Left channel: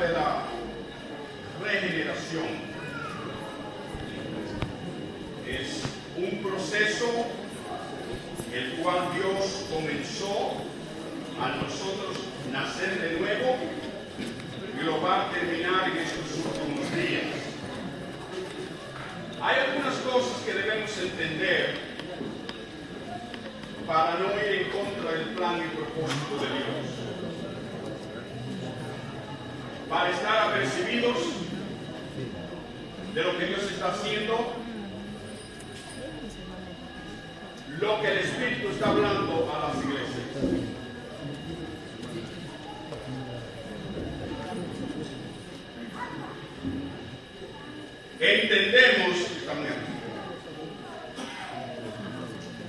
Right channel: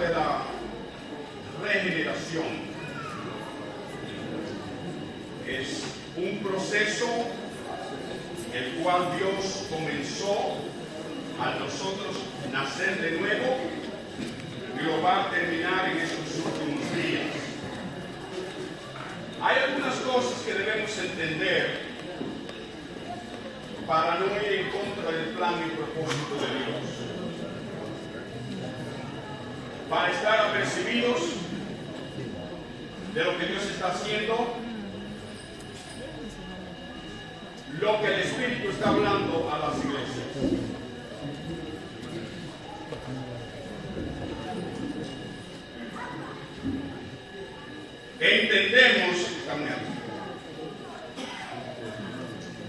de la regeneración. Es un proceso el cual Dios comenzó a nosotros nacer de nuevo y lo va a terminar en estos últimos días. Hay algunas cosas que debemos entender para no ir en contra del plan y propósito de Dios, para estar apercibidos de lo que Dios está haciendo, lo que el Espíritu está hablando a las iglesias.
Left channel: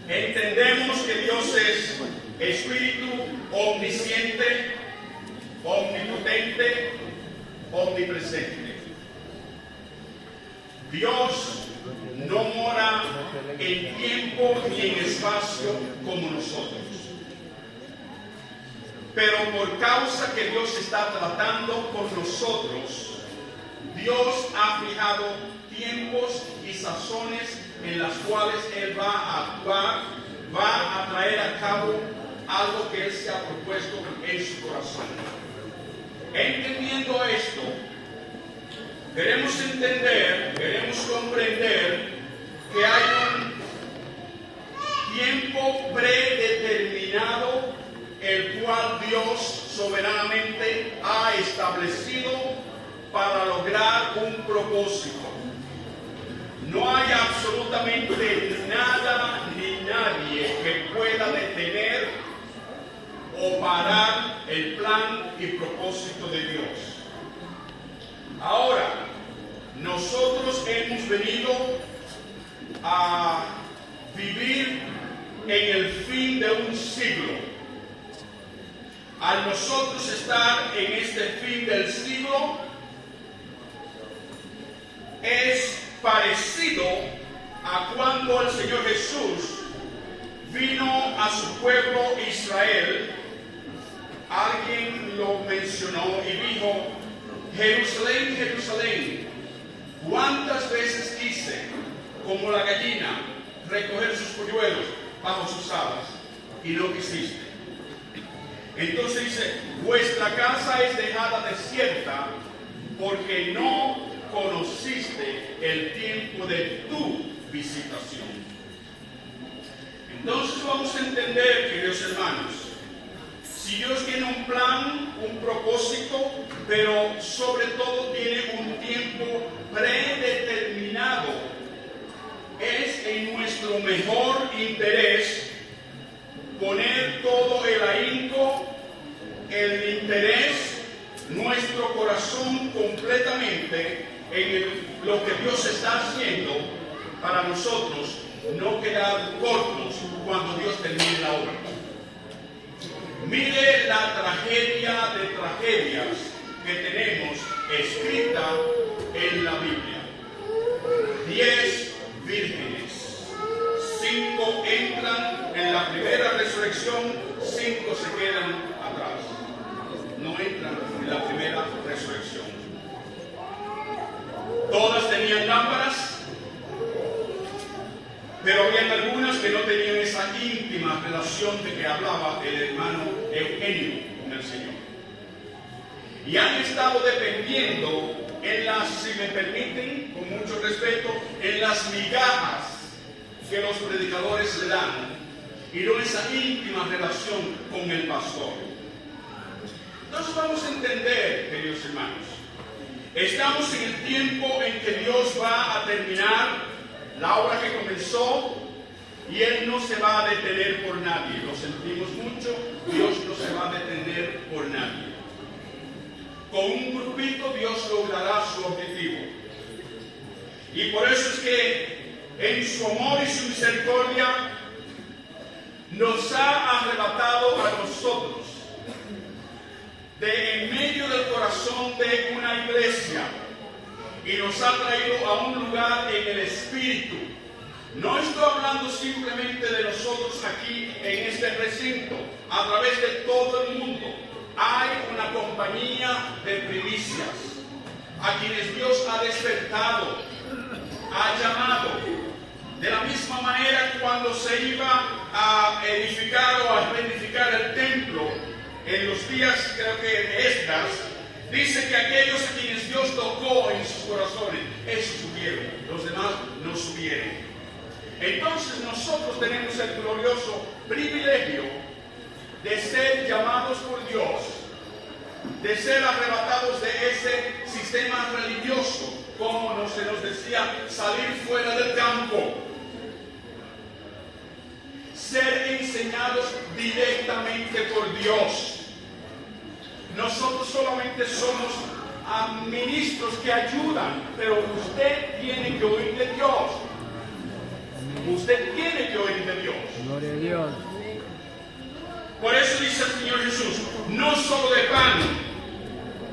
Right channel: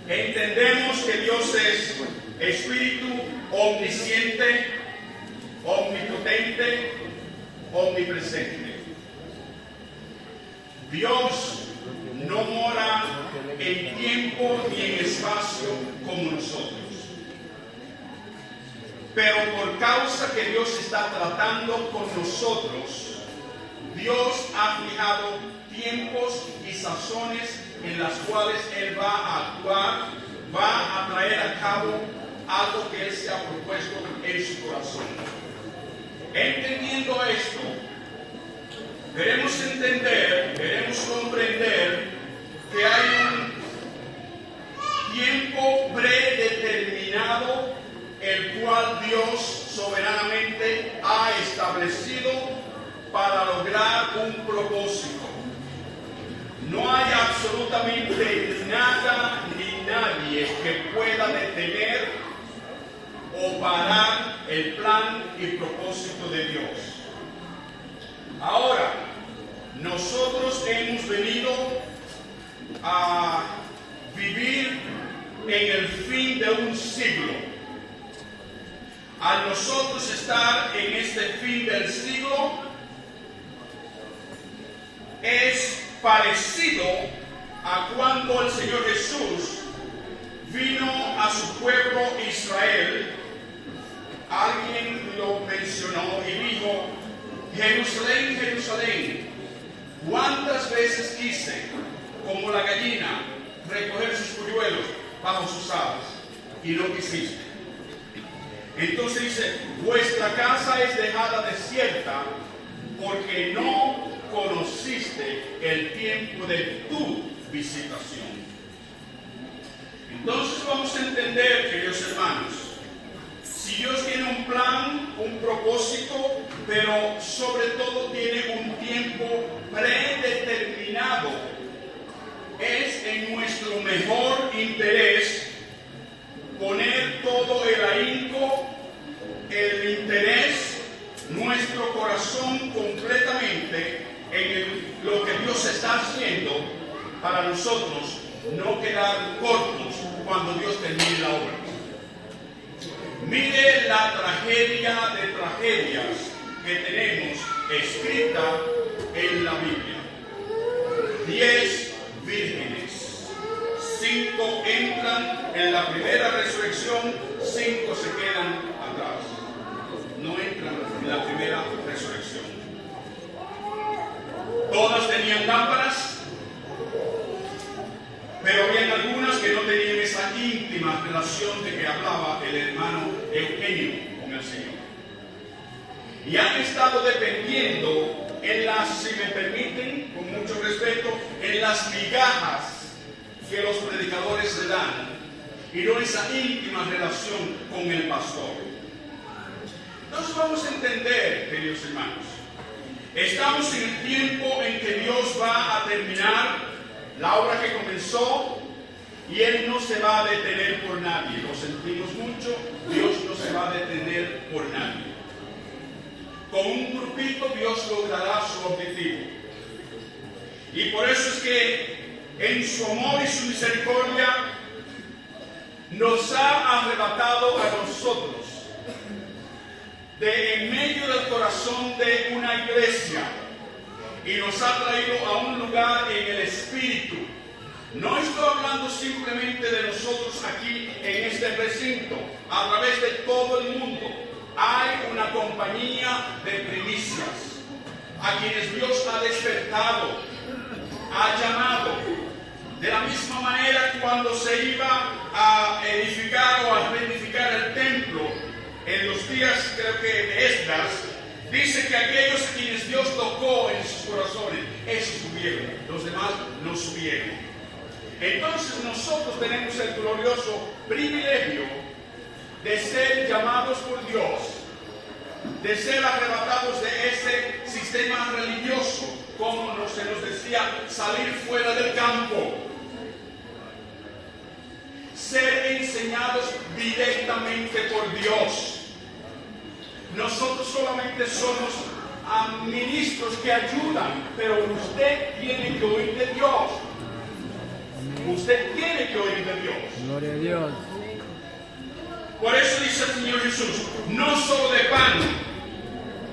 Entendemos que Dios es Espíritu omnisciente, omnipotente, omnipresente. Dios no mora en tiempo ni en espacio como nosotros. Pero por causa que Dios está tratando con nosotros, Dios ha fijado tiempos y sazones en las cuales Él va a actuar, va a traer a cabo algo que Él se ha propuesto en su corazón. Entendiendo esto, queremos entender, queremos comprender que hay un tiempo predeterminado el cual Dios soberanamente ha establecido para lograr un propósito. No hay absolutamente nada ni nadie que pueda detener o parar el plan y propósito de Dios. Ahora, nosotros hemos venido a vivir en el fin de un siglo. Al nosotros estar en este fin del siglo, es parecido a cuando el Señor Jesús vino a su pueblo Israel. Alguien lo mencionó y dijo: Jerusalén, Jerusalén, ¿cuántas veces quise, como la gallina, recoger sus polluelos bajo sus alas, y no quisiste? Entonces dice: vuestra casa es dejada desierta porque no conociste el tiempo de tu visitación. Entonces vamos a entender, queridos hermanos, si Dios tiene un plan, un propósito, pero sobre todo tiene un tiempo predeterminado, es en nuestro mejor interés poner todo el ahínco, el interés, nuestro corazón completamente en lo que Dios está haciendo para nosotros no quedar cortos cuando Dios termine la obra. Mire la tragedia de tragedias que tenemos escrita en la Biblia. 10 vírgenes, 5 entran en la primera resurrección, 5 se quedan atrás. No entran en la primera resurrección. Todas tenían lámparas, pero había algunas que no tenían esa íntima relación de que hablaba el hermano Eugenio con el Señor. Y han estado dependiendo en las, si me permiten, con mucho respeto, en las migajas que los predicadores le dan, y no esa íntima relación con el pastor. Entonces vamos a entender, queridos hermanos, estamos en el tiempo en que Dios va a terminar la obra que comenzó, y Él no se va a detener por nadie. Lo sentimos mucho, Dios no se va a detener por nadie. Con un grupito Dios logrará su objetivo. Y por eso es que en su amor y su misericordia nos ha arrebatado a nosotros de en medio del corazón de una iglesia y nos ha traído a un lugar en el Espíritu. No estoy hablando simplemente de nosotros aquí en este recinto, a través de todo el mundo hay una compañía de primicias. a quienes Dios ha despertado, ha llamado. De la misma manera, cuando se iba a edificar o a reedificar el templo, en los días, creo que de Esdras, dice que aquellos a quienes Dios tocó en sus corazones, esos subieron, los demás no subieron. Entonces nosotros tenemos el glorioso privilegio de ser llamados por Dios, de ser arrebatados de ese sistema religioso, como se nos decía, salir fuera del campo, ser enseñados directamente por Dios. Nosotros solamente somos ministros que ayudan, pero usted tiene que oír de Dios. Usted tiene que oír de Dios. Gloria a Dios. Por eso dice el Señor Jesús, no solo de pan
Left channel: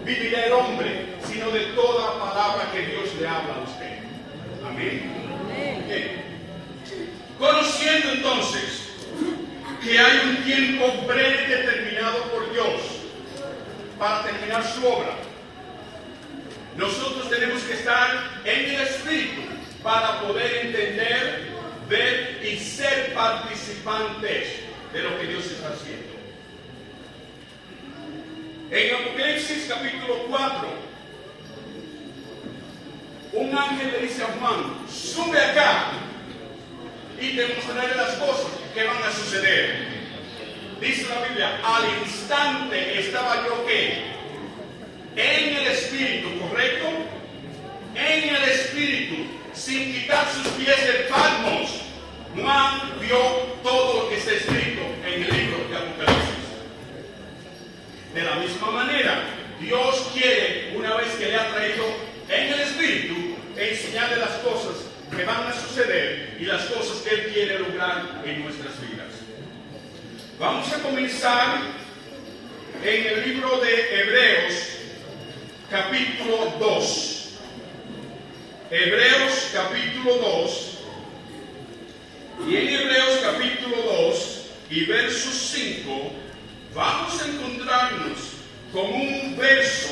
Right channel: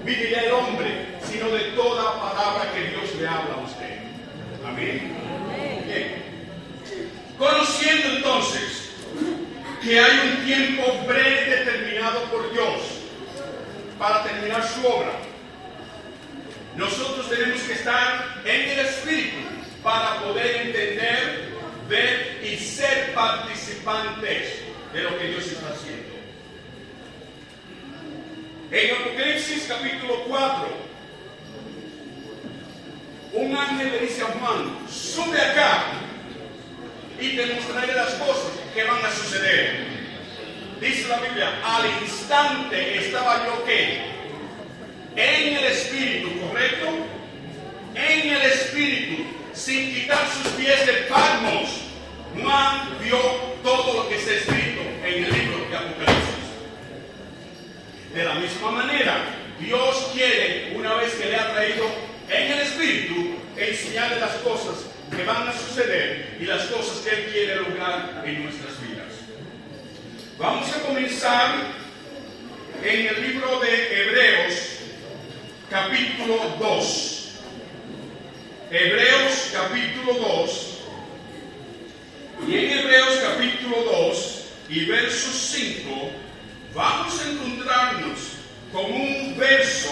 vivirá el hombre, sino de toda palabra que Dios le habla a usted. Amén. Bien. Conociendo entonces que hay un tiempo breve determinado por Dios para terminar su obra, nosotros tenemos que estar en el Espíritu para poder entender, ver y ser participantes de lo que Dios está haciendo. En Apocalipsis capítulo 4, un ángel le dice a Juan, sube acá y te mostraré las cosas que van a suceder. Dice la Biblia, al instante estaba yo ¿qué? En el Espíritu, ¿correcto? En el Espíritu, sin quitar sus pies del Patmos. Juan vio todo lo que está escrito en el libro de Apocalipsis. De la misma manera, Dios quiere, una vez que le ha traído en el Espíritu, enseñarle las cosas que van a suceder y las cosas que Él quiere lograr en nuestras vidas. Vamos a comenzar en el libro de Hebreos, capítulo 2. Hebreos, capítulo 2. Y en Hebreos, capítulo 2 y verso 5, vamos a encontrarnos con un verso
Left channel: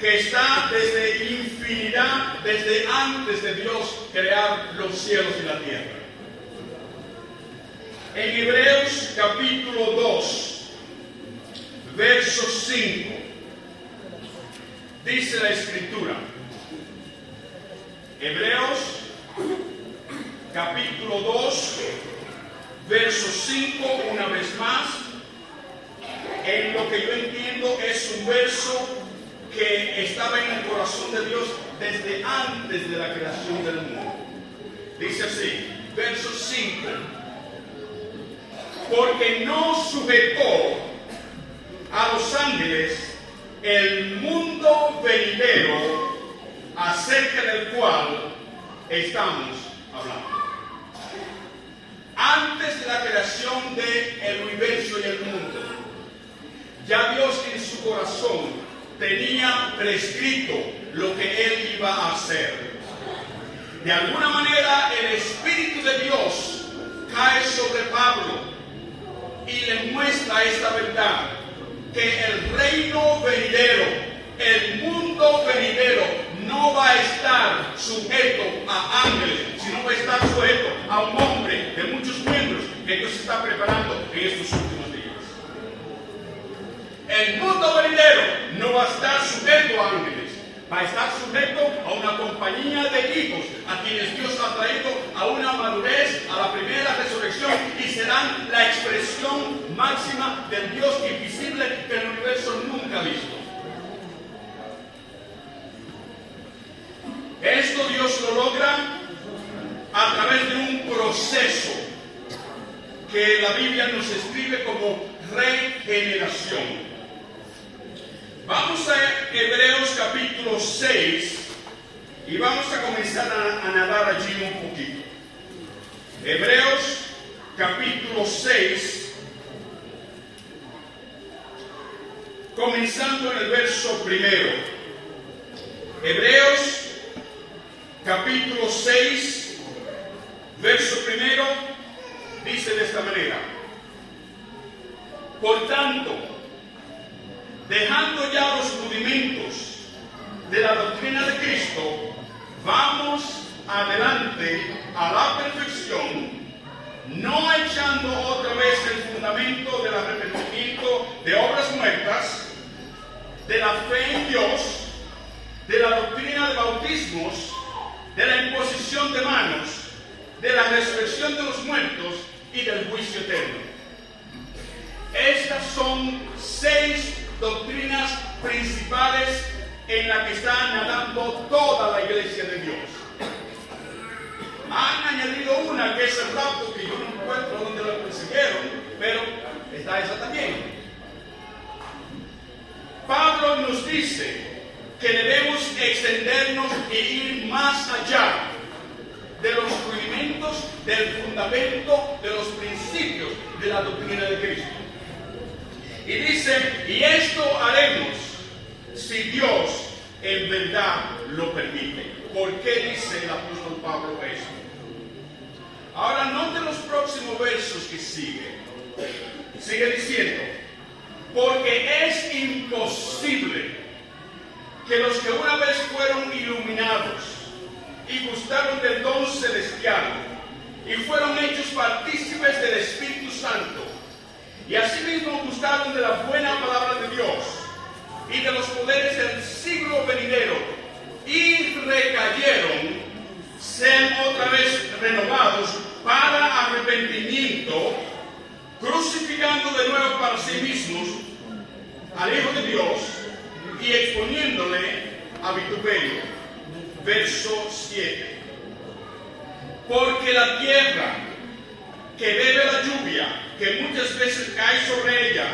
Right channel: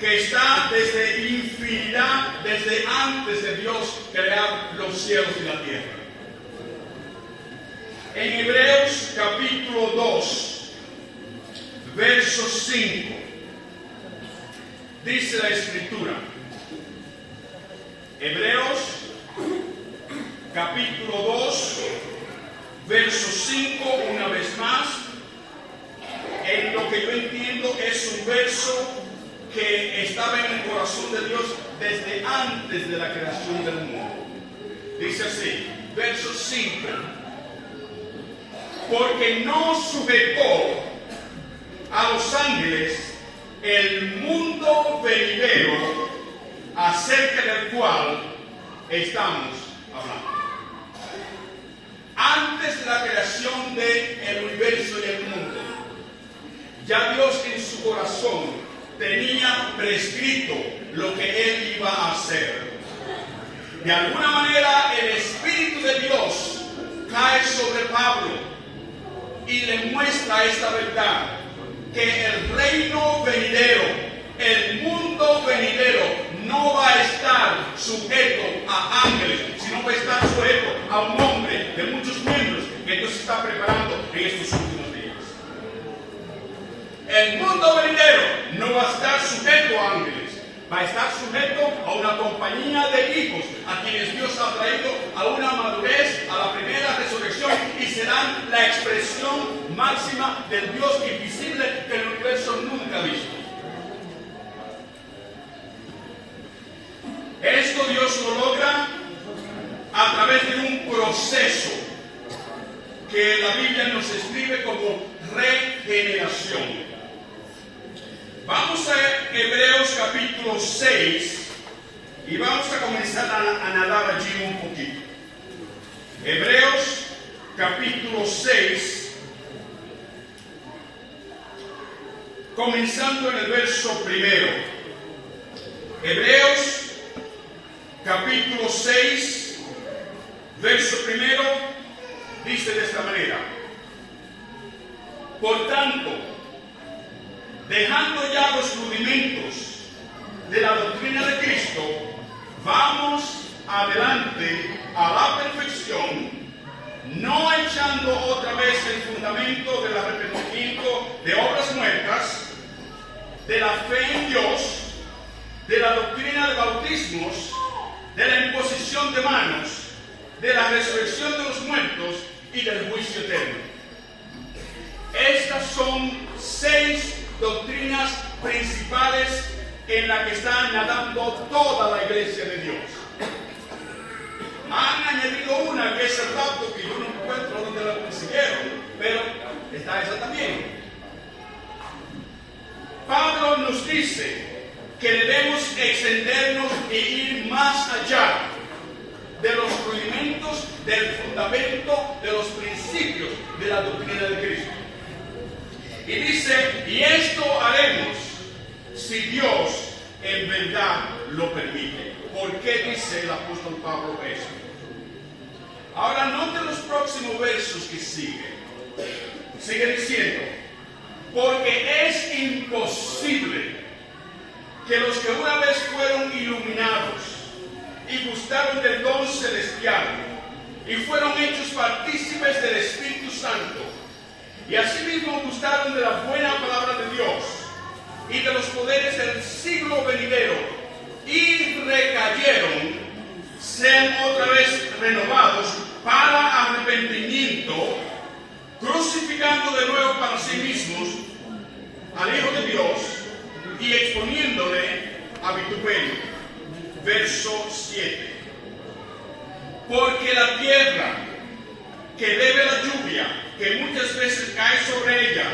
que está desde infinidad, desde antes de Dios crear los cielos y la tierra. En Hebreos capítulo 2, verso 5, dice la Escritura. Hebreos capítulo 2, verso 5, una vez más. En lo que yo entiendo es un verso que estaba en el corazón de Dios desde antes de la creación del mundo. Dice así, verso 5. Porque no sujetó a los ángeles el mundo venidero acerca del cual estamos hablando. Antes de la creación del universo y el mundo, ya Dios en su corazón tenía prescrito lo que Él iba a hacer. De alguna manera el Espíritu de Dios cae sobre Pablo y le muestra esta verdad, que el reino venidero, el mundo venidero, no va a estar sujeto a ángeles, sino va a estar sujeto a un hombre de muchos miembros que Dios está preparando en estos últimos días. El mundo venidero no va a estar sujeto a ángeles, va a estar sujeto a una compañía de hijos a quienes Dios ha traído a una madurez, a la primera resurrección, y serán la expresión máxima del Dios invisible que el universo nunca ha visto. Esto Dios lo logra a través de un proceso que la Biblia nos describe como regeneración. Vamos a Hebreos capítulo 6 y vamos a comenzar a nadar allí un poquito. Hebreos capítulo 6, comenzando en el verso primero. Hebreos capítulo 6, verso primero, dice de esta manera: por tanto, dejando ya los rudimentos de la esto vamos adelante a la perfección, no echando otra vez el fundamento del arrepentimiento de obras muertas, de la fe en Dios, de la doctrina de bautismos, de la imposición de manos, de la resurrección de los muertos y del juicio eterno. Estas son 6 doctrinas principales en las que está nadando toda la iglesia de Dios. Han añadido una que es el rapto, que yo no encuentro donde la persiguieron, pero está esa también. Pablo nos dice que debemos extendernos e ir más allá de los rudimentos, del fundamento, de los principios de la doctrina de Cristo. Y dice, y esto haremos si Dios en verdad lo permite. ¿Por qué dice el apóstol Pablo esto? Ahora note los próximos versos que siguen. Sigue diciendo, porque es imposible que los que una vez fueron iluminados y gustaron del don celestial y fueron hechos partícipes del Espíritu Santo y asimismo gustaron de la buena palabra de Dios y de los poderes del siglo venidero y recayeron, sean otra vez renovados para arrepentimiento, crucificando de nuevo para sí mismos al Hijo de Dios y exponiéndole a vituperio. Verso 7. Porque la tierra que bebe la lluvia, que muchas veces cae sobre ella,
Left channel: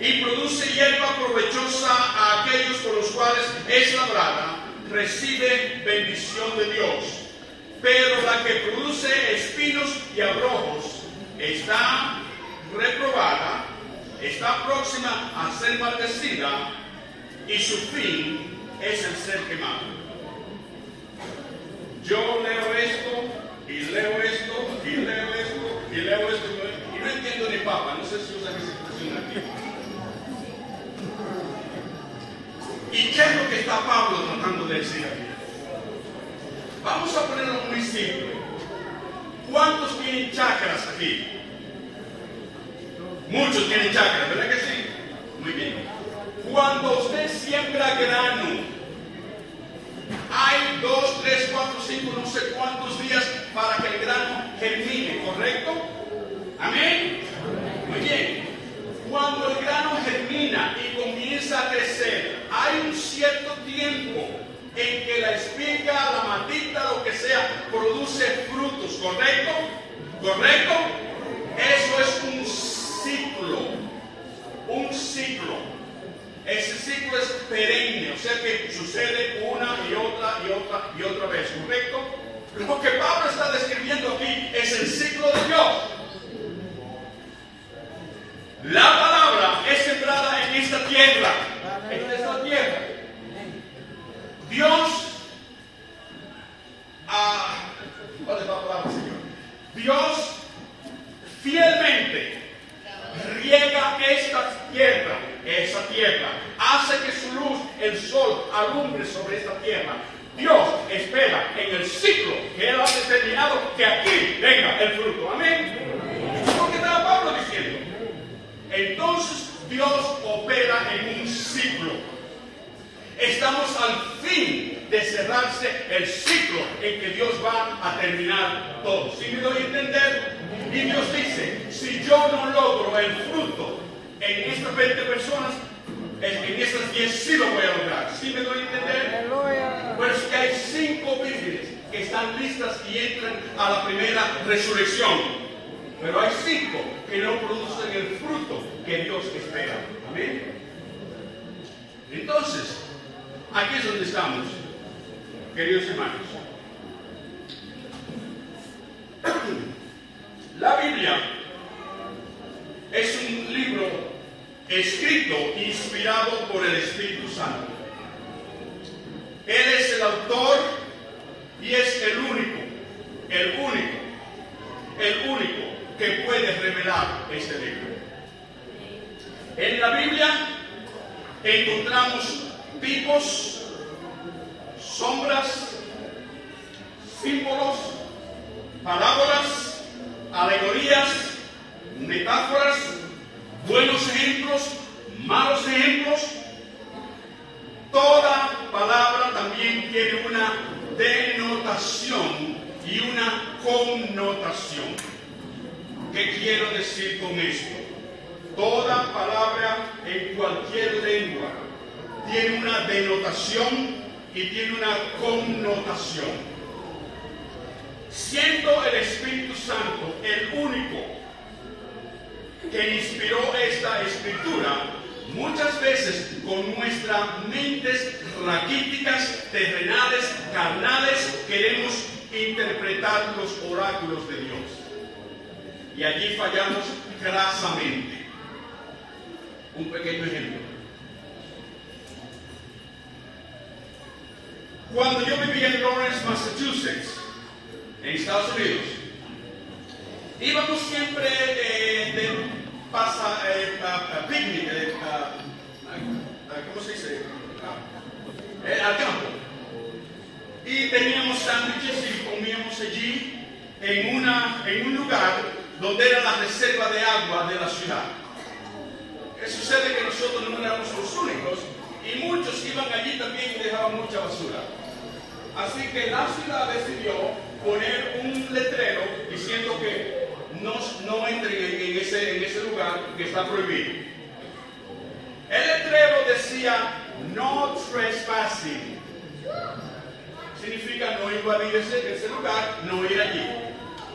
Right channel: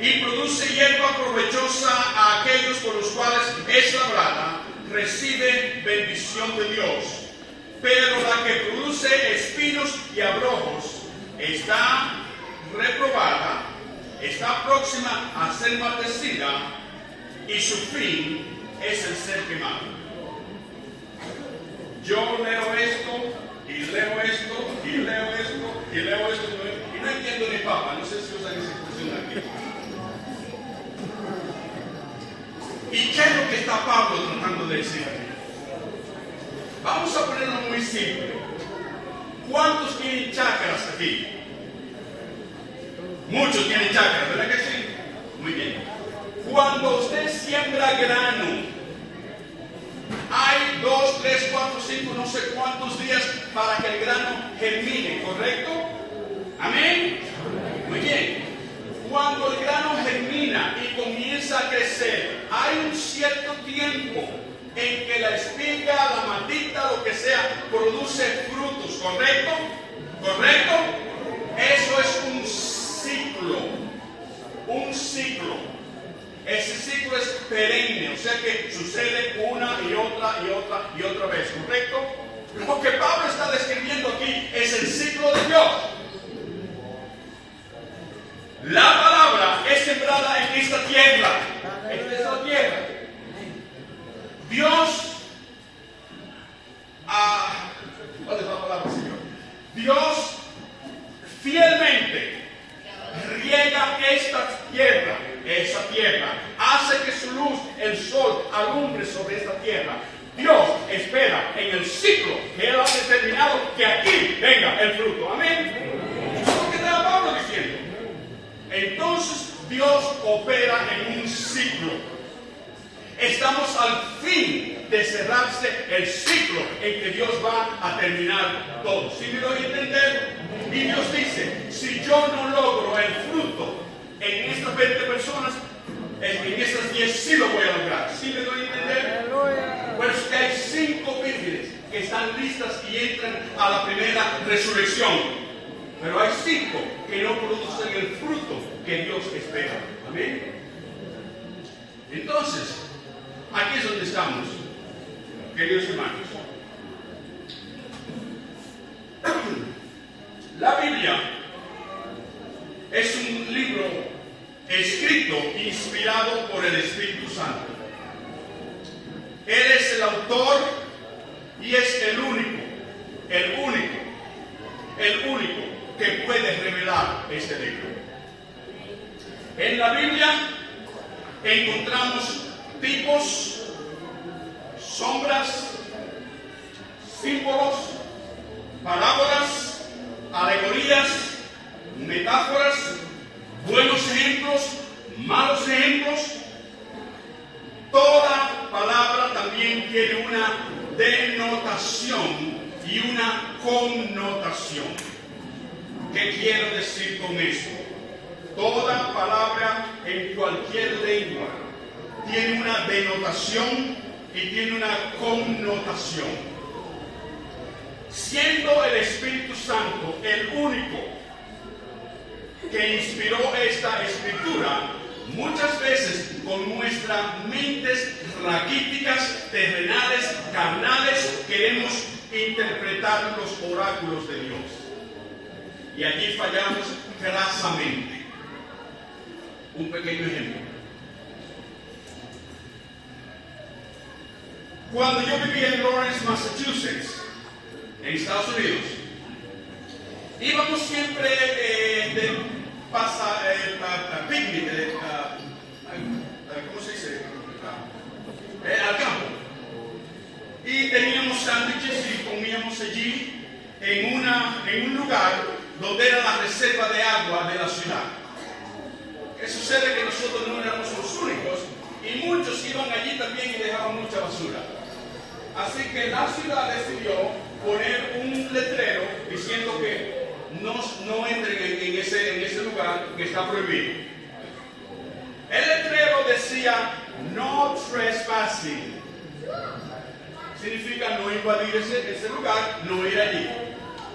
y produce hierba provechosa a aquellos por los cuales es labrada, recibe bendición de Dios. Pero la que produce espinos y abrojos está reprobada, está próxima a ser maldecida, y su fin es el ser quemado. Yo leo esto, y leo esto, y leo esto, y leo esto, y no entiendo ni papa. No sé si usan esa expresión aquí. ¿Y qué es lo que está Pablo tratando de decir aquí? Vamos a ponerlo muy simple. ¿Cuántos tienen chakras aquí? Muchos tienen chakras, ¿verdad que sí? Muy bien. Cuando usted siembra grano, hay 2, 3, 4, 5, no sé cuántos días para que el grano germine, ¿correcto? ¿Amén? Muy bien. Cuando el grano germina y comienza a crecer, hay un cierto tiempo en que la espiga, la matita, lo que sea, produce frutos, ¿correcto? ¿Correcto? Eso es un ciclo. Un ciclo. Ese ciclo es perenne, o sea que sucede una y otra y otra y otra vez, ¿correcto? Lo que Pablo está describiendo aquí es el ciclo de Dios. La palabra es sembrada en esta tierra. Esta es la tierra. Dios, ¿cuál es la palabra, Señor? Dios fielmente riega esa tierra, hace que su luz, el sol, alumbre sobre esta tierra. Dios espera en el ciclo que Él ha determinado que aquí venga el fruto. Amén. Eso es lo que está Pablo diciendo. Entonces Dios opera en un ciclo. Estamos al fin de cerrarse el ciclo en que Dios va a terminar todo. ¿Sí me doy a entender? Y Dios dice, si yo no logro el fruto en estas 20 personas, en esas 10 sí lo voy a lograr. ¿Sí me doy a entender? Pues que hay 5 vírgenes que están listas y entran a la primera resurrección. Pero hay 5 que no producen el fruto que Dios espera. Amén. Entonces, aquí es donde estamos, queridos hermanos. La Biblia es un libro escrito, inspirado por el Espíritu Santo. Él es el autor y es el único que puede revelar este libro. En la Biblia encontramos tipos, sombras, símbolos, parábolas, alegorías, metáforas, buenos ejemplos, malos ejemplos. Toda palabra también tiene una denotación y una connotación. ¿Qué quiero decir con esto? Toda palabra en cualquier lengua tiene una denotación y tiene una connotación. Siendo el Espíritu Santo el único que inspiró esta escritura, muchas veces con nuestras mentes raquíticas, terrenales, carnales, queremos interpretar los oráculos de Dios. Y allí fallamos grasamente. Un pequeño ejemplo. Cuando yo vivía en Lawrence, Massachusetts, en Estados Unidos, íbamos siempre de picnic, ¿cómo se dice? Al campo. Y teníamos sándwiches y comíamos allí en un lugar donde era la reserva de agua de la ciudad. ¿Qué sucede? Que nosotros no éramos los únicos y muchos iban allí también y dejaban mucha basura. Así que la ciudad decidió poner un letrero diciendo que no entren en ese lugar que está prohibido. El letrero decía no trespassing. Significa no invadir ese lugar, no ir allí.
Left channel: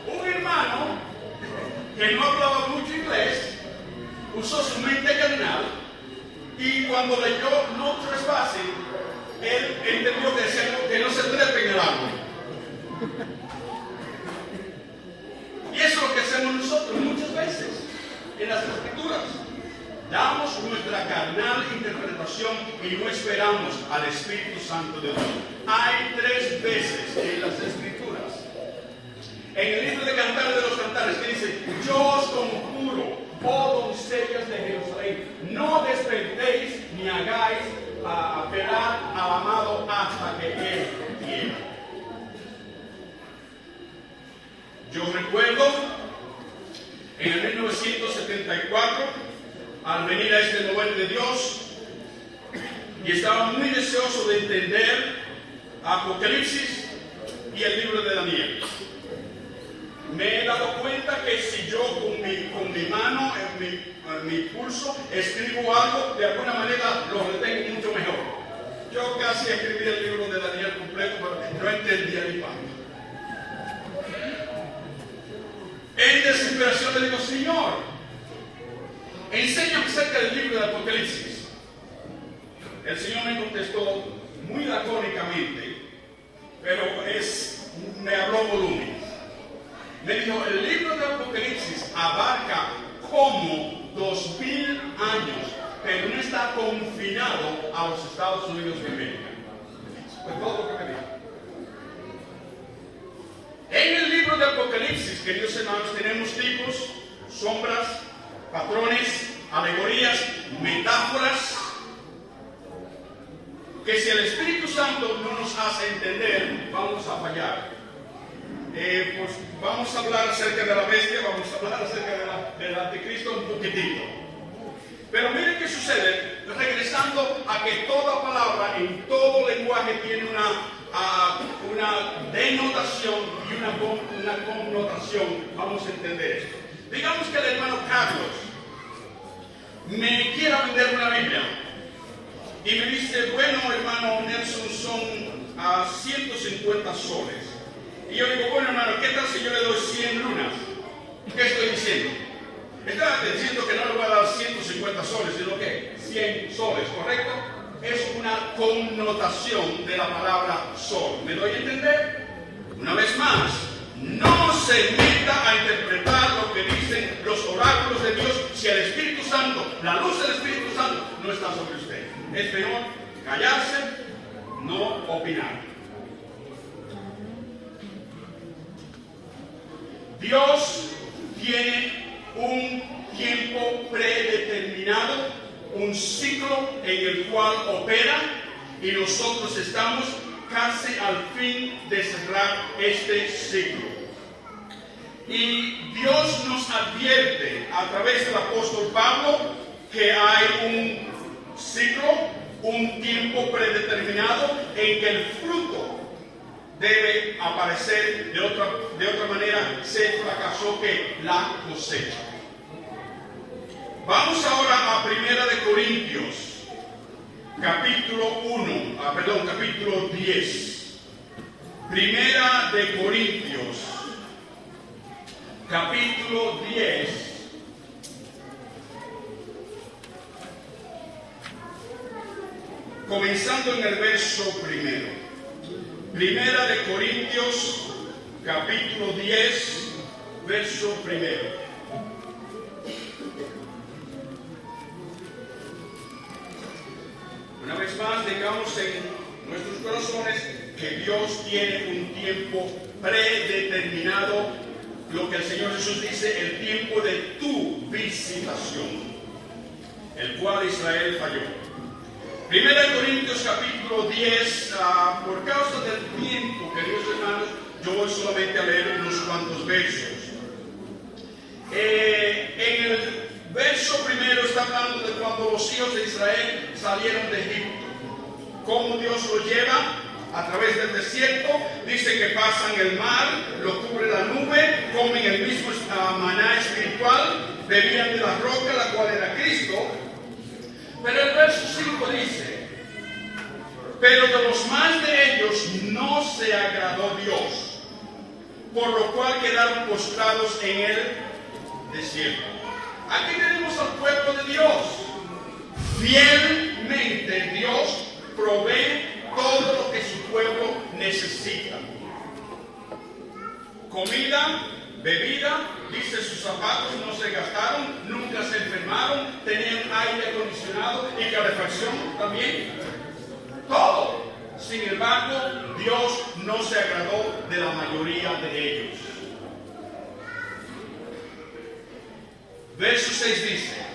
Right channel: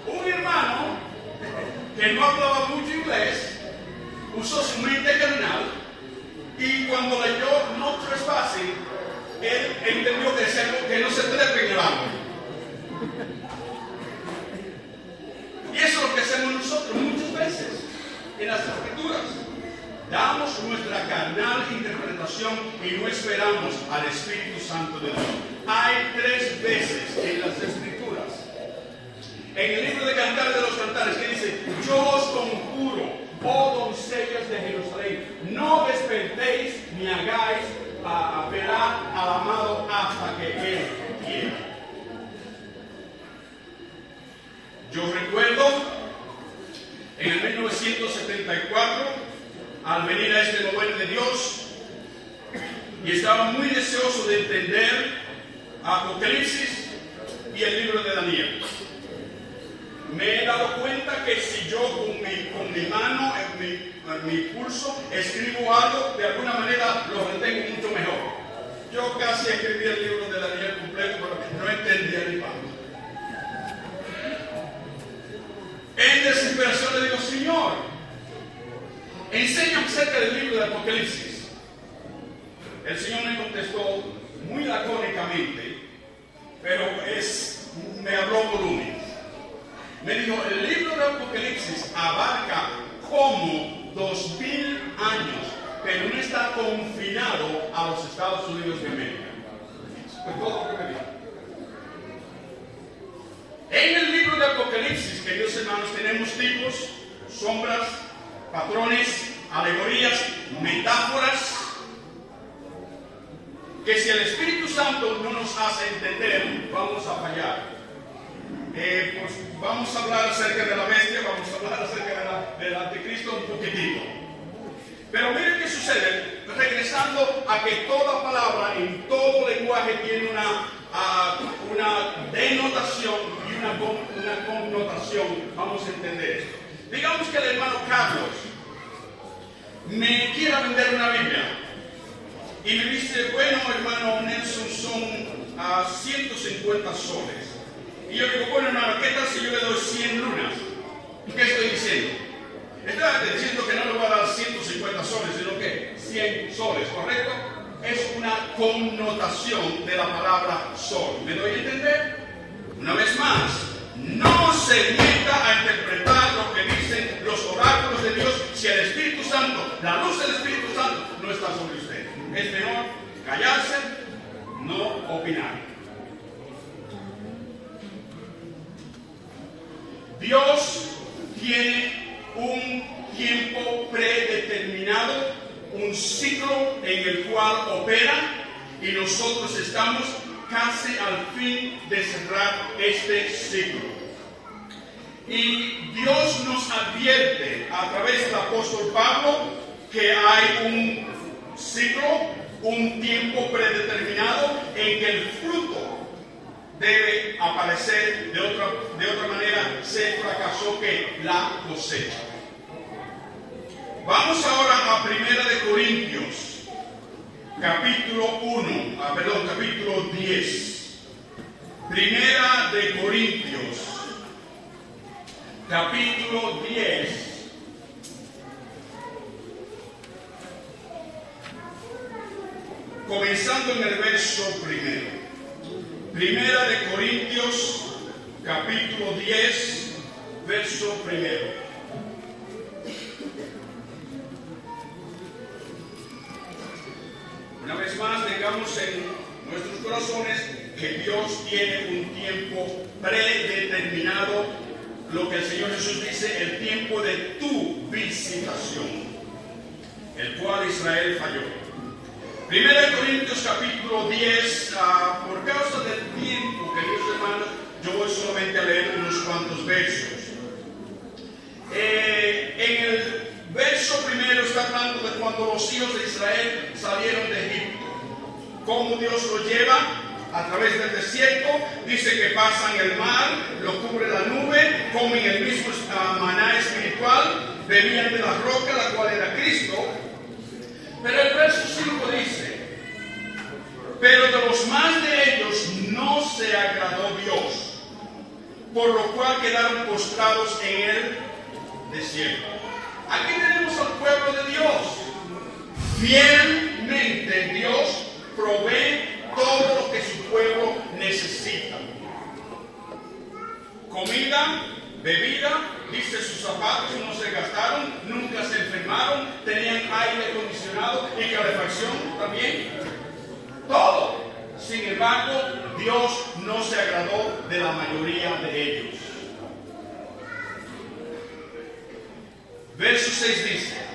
Un hermano que no hablaba mucho inglés usó su mente carnal y cuando leyó no trespassing, él entendió que no se trepe en el árbol. Y eso es lo que hacemos nosotros muchas veces en las escrituras. Damos nuestra carnal interpretación y no esperamos al Espíritu Santo de Dios. Hay 3 veces en las escrituras. En el libro de Cantares de los Cantares que dice: yo os conjuro, oh doncellas de Jerusalén, no despertéis ni hagáis apelar al amado hasta que él quiera. Yo recuerdo en el 1974 al venir a este mover de Dios y estaba muy deseoso de entender Apocalipsis y el libro de Daniel. Me he dado cuenta que si yo con mi mano, en mi pulso, escribo algo, de alguna manera lo retengo mucho mejor. Yo casi escribí el libro de Daniel completo, pero no entendía ni pan. En desesperación le digo: Señor, enséñame acerca del libro de Apocalipsis. El Señor me contestó muy lacónicamente, pero me habló volúmenes. Me dijo: el libro de Apocalipsis abarca como 2000 años, pero no está confinado a los Estados Unidos de América. Fue todo lo que me dijo. En el libro de Apocalipsis, queridos hermanos, tenemos tipos, sombras, patrones, alegorías, metáforas, que si el Espíritu Santo no nos hace entender, vamos a fallar. Pues vamos a hablar acerca de la bestia, vamos a hablar acerca del anticristo un poquitito. Pero miren qué sucede, regresando a que toda palabra en todo lenguaje tiene una denotación y una connotación. Vamos a entender esto. Digamos que el hermano Carlos me quiera vender una Biblia y me dice: bueno, hermano Nelson, son 150 soles. Y yo digo: bueno, hermano, ¿qué tal si yo le doy 100 lunas? ¿Qué estoy diciendo? Está diciendo que no le voy a dar 150 soles, sino que 100 soles, ¿correcto? Es una connotación de la palabra sol. ¿Me doy a entender? Una vez más, no se limita a interpretar lo que dicen los oráculos de Dios si el Espíritu Santo, la luz del Espíritu Santo, no está sobre usted. Es mejor callarse, no opinar. Dios tiene un tiempo predeterminado, un ciclo en el cual opera, y nosotros estamos casi al fin de cerrar este ciclo. Y Dios nos advierte a través del apóstol Pablo que hay un ciclo, un tiempo predeterminado en que el fruto debe aparecer. De otra manera se fracasó que la cosecha. Vamos ahora a 1 Corintios, capítulo 10. 1 Corintios, capítulo 10. Comenzando en el verso primero. 1 Corintios, capítulo 10, verso primero. Una vez más, tengamos en nuestros corazones que Dios tiene un tiempo predeterminado, lo que el Señor Jesús dice, el tiempo de tu visitación, el cual Israel falló. 1 Corintios capítulo 10, por causa del tiempo, queridos hermanos, yo voy solamente a leer unos cuantos versos. En el verso primero está hablando de cuando los hijos de Israel salieron de Egipto. Cómo Dios los lleva a través del desierto. Dice que pasan el mar, lo cubre la nube, comen el mismo maná espiritual, bebían de la roca, la cual era Cristo. Pero el verso 5 dice: pero de los más de ellos no se agradó Dios, por lo cual quedaron postrados en el desierto. Aquí tenemos al pueblo de Dios. Fielmente Dios provee todo lo que su pueblo necesita. Comida, bebida, dice, sus zapatos no se gastaron, nunca se enfermaron, tenían aire acondicionado y calefacción también. Todo. Sin embargo, Dios no se agradó de la mayoría de ellos. Verso 6 dice:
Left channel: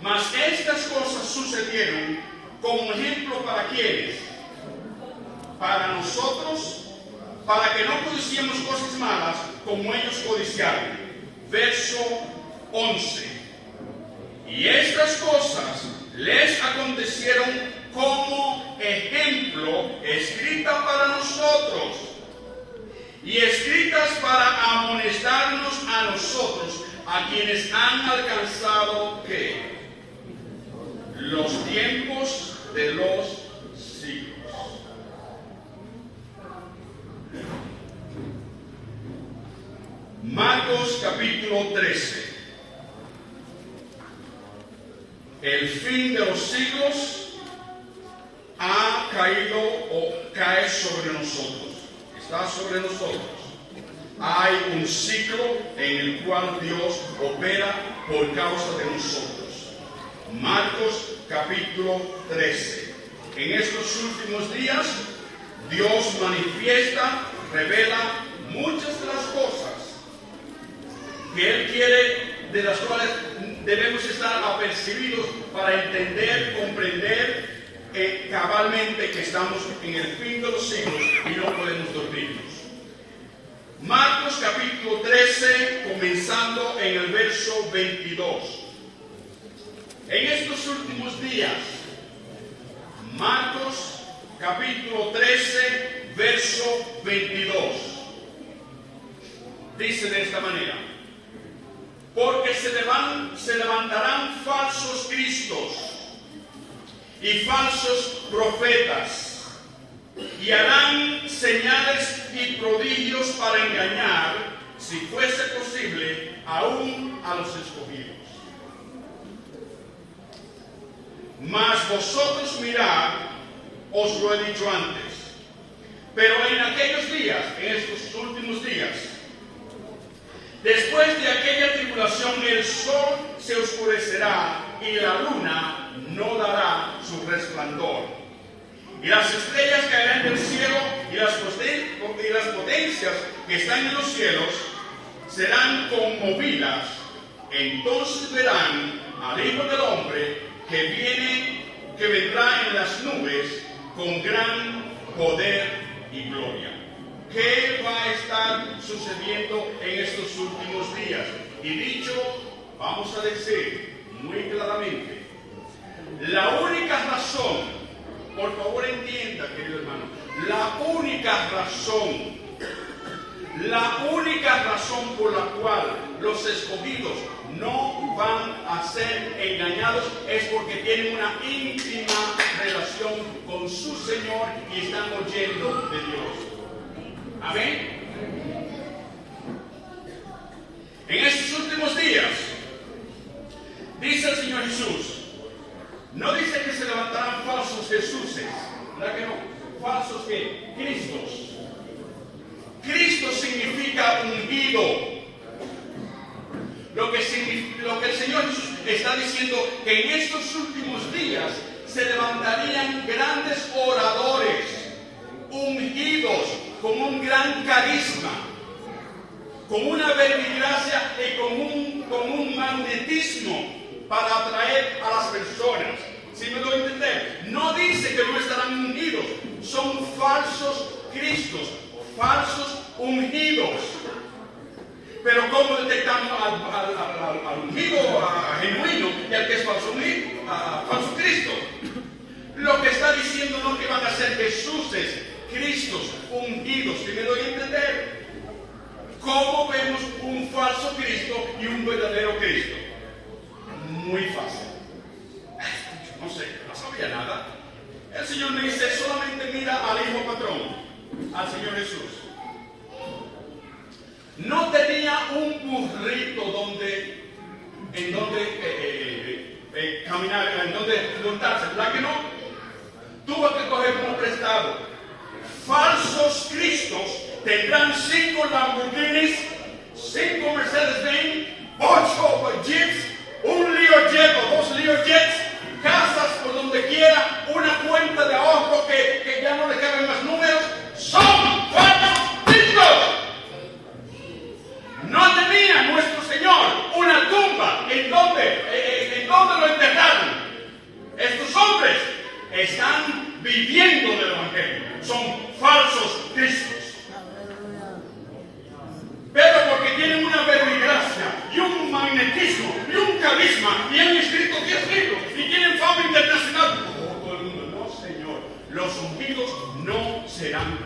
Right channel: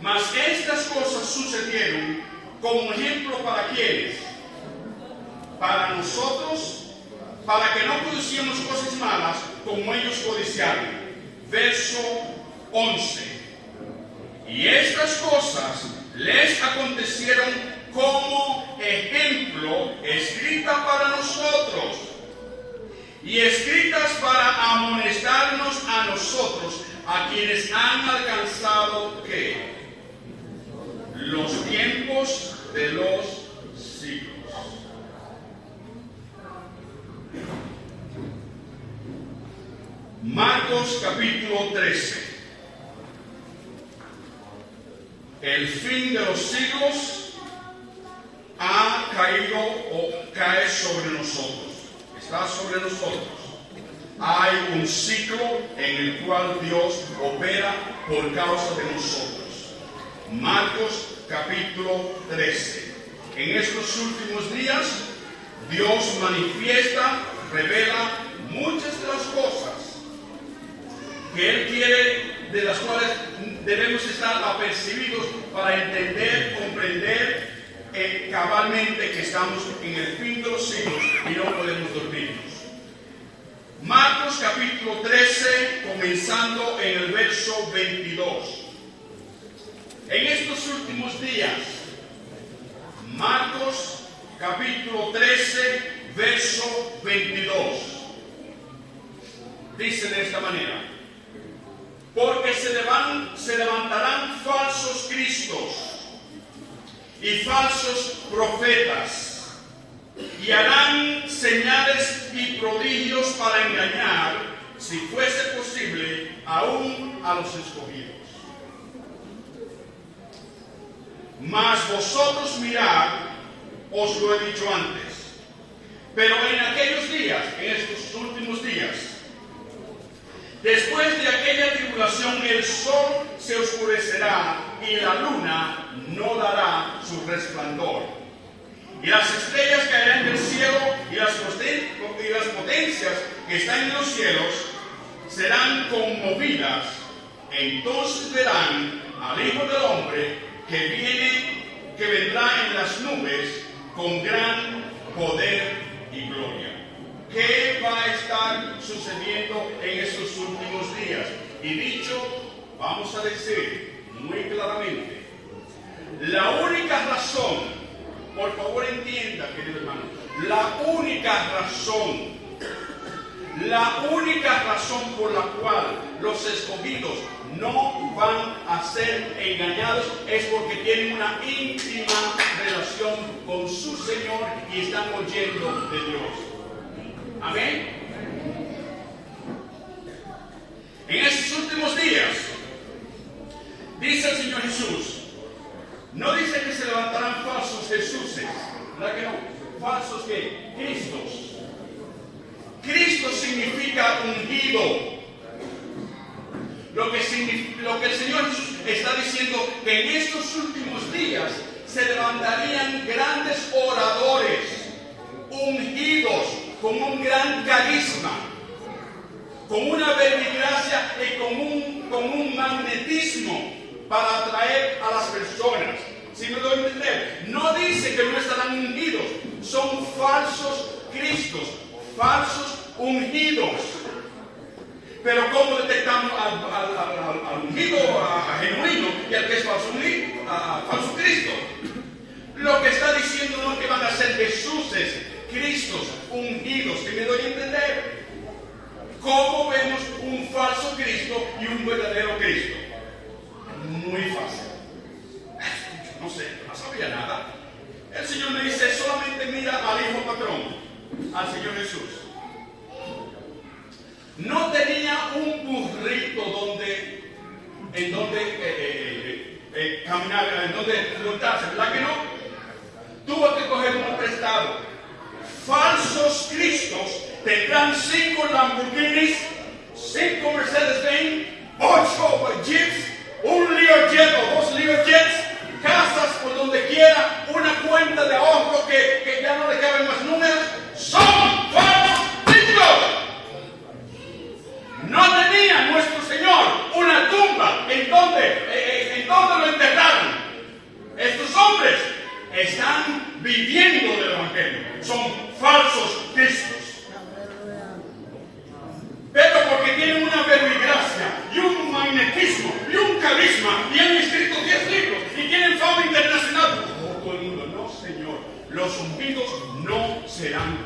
mas estas cosas sucedieron como ejemplo para quienes, para nosotros, para que no codiciemos cosas malas como ellos codiciaron. Verso 11: y estas cosas les acontecieron como ejemplo, escritas para nosotros y escritas para amonestarnos a nosotros, a quienes han alcanzado ¿qué? Los tiempos de los siglos. Marcos capítulo 13. El fin de los siglos ha caído o cae sobre nosotros. Está sobre nosotros. Hay un ciclo en el cual Dios opera por causa de nosotros. Marcos capítulo 13. En estos últimos días, Dios manifiesta, revela muchas de las cosas que Él quiere, de las cuales debemos estar apercibidos para entender, comprender cabalmente que estamos en el fin de los siglos y no podemos dormirnos. Marcos capítulo 13, comenzando en el verso 22. En estos últimos días, Marcos capítulo 13, verso 22. Dice de esta manera: porque se levantarán falsos cristos y falsos profetas, y harán señales y prodigios para engañar, si fuese posible, aún a los escogidos. Mas vosotros mirad, os lo he dicho antes, pero en aquellos días, en estos últimos días, después de aquella tribulación, el sol se oscurecerá y la luna no dará su resplandor, y las estrellas caerán del cielo, y las potencias que están en los cielos serán conmovidas. Entonces verán al Hijo del Hombre que vendrá en las nubes con gran poder y gloria. ¿Qué va a estar sucediendo en estos últimos días? Y dicho, vamos a decir muy claramente, la única razón, por favor entienda, querido hermano, la única razón por la cual los escogidos no van a ser engañados es porque tienen una íntima relación con su Señor y están oyendo de Dios. Amén. En estos últimos días, dice el Señor Jesús, no dice que se levantarán falsos Jesuses, ¿verdad que no? Falsos que Cristos. Cristo significa ungido. Lo que el Señor Jesús está diciendo, que en estos últimos días se levantarían grandes oradores, ungidos, con un gran carisma, con una verbigracia y con un magnetismo para atraer a las personas. ¿Sí me doy a entender? No dice que no estarán ungidos, son falsos Cristos, falsos ungidos. Pero ¿cómo detectamos al ungido, a genuino, y al que es falso Cristo? Lo que está diciendo no que van a ser Jesuses, Cristos, ungidos. ¿Sí me doy a entender? ¿Cómo vemos un falso Cristo y un verdadero Cristo? Muy fácil. No sé, no sabía nada. El Señor me dice, solamente mira al hijo patrón, al Señor Jesús. No tenía un burrito en donde caminar, en donde montarse, ¿verdad que no? Tuvo que coger uno prestado. Falsos Cristos tendrán 5 Lamborghinis, 5 Mercedes-Benz, 8 Jeeps, un Learjet o 2 Learjets, casas por donde quiera, una cuenta de ahorro que ya no le caben más números. Son falsos Cristos. No tenía nuestro Señor una tumba en donde lo enterraron. Estos hombres están viviendo del Evangelio. Son falsos Cristos. Pero porque tienen una verbigracia y un magnetismo y un carisma y han escrito 10 libros y tienen fama internacional. Todo el mundo, no, Señor. Los ungidos no serán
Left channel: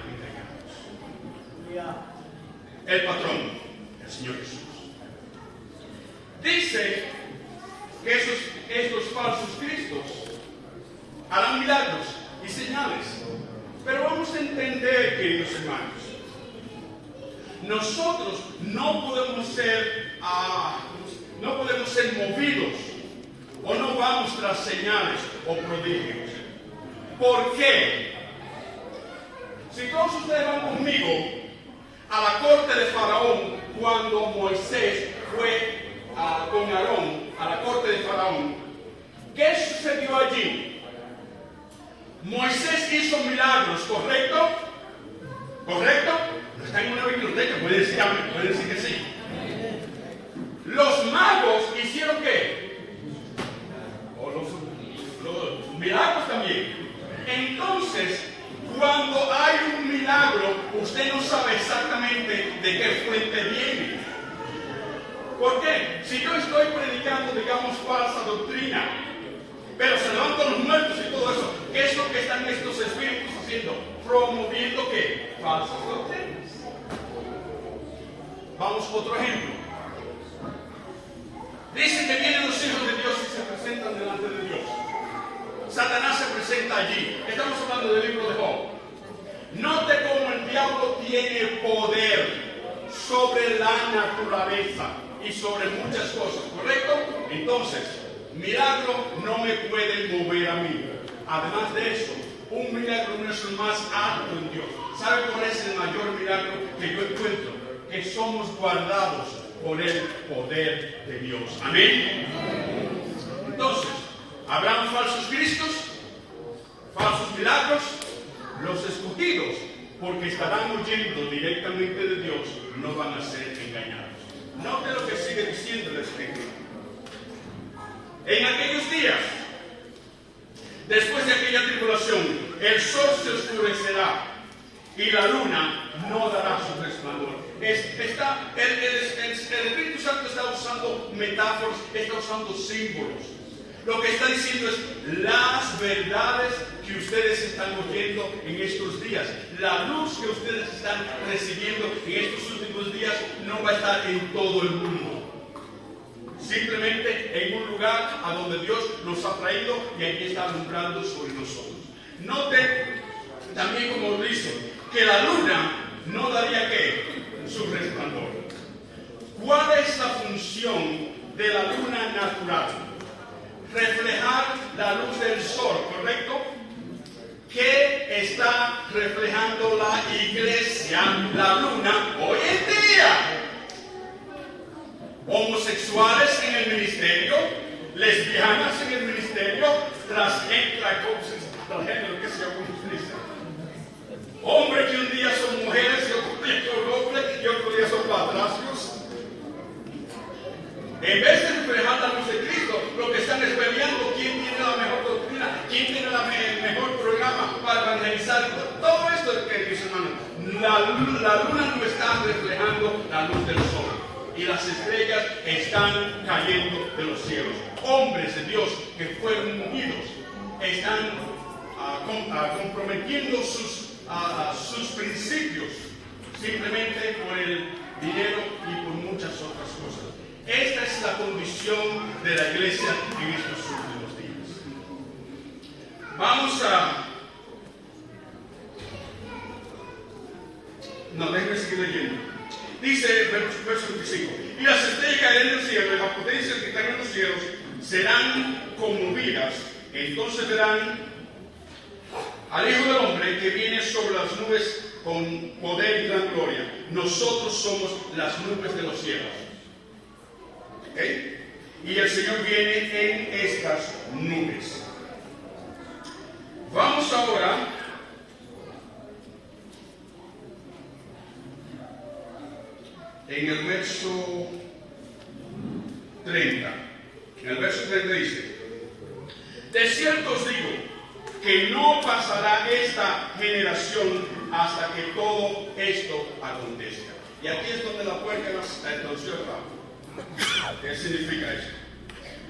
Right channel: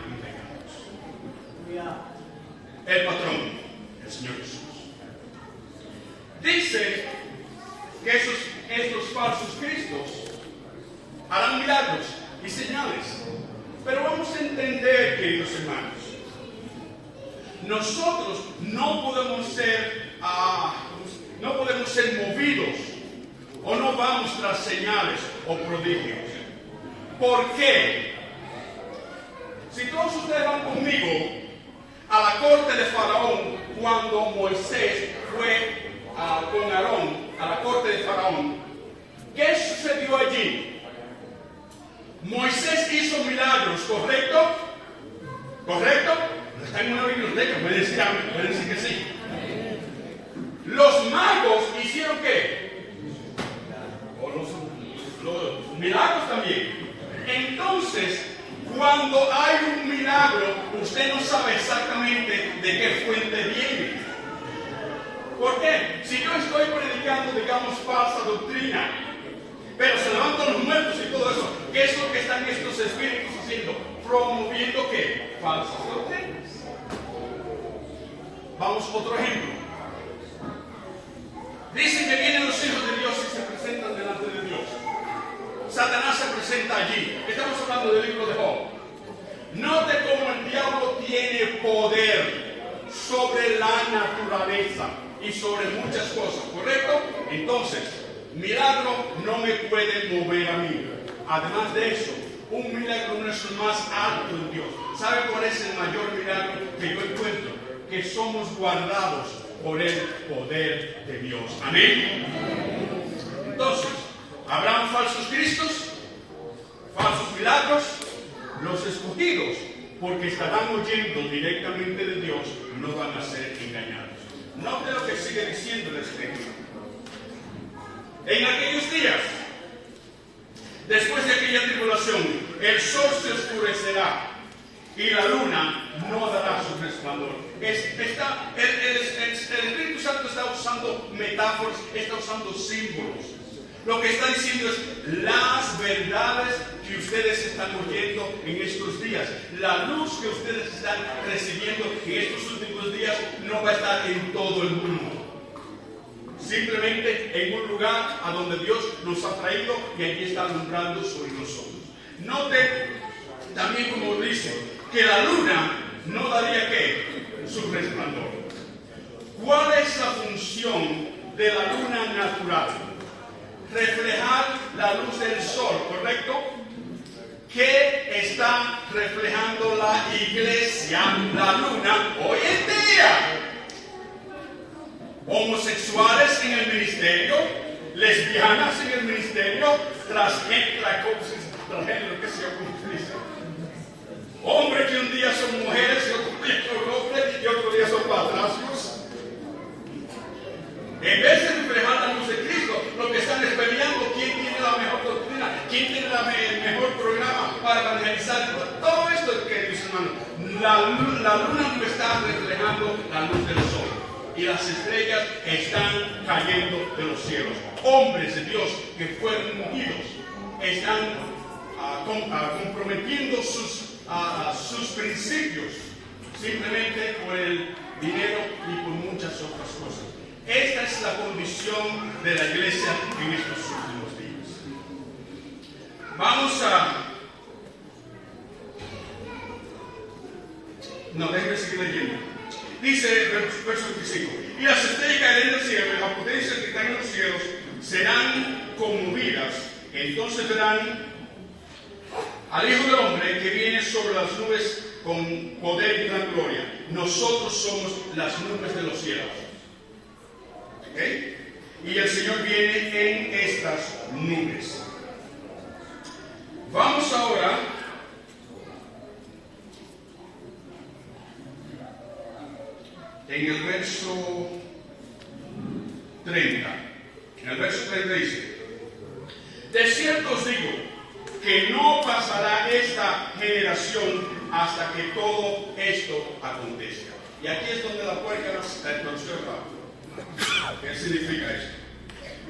engañados. El patrón, el Señor Jesús, dice que estos falsos Cristos harán milagros y señales. Pero vamos a entender, queridos hermanos, nosotros no podemos ser movidos o no vamos tras señales o prodigios. ¿Por qué? Si todos ustedes van conmigo a la corte de Faraón, cuando Moisés fue con Aarón a la corte de Faraón, ¿qué sucedió allí? Moisés hizo milagros, ¿correcto? ¿Correcto? Está en una biblioteca, puede decir que sí. Los magos hicieron ¿qué? O los milagros también. Entonces, cuando hay un milagro, usted no sabe exactamente de qué fuente viene. ¿Por qué? Si yo estoy predicando, digamos, falsa doctrina, pero se levantan los muertos y todo eso, ¿qué es lo que están estos espíritus haciendo? Promoviendo ¿qué? Falsas doctrinas. Vamos a otro ejemplo. Dicen que vienen los hijos de Dios y se presentan delante de Dios. Satanás se presenta allí. Estamos hablando del libro de Job. Note cómo el diablo tiene poder sobre la naturaleza y sobre muchas cosas, ¿correcto? Entonces, milagro no me puede mover a mí. Además de eso, un milagro no es el más alto en Dios. ¿Sabe cuál es el mayor milagro que yo encuentro? Que somos guardados por el poder de Dios. Amén. Entonces, ¿habrán falsos cristos? ¿Falsos milagros? Los escogidos, porque estarán oyendo directamente de Dios, no van a ser engañados. Note lo que sigue diciendo el Escrito. En aquellos días, después de aquella tribulación, el sol se oscurecerá y la luna no dará su resplandor. El Espíritu Santo está usando metáforas, está usando símbolos. Lo que está diciendo es las verdades que ustedes están oyendo en estos días. La luz que ustedes están recibiendo en estos últimos días no va a estar en todo el mundo. Simplemente en un lugar a donde Dios nos ha traído y aquí está alumbrando sobre nosotros. Note también como dice que la luna no daría ¿qué? Su resplandor. ¿Cuál es la función de la luna natural? Reflejar la luz del sol, ¿correcto? ¿Qué está reflejando la iglesia, la luna, hoy en día? Homosexuales en el ministerio, lesbianas en el ministerio, transgénero, qué sé yo, como dice. Hombres que un día son mujeres y otro día son hombres y otro día son patricios. En vez de reflejar la luz de Cristo, lo que están es peleando quién tiene la mejor doctrina, quién tiene el mejor programa para evangelizar. Todo esto es lo que dice, hermano. La luna no está reflejando la luz del sol. Y las estrellas están cayendo de los cielos. Hombres de Dios que fueron ungidos están comprometiendo sus principios simplemente por el dinero y por muchas otras cosas. Esta es la condición de la iglesia en estos últimos días. Vamos a... No, déjenme seguir leyendo. Dice el verso 25, y las estrellas caerán del cielo, y las potencias que están en los cielos serán conmovidas. Entonces verán al Hijo del Hombre que viene sobre las nubes con poder y gran gloria. Nosotros somos las nubes de los cielos. ¿Okay? Y el Señor viene en estas nubes. Vamos ahora en el verso 30. En el verso 30 dice: de cierto os digo que no pasará esta generación hasta que todo esto acontezca. Y aquí es donde la puerta traducción va. ¿Qué significa eso?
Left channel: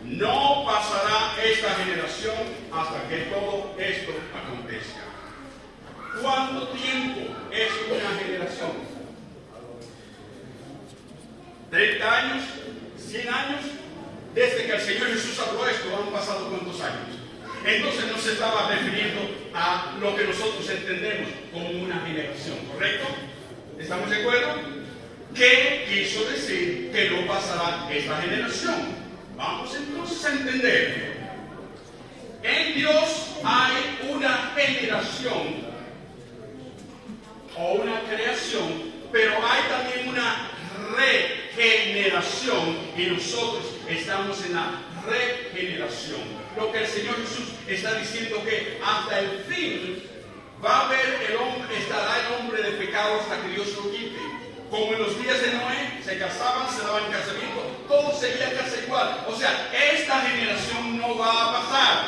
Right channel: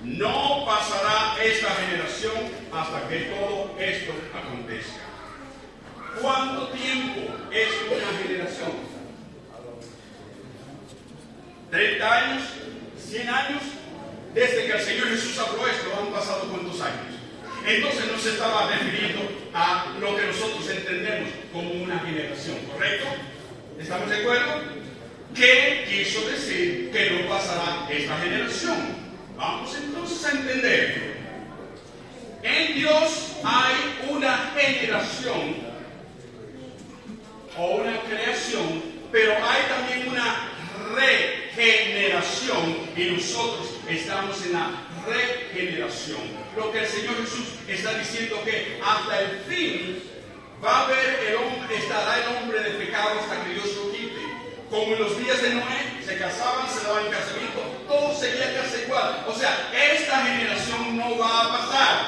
No pasará esta generación hasta que todo esto acontezca. ¿Cuánto tiempo es una generación? ¿30 años? ¿100 años? Desde que el Señor Jesús habló esto, han pasado cuántos años. Entonces no se estaba refiriendo a lo que nosotros entendemos como una generación, ¿correcto? ¿Estamos de acuerdo? ¿Qué quiso decir que no pasará esta generación? Vamos entonces a entender. En Dios hay una generación o una creación, pero hay también una regeneración y nosotros estamos en la regeneración. Lo que el Señor Jesús está diciendo que hasta el fin va a haber el hombre, estará el hombre de pecado hasta que Dios lo quite. Como en los días de Noé, se casaban, se daban casamiento, todo seguía casi igual. O sea, esta generación no va a pasar.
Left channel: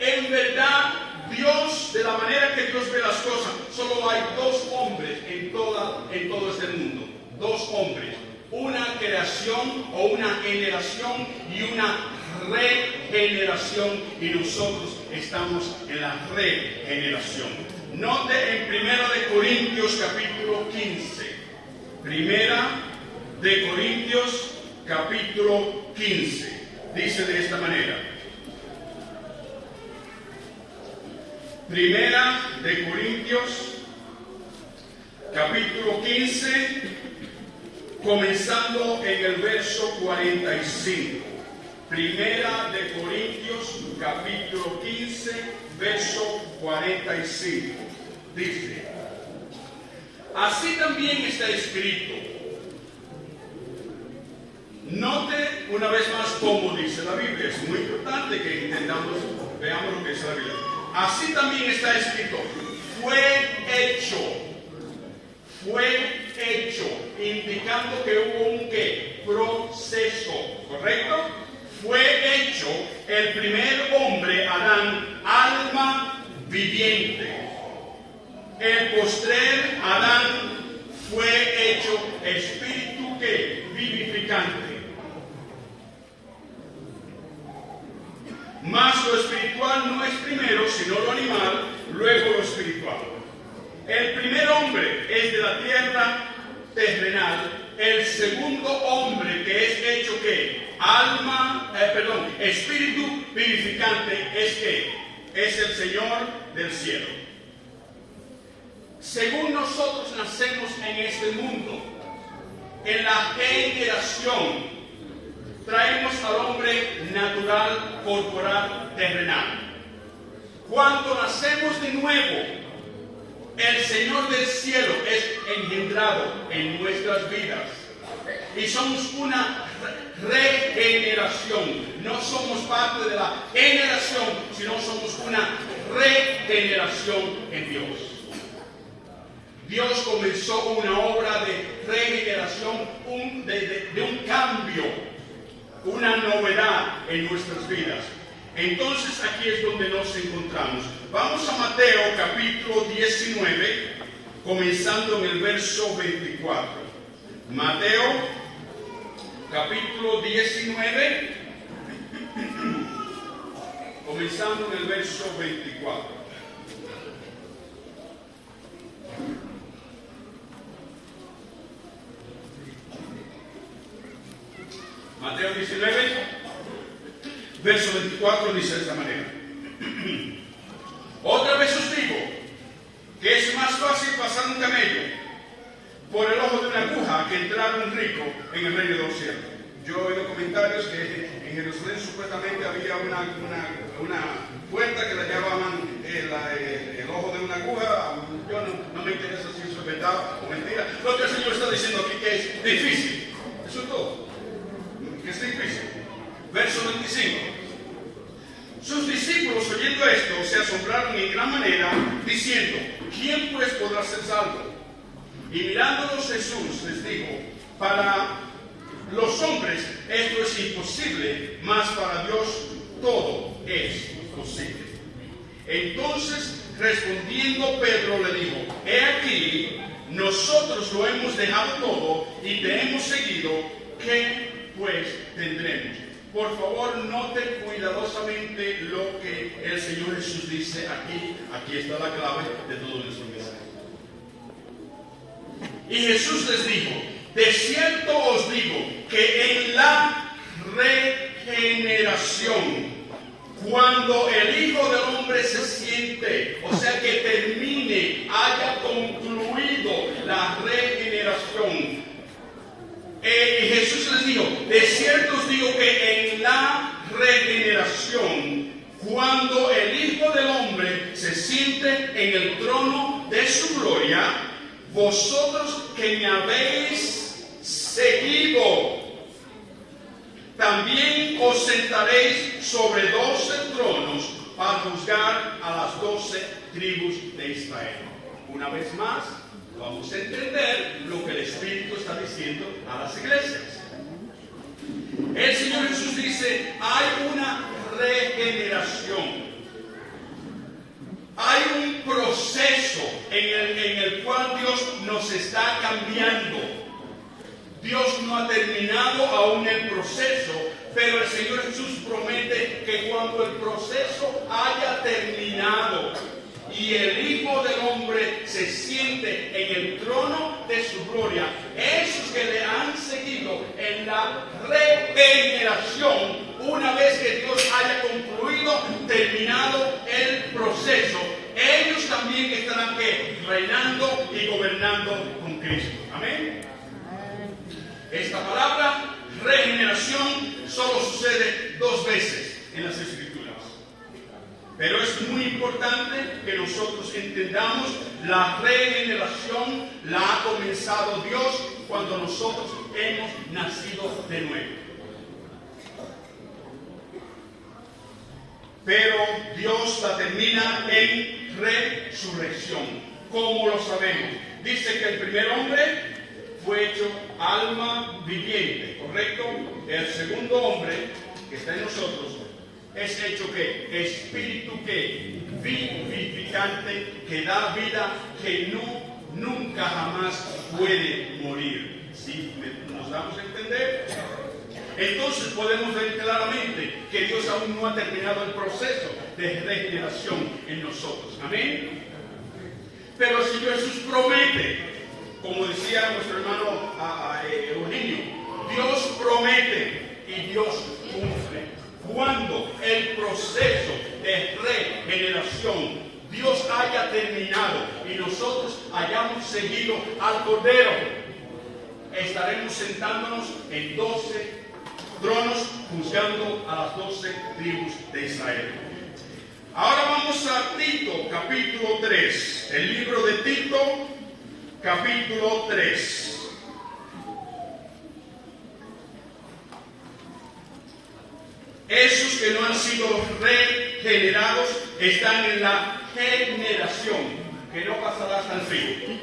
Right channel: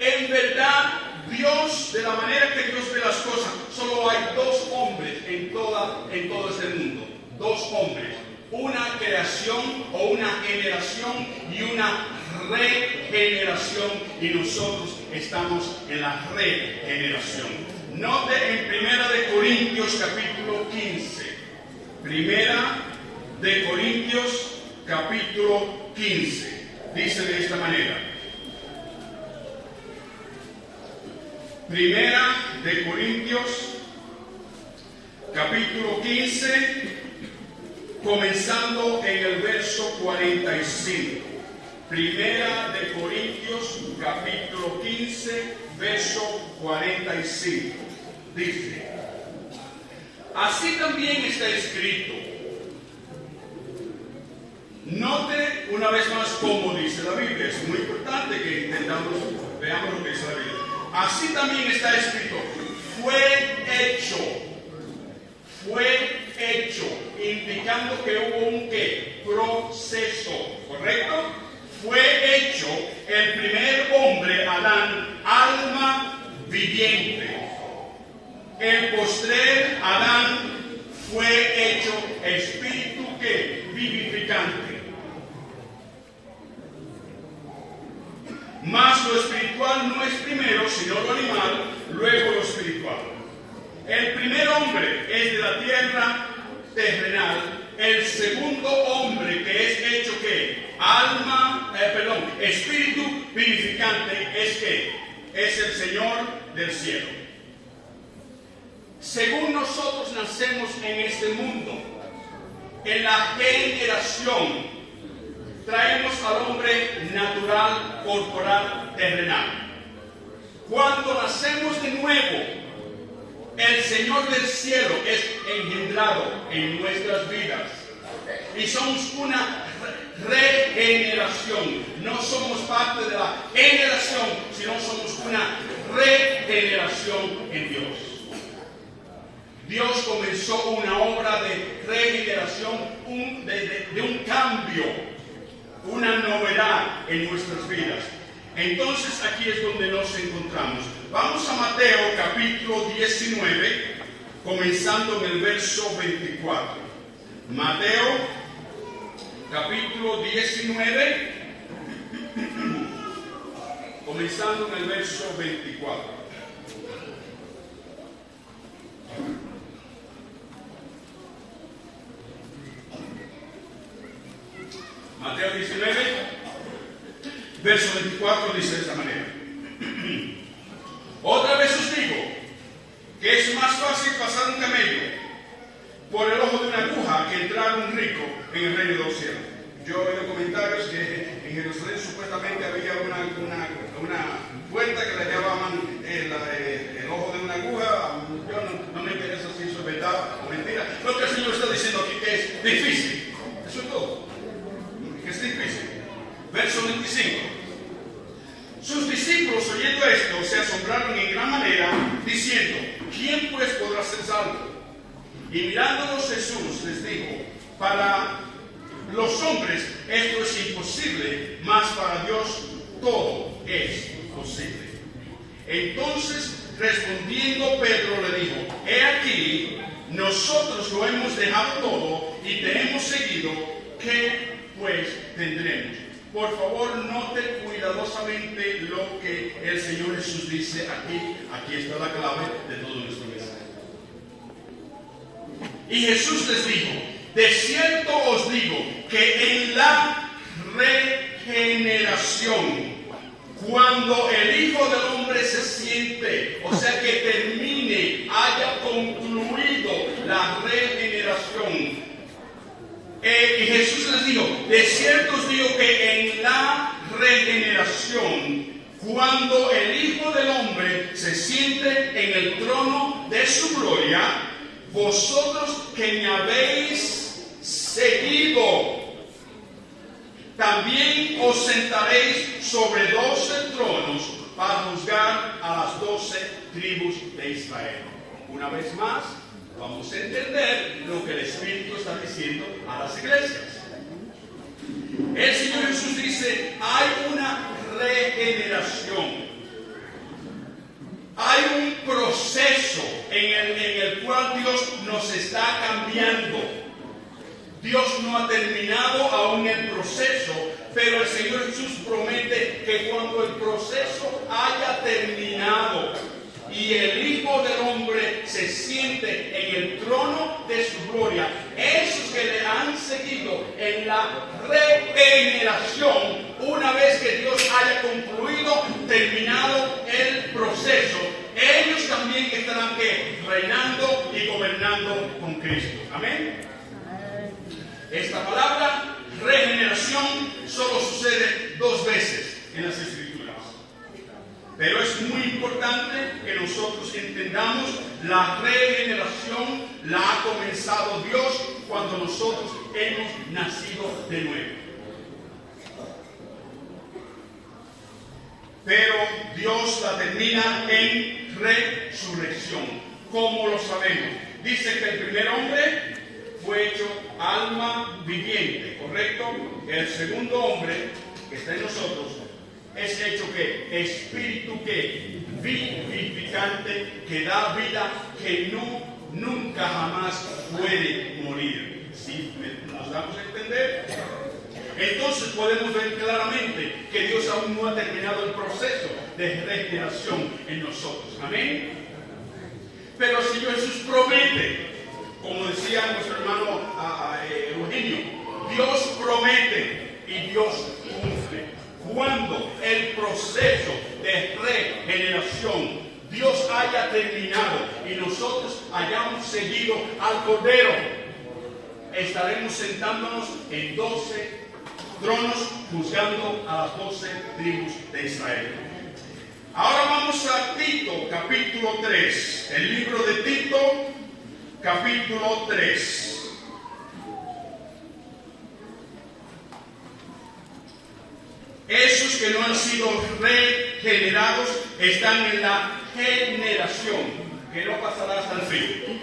En verdad, Dios, de la manera que Dios ve las cosas, solo hay dos hombres en todo este mundo. Dos hombres. Una creación o una generación y una regeneración. Y nosotros estamos en la regeneración. Note en 1 Corintios capítulo 15. 1 Corintios capítulo 15. Dice de esta manera. 1 Corintios capítulo 15, comenzando en el verso 45. 1 Corintios capítulo 15, verso 45. Dice: así también está escrito. Note una vez más cómo dice la Biblia. Es muy importante que veamos lo que dice la Biblia. Así también está escrito: fue hecho, indicando que hubo un ¿qué? Proceso, ¿correcto? fue hecho el primer hombre, Adán, alma viviente. El postrer Adán fue hecho espíritu que vivificante. Mas lo espiritual no es primero, sino lo animal, luego lo espiritual. El primer hombre es de la tierra terrenal. El segundo hombre que es hecho que espíritu vivificante es que es el Señor del cielo. Según nosotros nacemos en este mundo, en la generación, traemos al hombre natural, corporal, terrenal. Cuando nacemos de nuevo, el Señor del cielo es engendrado en nuestras vidas. Y somos una regeneración. No somos parte de la generación, sino somos una regeneración en Dios. Dios comenzó una obra de regeneración, de un cambio, una novedad en nuestras vidas. Entonces aquí es donde nos encontramos. Vamos a Mateo capítulo 19, comenzando en el verso 24. Mateo capítulo 19, comenzando en el verso 24. Mateo 19, verso 24 dice de esta manera. Otra vez os digo que es más fácil pasar un camello por el ojo de una aguja que entrar un rico en el reino de los cielos. Yo he oído comentarios que en Jerusalén supuestamente había una puerta que le llamaban el ojo de una aguja. Yo no me interesa si eso es verdad o mentira. Lo que el Señor está diciendo aquí que es difícil. Eso es todo. Que es difícil. Verso 25. Sus discípulos, oyendo esto, se asombraron en gran manera, diciendo: ¿quién pues podrá ser salvo? Y mirándolos Jesús les dijo: para los hombres esto es imposible, mas para Dios todo es posible. Entonces, respondiendo Pedro le dijo: he aquí, nosotros lo hemos dejado todo y te hemos seguido, ¿qué pues tendremos? Por favor, note cuidadosamente lo que el Señor Jesús dice aquí. Aquí está la clave de todo nuestro mensaje. Y Jesús les dijo: de cierto os digo que en la regeneración, cuando el Hijo del Hombre se siente, o sea que termine, haya concluido la regeneración, y Jesús les dijo: de cierto os digo que en la regeneración, cuando el Hijo del Hombre se siente en el trono de su gloria, vosotros que me habéis seguido, también os sentaréis sobre 12 tronos para juzgar a las 12 tribus de Israel. Una vez más, vamos a entender lo que el Espíritu está diciendo a las iglesias. El Señor Jesús dice: hay una regeneración. Hay un proceso en el cual Dios nos está cambiando. Dios no ha terminado aún el proceso, pero el Señor Jesús promete que cuando el proceso haya terminado y el Hijo del Hombre se siente en el trono de su gloria, esos que le han seguido en la regeneración, una vez que Dios haya concluido, terminado el proceso, ellos también estarán reinando y gobernando con Cristo. Amén. Esta palabra regeneración solo sucede 2 veces en las Escrituras. Pero es muy importante que nosotros entendamos: la regeneración la ha comenzado Dios cuando nosotros hemos nacido de nuevo. Pero Dios la termina en resurrección. ¿Cómo lo sabemos? Dice que el primer hombre fue hecho alma viviente, ¿correcto? El segundo hombre que está en nosotros es hecho que espíritu que vivificante, que da vida, que nunca jamás puede morir. ¿Sí? ¿Nos damos a entender? Entonces podemos ver claramente que Dios aún no ha terminado el proceso de regeneración en nosotros. Amén. Pero si Jesús promete, como decía nuestro hermano Eugenio, Dios promete y Dios cumple. Cuando el proceso de regeneración Dios haya terminado y nosotros hayamos seguido al Cordero, estaremos sentándonos en 12 tronos juzgando a las 12 tribus de Israel. Ahora vamos a Tito, capítulo 3. El libro de Tito, capítulo 3. Esos que no han sido regenerados están en la generación que no pasará hasta el fin.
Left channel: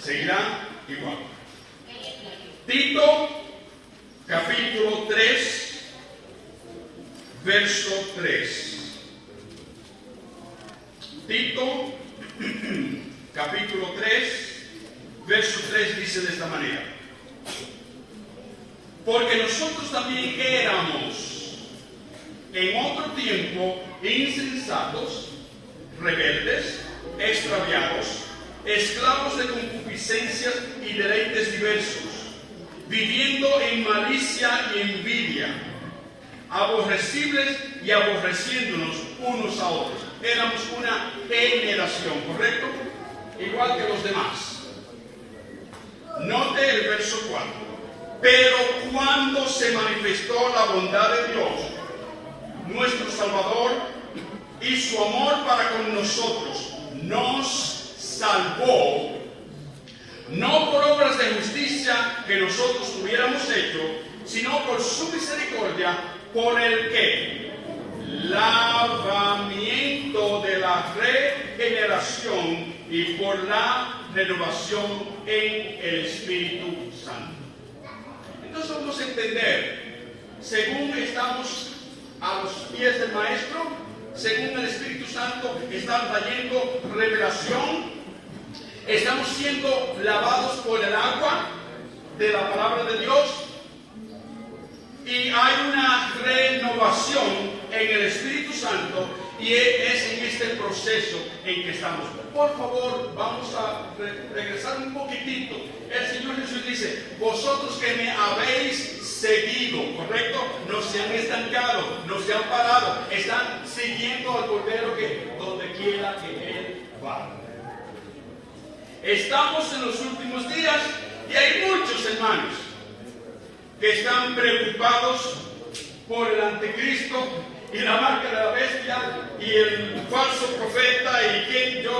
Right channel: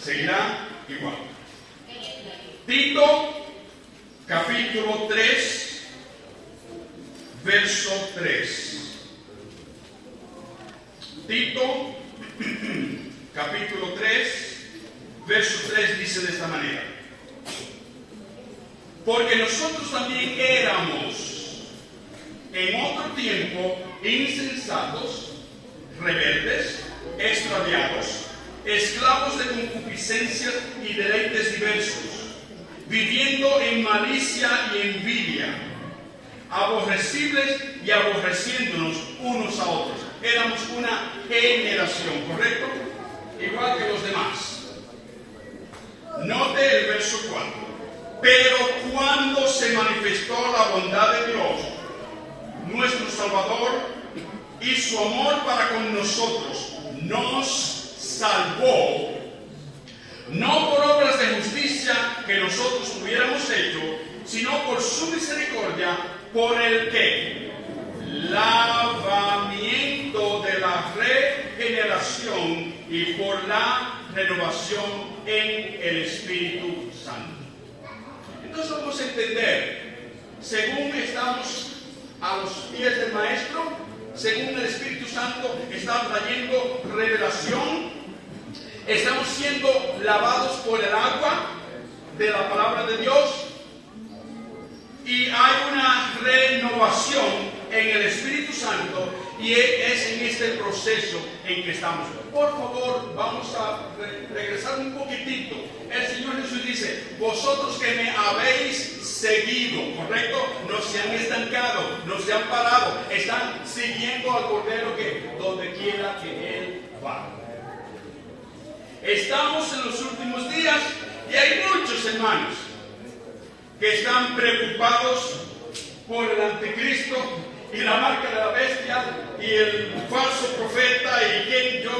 Seguirá igual. Tito, capítulo 3, verso 3. Tito, capítulo 3, verso 3 dice de esta manera: porque nosotros también éramos en otro tiempo insensatos, rebeldes, extraviados, esclavos de concupiscencias y deleites diversos, viviendo en malicia y envidia, aborrecibles y aborreciéndonos unos a otros. Éramos una generación, ¿correcto? Igual que los demás. Note el verso 4. Pero cuando se manifestó la bondad de Dios, nuestro Salvador, y su amor para con nosotros, nos salvó, no por obras de justicia que nosotros hubiéramos hecho, sino por su misericordia, por el que lavamiento de la regeneración y por la renovación en el Espíritu Santo. Entonces vamos a entender, según estamos a los pies del Maestro, según el Espíritu Santo está trayendo revelación, estamos siendo lavados por el agua de la palabra de Dios y hay una renovación en el Espíritu Santo y es en este proceso en que estamos. Por favor, vamos a regresar un poquitito. El Señor Jesús dice: vosotros que me habéis seguido, ¿correcto? No se han estancado, no se han parado, están siguiendo al Cordero que donde quiera que Él va. Estamos en los últimos días y hay muchos hermanos que están preocupados por el anticristo y la marca de la bestia y el falso profeta y quién. Yo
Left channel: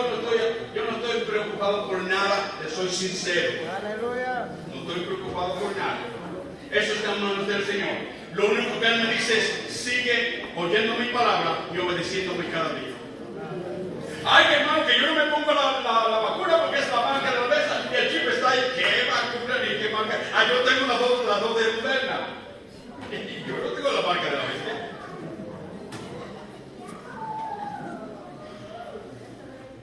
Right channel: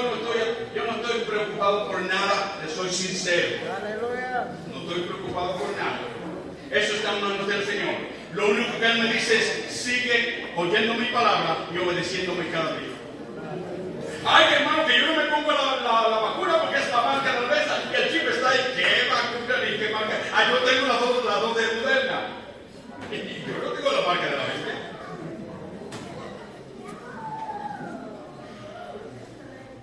no estoy preocupado por nada, les soy sincero. No estoy preocupado por nada. Eso está en manos del Señor. Lo único que Él me dice es: sigue oyendo mi palabra y obedeciéndome cada día. Ay, hermano, que yo no me pongo la vacuna porque es la marca de la bestia y el chip está ahí. ¿Qué vacuna ni qué marca? Ah, yo tengo las dos de Moderna. Y yo no tengo la marca de la bestia.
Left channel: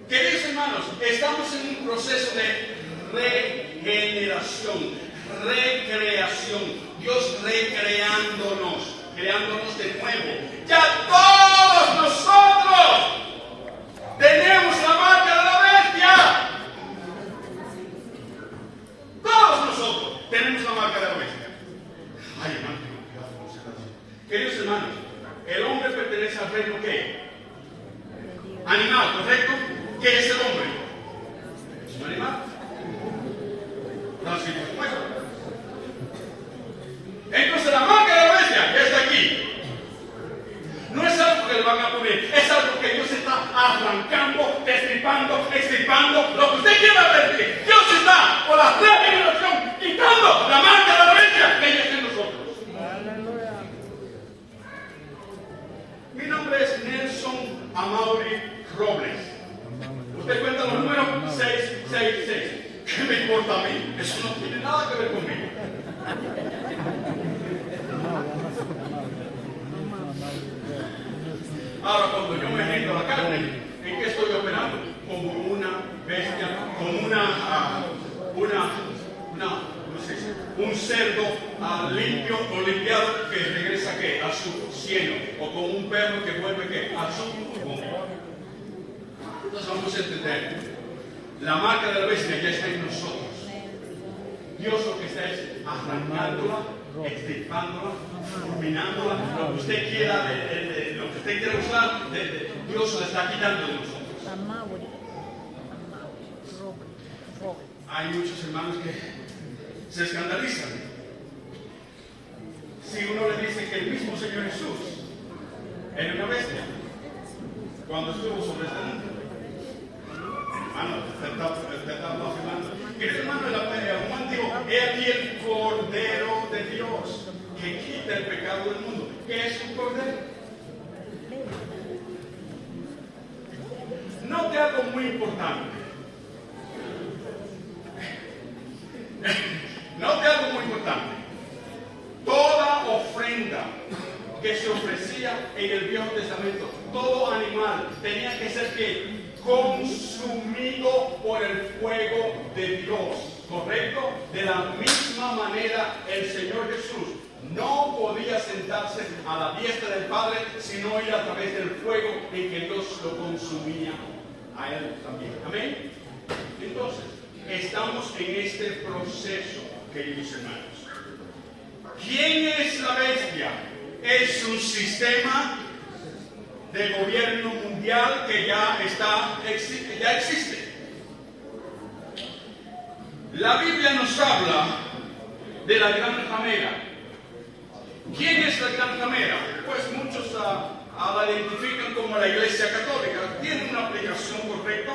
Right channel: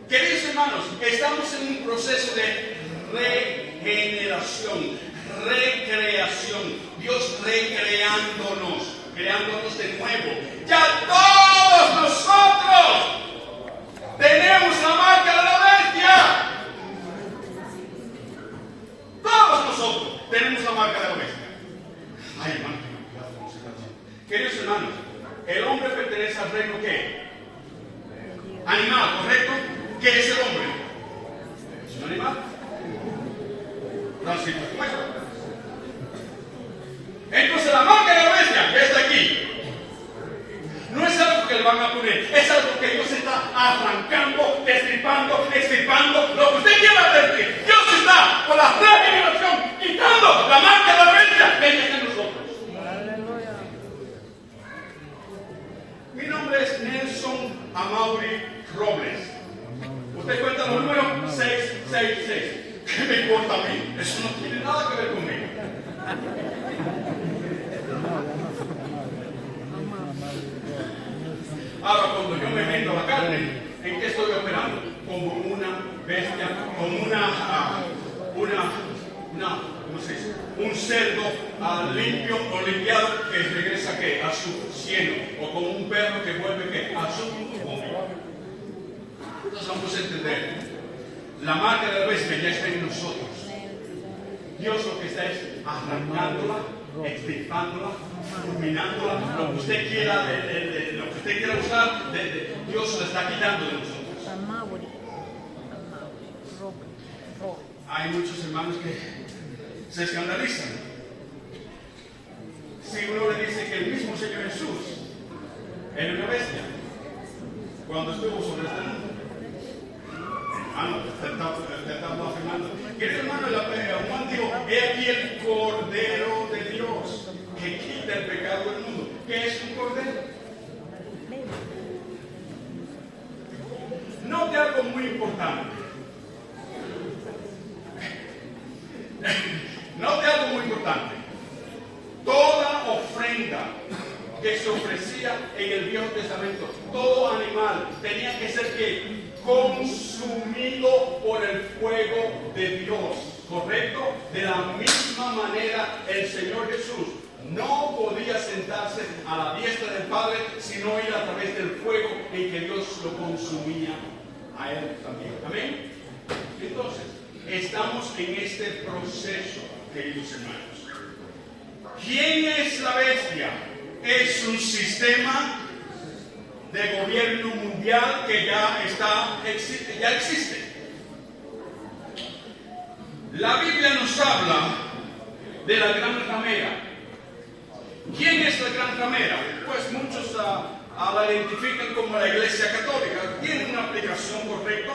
Queridos hermanos, estamos en un proceso de regeneración, recreación. Dios recreándonos, creándonos de nuevo. Ya todos nosotros tenemos la marca de la bestia. Todos nosotros tenemos la marca de la bestia. Ay, hermano, queridos hermanos, el hombre pertenece al reino ¿qué? Animal, ¿correcto? ¿Qué es el hombre? ¿Es un animal? No, sí, por supuesto. Entonces la marca de la bestia que está aquí no es algo que le van a poner, es algo que Dios está arrancando, extirpando, lo que usted quiera ver, que Dios está por la regeneración quitando la marca de la bestia que está en nosotros. Mi nombre es Nelson Amaury Robles. Usted cuenta los números 666. ¿Qué me importa a mí? Eso no tiene nada que ver conmigo. Ahora, cuando yo me meto a la carne, ¿en qué estoy operando? Como una bestia, como ¿cómo se dice? Un cerdo limpio o limpiado que regresa ¿qué? A su cieno, o como un perro que vuelve ¿qué? A su vómito. Entonces vamos a entender, la marca de la bestia ya está en nosotros. Dios lo que está es arrancándola, extirpándola, fulminándola, lo que usted quiera, lo que usted quiera usar, Dios la está quitando de nosotros. Hay muchos hermanos que se escandalizan si uno le dice que el mismo Señor Jesús era una bestia cuando estuvo sobre este mundo. Hermano, te estamos afirmando. Querido hermano, Juan dijo: he aquí el Cordero de Dios que quita el pecado del mundo. ¿Qué es un cordero? Note algo muy importante. Note algo muy importante. Toda ofrenda que se ofrecía en el Viejo Testamento, todo animal tenía que ser que consumido por el fuego de Dios, ¿correcto? De la misma manera el Señor Jesús no podía sentarse a la diestra del Padre sino ir a través del fuego en que Dios lo consumía a él también. Amén. Entonces, estamos en este proceso, queridos hermanos. ¿Quién es la bestia? Es un sistema de gobierno mundial que ya existe. La Biblia nos habla de la gran ramera. ¿Quién es la gran ramera? Pues muchos la identifican como la Iglesia Católica. Tiene una aplicación correcta.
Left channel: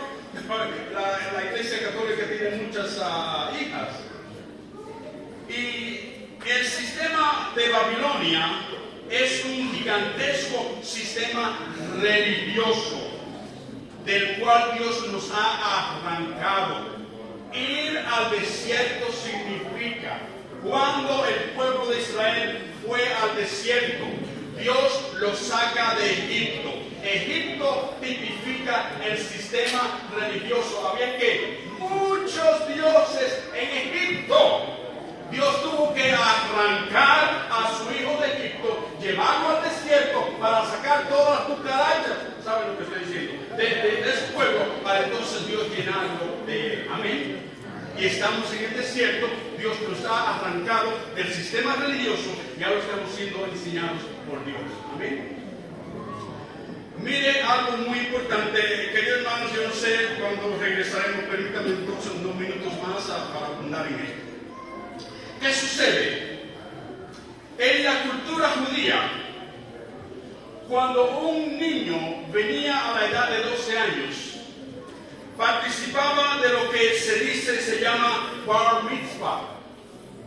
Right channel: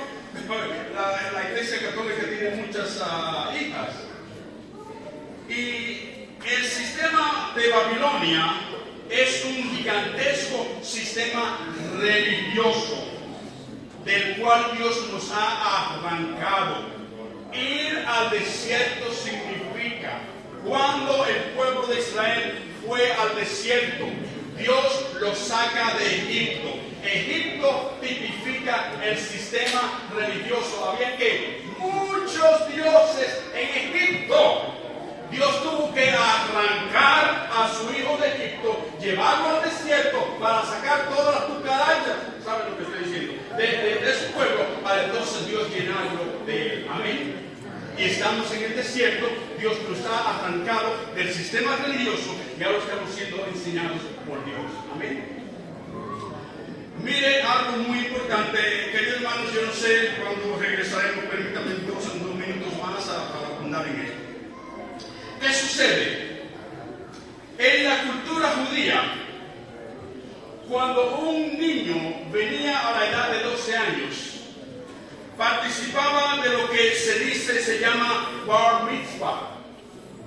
La Iglesia Católica tiene muchas hijas. Y el sistema de Babilonia es un gigantesco sistema religioso del cual Dios nos ha arrancado. Ir al desierto significa, cuando el pueblo de Israel fue al desierto, Dios los saca de Egipto. Egipto tipifica el sistema religioso. Había que muchos dioses en Egipto. Dios tuvo que arrancar a su hijo de Egipto, llevarlo al desierto para sacar todas las cucarachas, ¿saben lo que estoy diciendo? De su pueblo, para entonces Dios llenarlo de él. Amén. Y estamos en el desierto, Dios nos ha arrancado del sistema religioso y ahora estamos siendo enseñados por Dios. Amén. Mire algo muy importante, queridos hermanos, yo no sé cuándo regresaremos, permítanme entonces unos minutos más para abundar en esto. ¿Qué sucede? En la cultura judía, cuando un niño venía a la edad de 12 años, participaba de lo que se llama bar mitzvah.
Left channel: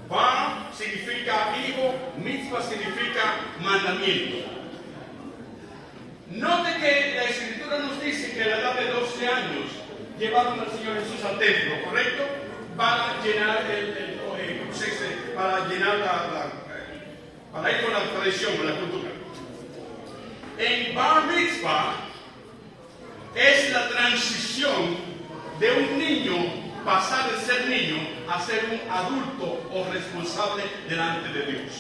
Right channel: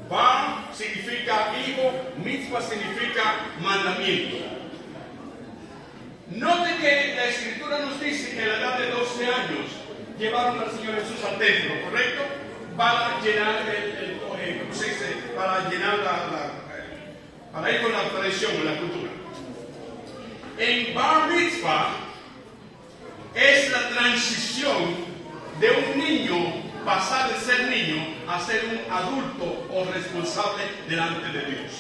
Bar significa hijo, mitzvah significa mandamiento. Note que la Escritura nos dice que a la edad de 12 años llevaron al Señor Jesús al templo, ¿correcto? Para llenar para ir con la tradición, con la cultura. En Bar Mitzvah es la transición de un niño pasar de ser niño a ser un adulto o responsable delante de Dios.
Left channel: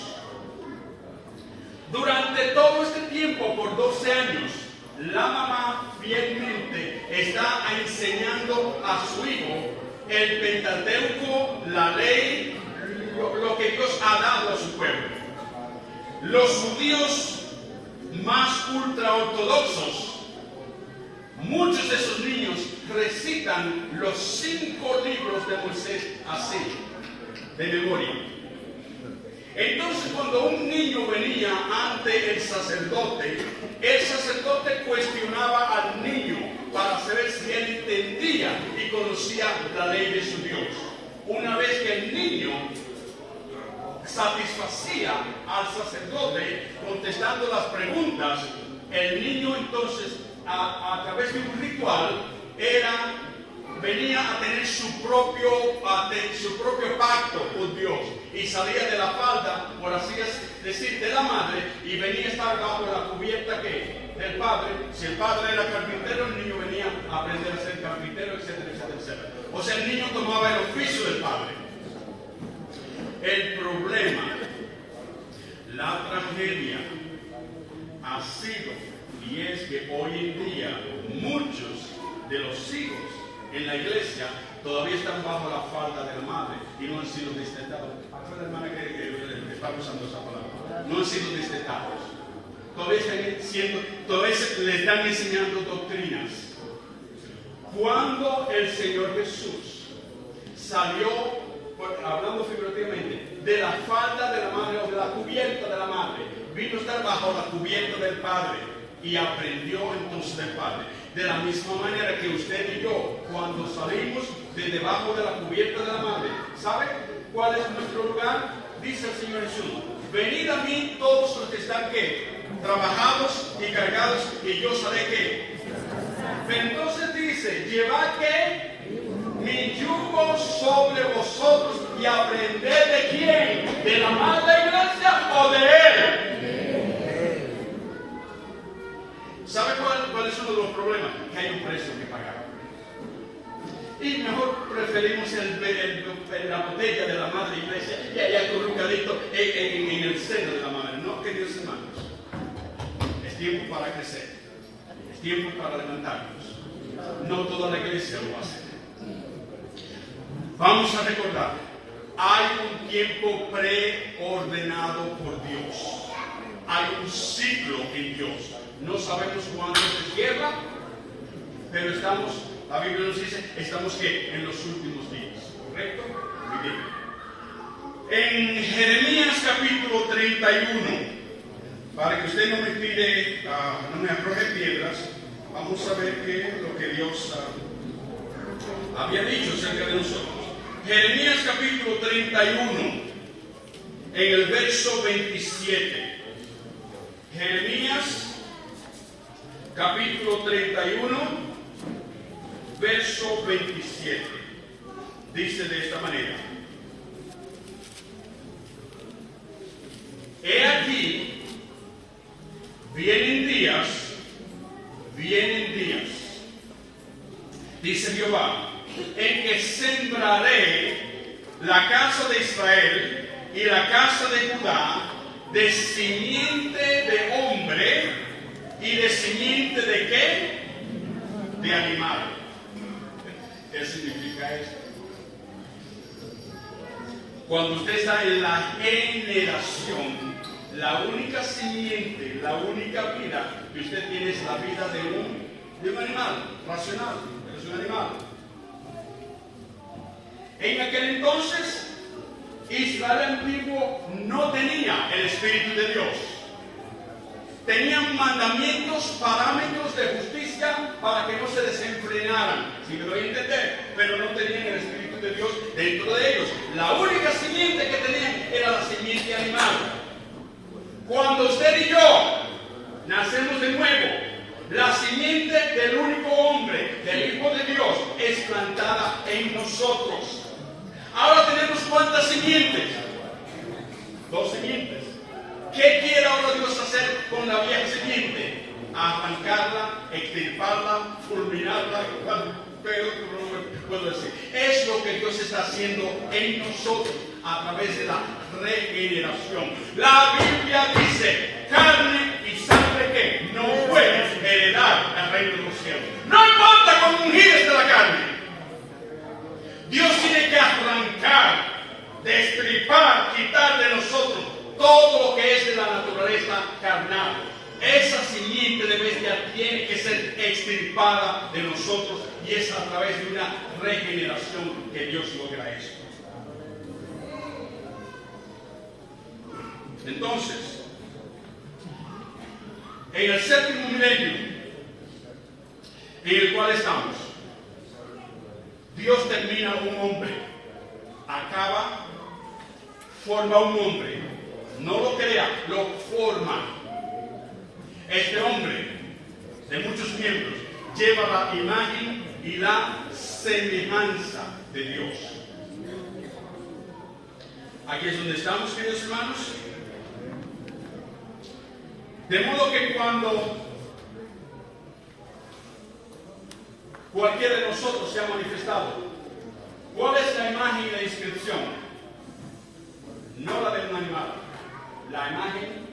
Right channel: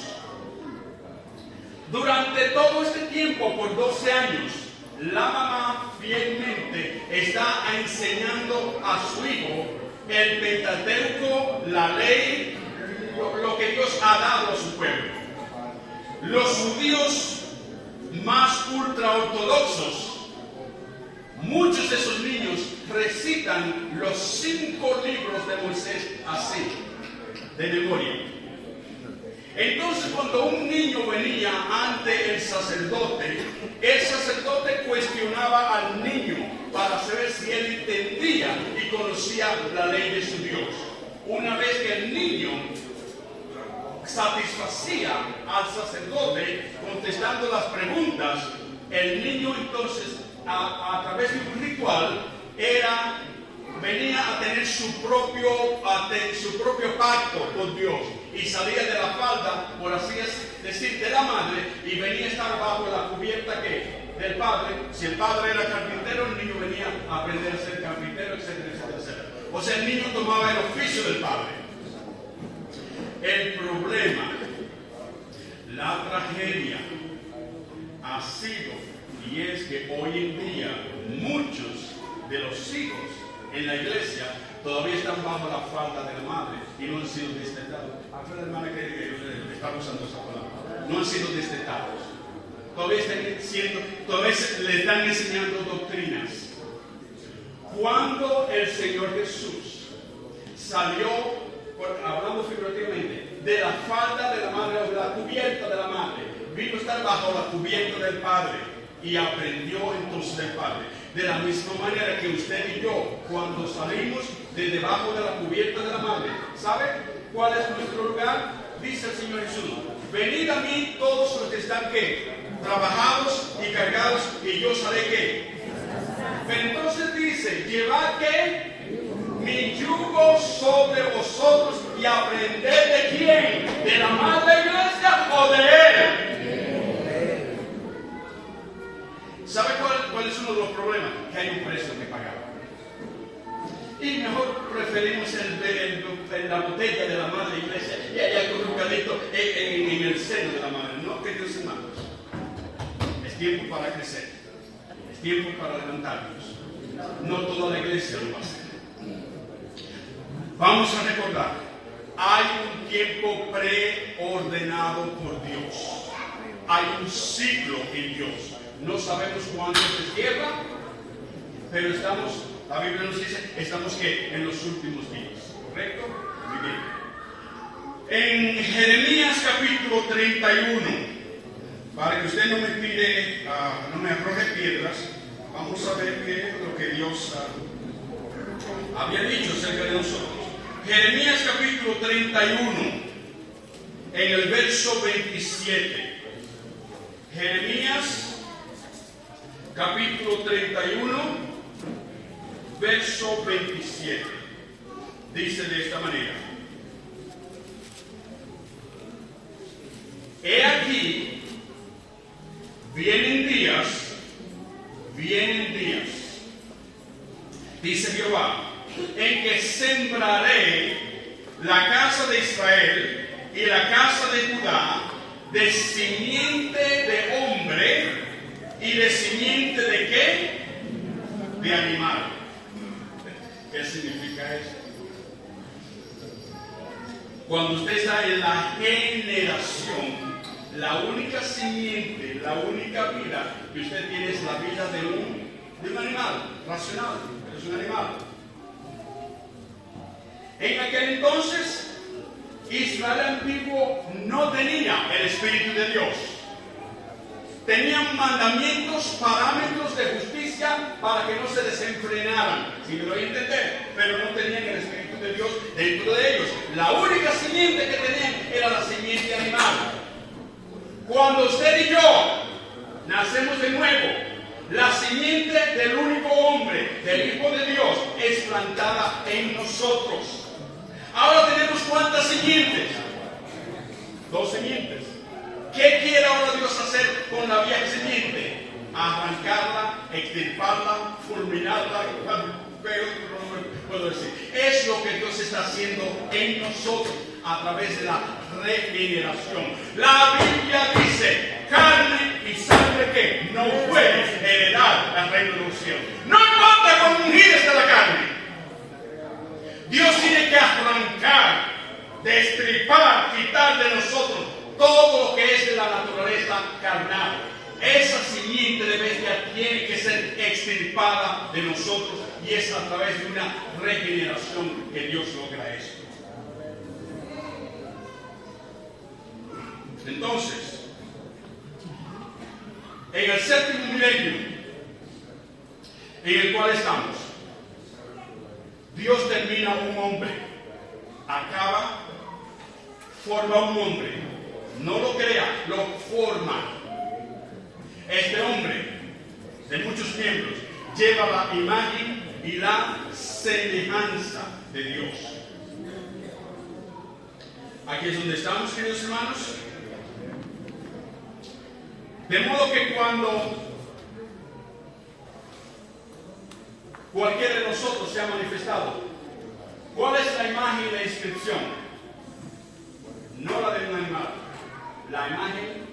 Durante todo este tiempo, por 12 años, la mamá fielmente está enseñando a su hijo el Pentateuco, la ley, lo que Dios ha dado a su pueblo. Los judíos más ultraortodoxos, muchos de esos niños recitan los 5 libros de Moisés así, de memoria. Entonces, cuando un niño venía ante el sacerdote cuestionaba al niño para saber si él entendía y conocía la ley de su Dios. Una vez que el niño satisfacía al sacerdote contestando las preguntas, el niño entonces, a través de un ritual, venía a tener su propio pacto con Dios. y salía de la falda, por así decir, de la madre y venía a estar bajo la cubierta del padre. Si el padre era carpintero, el niño venía a aprender a ser carpintero, etcétera, etcétera, etcétera. O sea, el niño tomaba el oficio del padre. El problema, la tragedia, ha sido y es que hoy en día muchos de los hijos en la iglesia todavía están bajo la falda de la madre y no han sido destetados. Hasta la hermana que está usando esa palabra. No han sido destetados. Todavía le están enseñando doctrinas. Cuando el Señor Jesús salió, hablando figurativamente, de la falda de la madre o de la cubierta de la madre, vino a estar bajo la cubierta del Padre y aprendió entonces del Padre. De la misma manera que usted y yo, cuando salimos de debajo de la cubierta de la madre, ¿sabe cuál es nuestro lugar? Dice el Señor Jesús: venid a mí todos los que están ¿qué? Trabajados y cargados, y yo os haré ¿qué? Pero entonces dice: llevad ¿qué? Mi yugo sobre vosotros y aprended ¿de quién? ¿De la madre iglesia o de él? ¿Sabe cuál es uno de los problemas? Que hay un precio que pagar. Y mejor preferimos la botella de la madre iglesia y allá colocadito en el seno de la madre. No, queridos hermanos. Es tiempo para crecer. Es tiempo para levantarnos. No toda la iglesia lo va a hacer. Vamos a recordar. Hay un tiempo preordenado por Dios. Hay un ciclo en Dios. No sabemos cuándo se cierra, pero la Biblia nos dice, estamos ¿qué? En los últimos días, ¿correcto? Muy bien. En Jeremías capítulo 31, para que usted no me tire, no me arroje piedras, vamos a ver qué es lo que Dios había dicho acerca de nosotros. Jeremías capítulo 31, en el verso 27. Jeremías capítulo 31, verso 27. Dice de esta manera: he aquí, vienen días, dice Jehová, en que sembraré la casa de Israel y la casa de Judá de simiente de hombre y de simiente de ¿qué? De animal. ¿Qué significa eso? Cuando usted está en la generación, la única simiente, la única vida que usted tiene es la vida de un animal racional, es un animal. En aquel entonces, Israel antiguo no tenía el Espíritu de Dios. Tenían mandamientos, parámetros de justicia para que no se desenfrenaran, si me doy a entender, pero no tenían el Espíritu de Dios dentro de ellos. La única simiente que tenían era la simiente animal. Cuando usted y yo nacemos de nuevo, la simiente del único hombre, del Hijo de Dios, es plantada en nosotros. Ahora tenemos ¿cuántas simientes? 2 simientes. ¿Qué quiere ahora Dios hacer con la vieja simiente? Arrancarla, extirparla, fulminarla, pero no puedo decir. Es lo que Dios está haciendo en nosotros a través de la regeneración. La Biblia dice: carne y sangre que no pueden heredar el reino de los cielos. No importa cuán ungida está la carne. Dios tiene que arrancar, destripar, quitar de nosotros todo lo que es de la naturaleza carnal. Esa simiente de bestia tiene que ser extirpada de nosotros y es a través de una regeneración que Dios logra esto. Entonces, en el 7º milenio en el cual estamos, Dios termina un hombre, forma un hombre, no lo crea, lo forma. Este hombre, de muchos miembros, lleva la imagen y la semejanza de Dios. Aquí es donde estamos, queridos hermanos. De modo que cuando cualquiera de nosotros se ha manifestado, ¿cuál es la imagen y la inscripción? No la de un animal, la imagen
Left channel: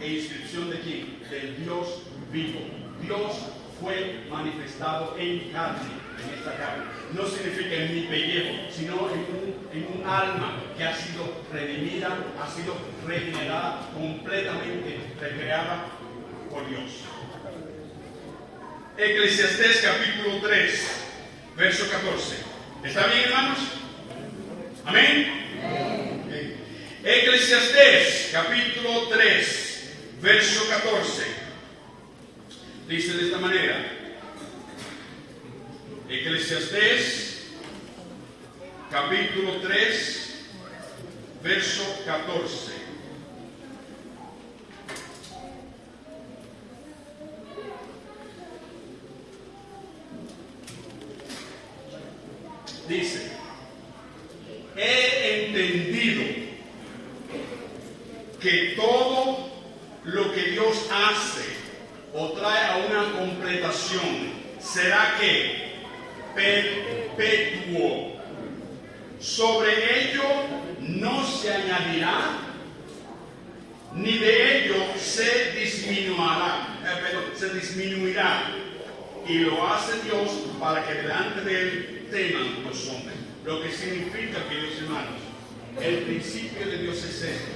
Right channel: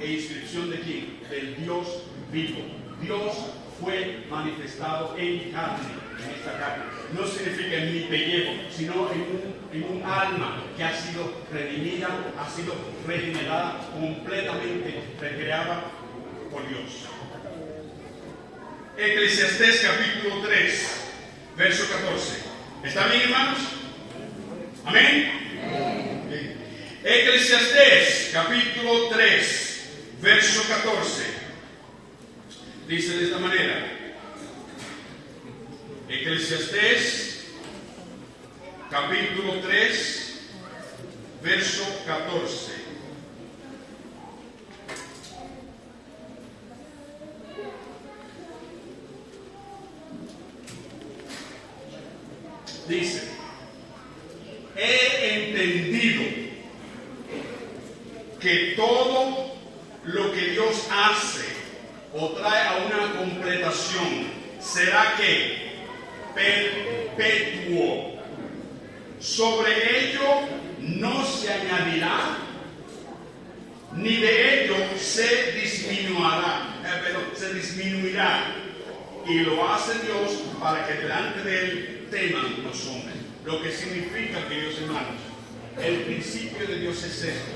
e inscripción de quién? Del Dios vivo. Dios fue manifestado en carne, en esta carne. No significa en mi pellejo, sino en un alma que ha sido redimida, ha sido regenerada, completamente recreada por Dios. Eclesiastés capítulo 3, verso 14. ¿Está bien, hermanos? ¿Amén? Okay. Eclesiastés capítulo 3, verso 14. Dice de esta manera. Eclesiastés capítulo 3, verso 14. Dice, he entendido que todo lo que Dios hace o trae a una completación será que perpetuo. Sobre ello no se añadirá, ni de ello se disminuirá. Y lo hace Dios para que delante de él teman los hombres. Lo que significa, queridos hermanos, el principio de Dios es esto.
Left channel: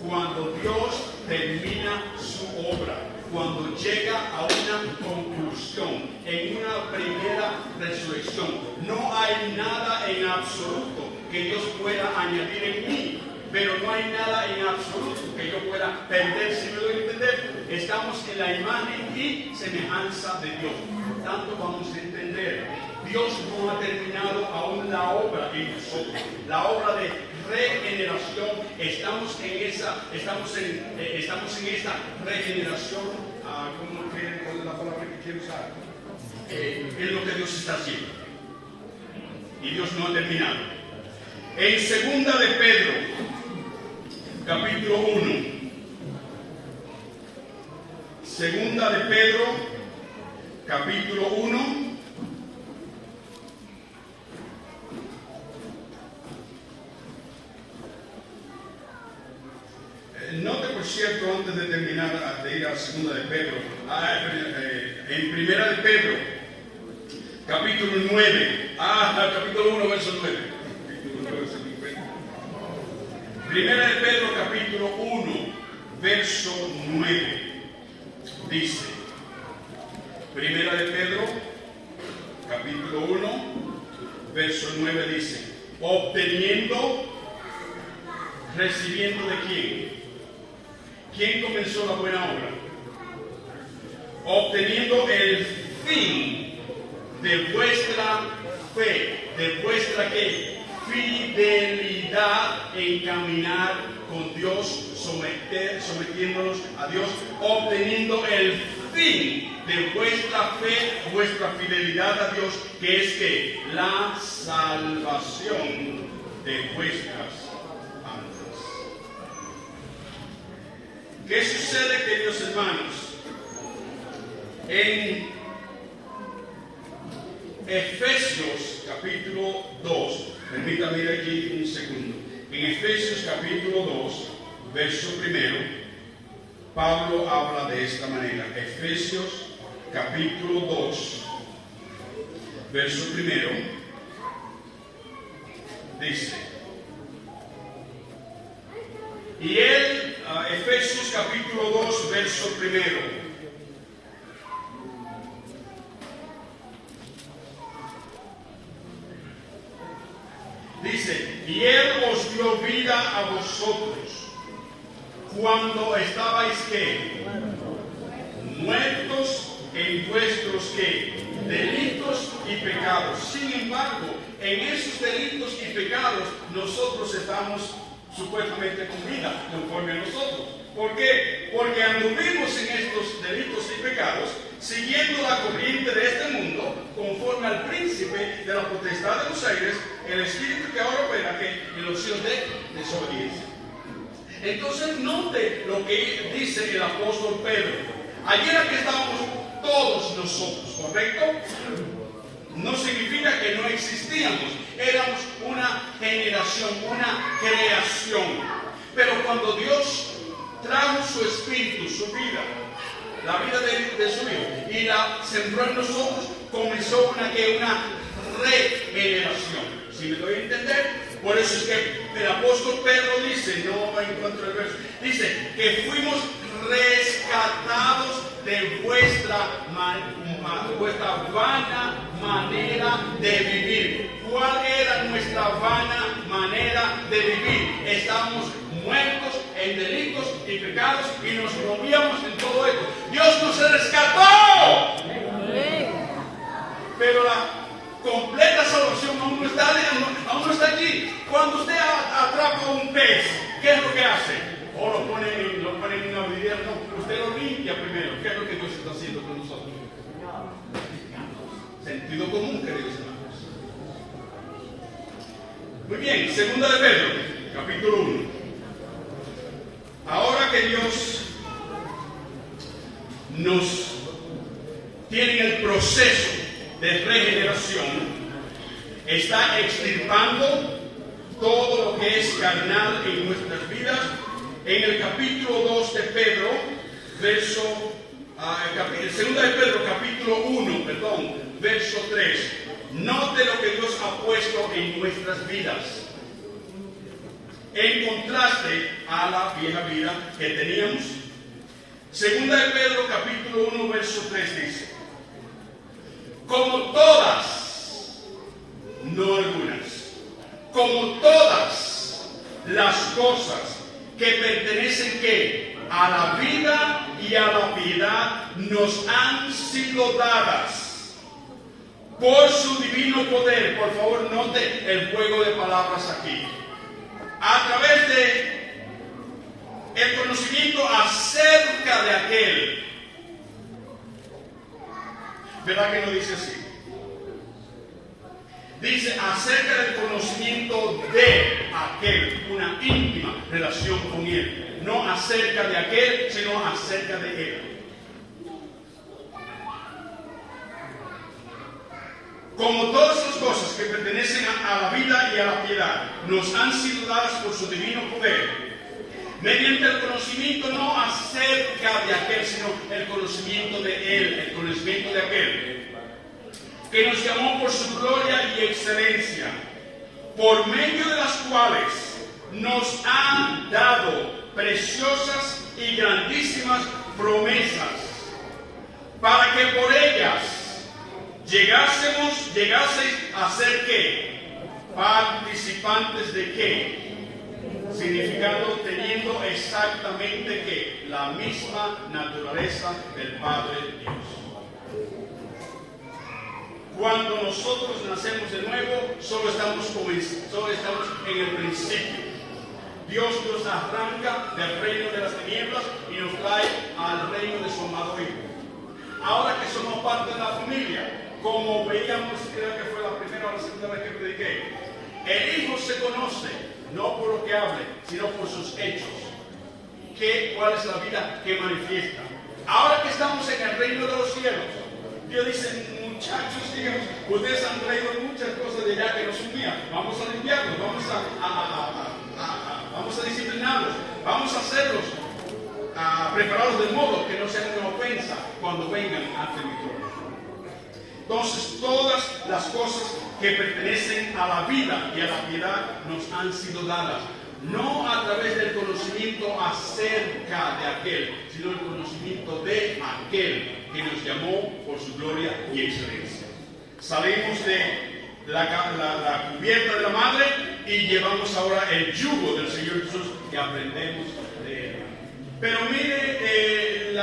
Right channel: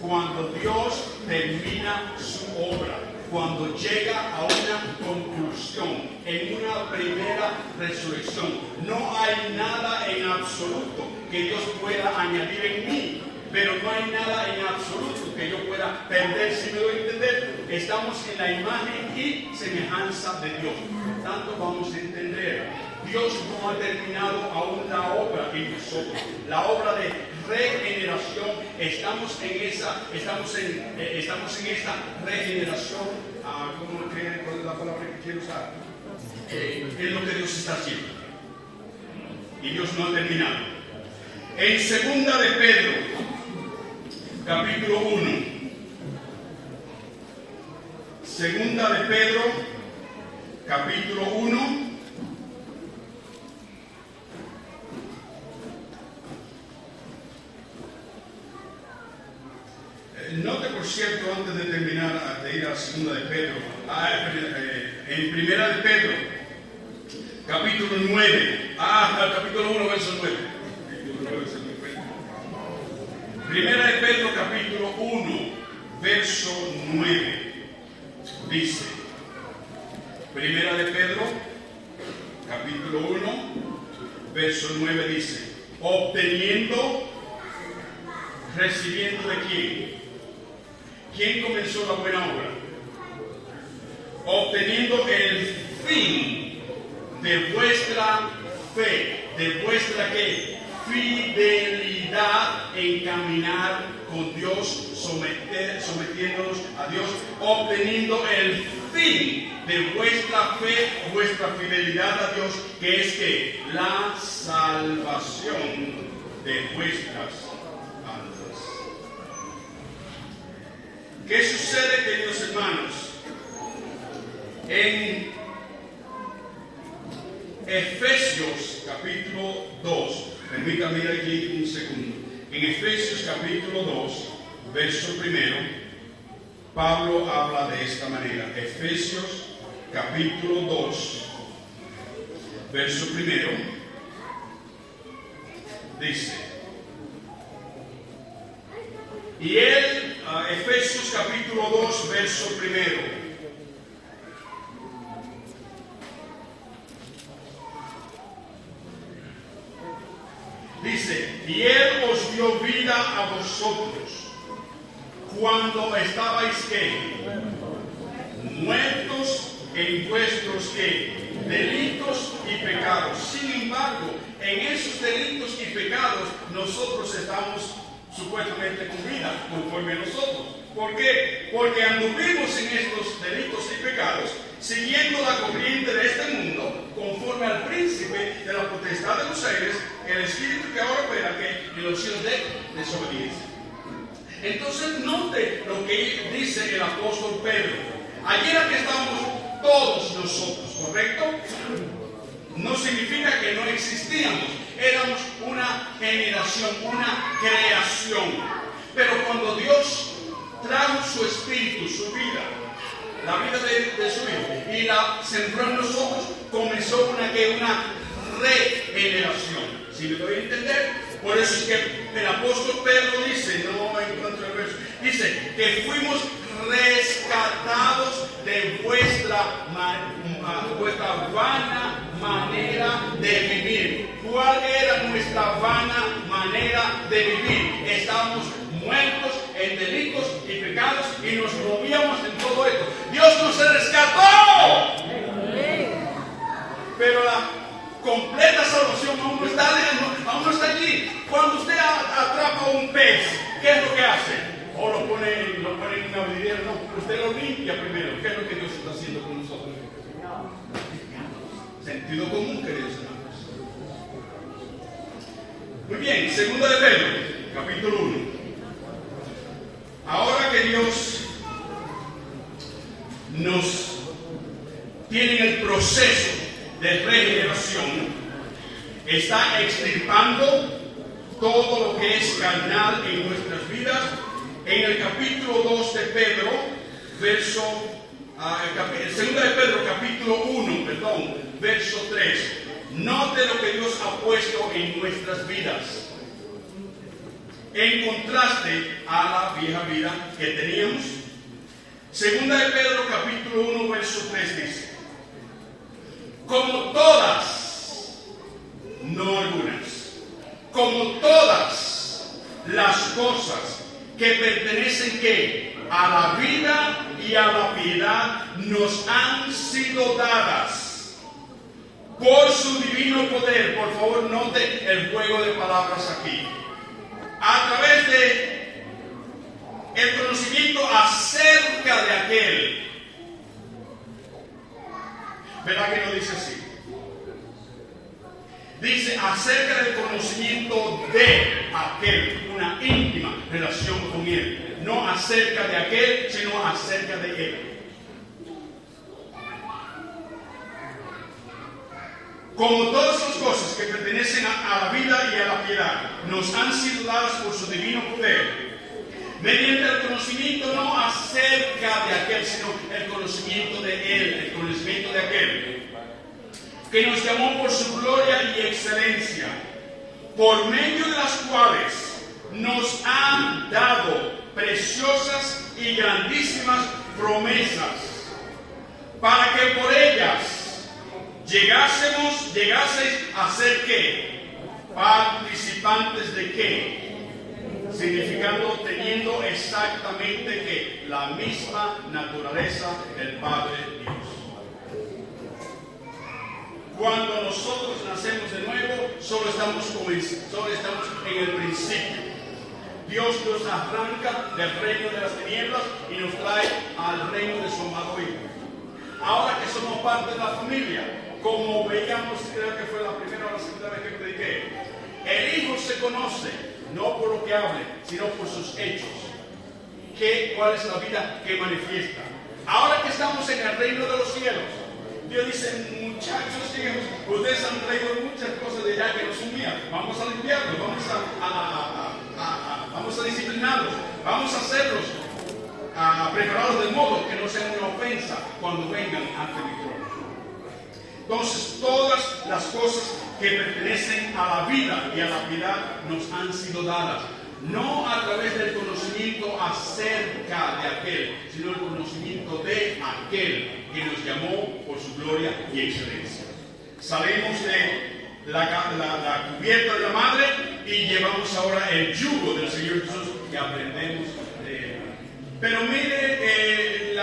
Cuando Dios termina su obra, cuando llega a una conclusión, en una primera resurrección, no hay nada en absoluto que Dios pueda añadir en mí, pero no hay nada en absoluto que yo pueda perder. Si me doy a entender, estamos en la imagen y semejanza de Dios. Por tanto, vamos a entender, Dios no ha terminado aún la obra en nosotros, la obra de regeneración. Estamos en esa regeneración. ¿Cuál es la palabra que quiero usar? Es lo que Dios está haciendo. Y Dios no ha terminado. En segunda de Pedro, capítulo 1. Segunda de Pedro, capítulo 1. Note, por cierto, antes de terminar, de ir a segunda de Pedro, en primera de Pedro, capítulo 9, capítulo 1, verso 9. Primera de Pedro, capítulo 1, verso 9, dice, primera de Pedro, capítulo 1, verso 9 dice, recibiendo de quién? ¿Quién comenzó la buena obra? Obteniendo el fin de vuestra fe, de vuestra ¿qué? Fidelidad en caminar con Dios, sometiéndonos a Dios, obteniendo el fin de vuestra fe, vuestra fidelidad a Dios, que es que la salvación de vuestras almas. ¿Qué sucede, queridos hermanos? En Efesios capítulo 2, permítame ir aquí un segundo. En Efesios capítulo 2, verso 1, Pablo habla de esta manera. Efesios capítulo 2, verso 1, dice, y él, Efesios capítulo 2, verso 1, dice, y él os dio vida a vosotros cuando estabais ¿qué? Muertos en vuestros ¿qué? Delitos y pecados. Sin embargo, en esos delitos y pecados nosotros estamos supuestamente con vida, conforme a nosotros. ¿Por qué? Porque anduvimos en estos delitos y pecados, siguiendo la corriente de este mundo, conforme al príncipe de la potestad de los aires, el espíritu que ahora opera que en los hijos de desobediencia. Entonces note lo que dice el apóstol Pedro. Ayer aquí estábamos todos nosotros, ¿correcto? No significa que no existíamos, éramos una generación, una creación. Pero cuando Dios trajo su espíritu, su vida, la vida de su hijo, y la sembró en nosotros, comenzó una regeneración. ¿Sí me doy a entender? Por eso es que el apóstol Pedro dice, no encuentro el verso, dice que fuimos rescatados de vuestra vana manera de vivir. ¿Cuál era nuestra vana manera de vivir? Estábamos muertos en delitos y pecados y nos movíamos en todo esto. Dios nos rescató. Pero la completa salvación aún no está allí. Cuando usted atrapa un pez, ¿qué es lo que hace? O lo pone en una vidriera. No, usted lo limpia primero. ¿Qué es lo que Dios está haciendo con nosotros? Sentido común, queridos hermanos. Muy bien, segunda de Pedro, capítulo 1. Ahora que Dios nos tiene en el proceso de regeneración, está extirpando todo lo que es carnal en nuestras vidas. En el capítulo 2 de Pedro, segunda de Pedro, capítulo 1, verso 3. Note lo que Dios ha puesto en nuestras vidas, en contraste a la vieja vida que teníamos. Segunda de Pedro, capítulo 1, verso 3 dice: como todas, no algunas, como todas las cosas que pertenecen ¿qué? A la vida y a la piedad nos han sido dadas por su divino poder. Por favor, note el juego de palabras aquí. A través de el conocimiento acerca de aquel. ¿Verdad que no dice así? Dice acerca del conocimiento de aquel, una íntima relación con él. No acerca de aquel, sino acerca de él. Como todas las cosas que pertenecen a la vida y a la piedad, nos han sido dadas por su divino poder, mediante el conocimiento no acerca de aquel, sino el conocimiento de él, el conocimiento de aquel, que nos llamó por su gloria y excelencia, por medio de las cuales nos han dado preciosas y grandísimas promesas, para que por ellas llegaseis a ser ¿qué? Participantes de ¿qué? Significando teniendo exactamente ¿qué? La misma naturaleza del Padre Dios. Cuando nosotros nacemos de nuevo, solo estamos en el principio. Dios nos arranca del reino de las tinieblas y nos trae al reino de su amado Hijo. Ahora que somos parte de la familia, como veíamos, creo que fue la primera o la segunda vez que prediqué, el Hijo se conoce, no por lo que hable, sino por sus hechos. ¿Cuál es la vida que manifiesta? Ahora que estamos en el reino de los cielos, Dios dice, muchachos, hijos, ustedes han traído muchas cosas de allá que no son mías. Vamos a limpiarlos, vamos a disciplinarlos, vamos a hacerlos, a prepararlos de modo que no sean una ofensa cuando vengan ante mi trono. Entonces, todas las cosas que pertenecen a la vida y a la piedad nos han sido dadas, no a través del conocimiento acerca de aquel, sino el conocimiento de aquel que nos llamó por su gloria y excelencia. Salimos de la cubierta de la madre y llevamos ahora el yugo del Señor Jesús y aprendemos de él. Pero mire,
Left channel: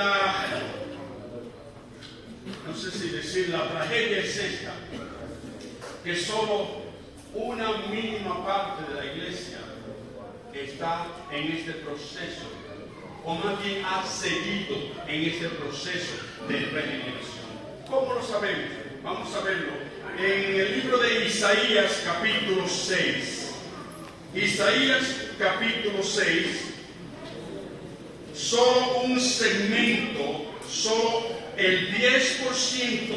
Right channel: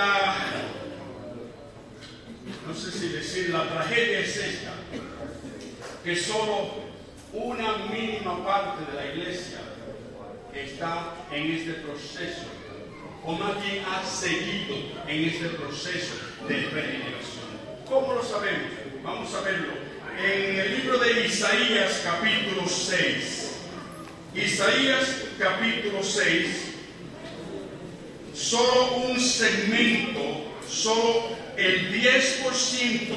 no sé si decir, la tragedia es esta, que solo una mínima parte de la iglesia está en este proceso, o más bien ha seguido en este proceso de regeneración. ¿Cómo lo sabemos? Vamos a verlo. En el libro de Isaías capítulo 6. Isaías capítulo 6. Solo un segmento, solo el 10%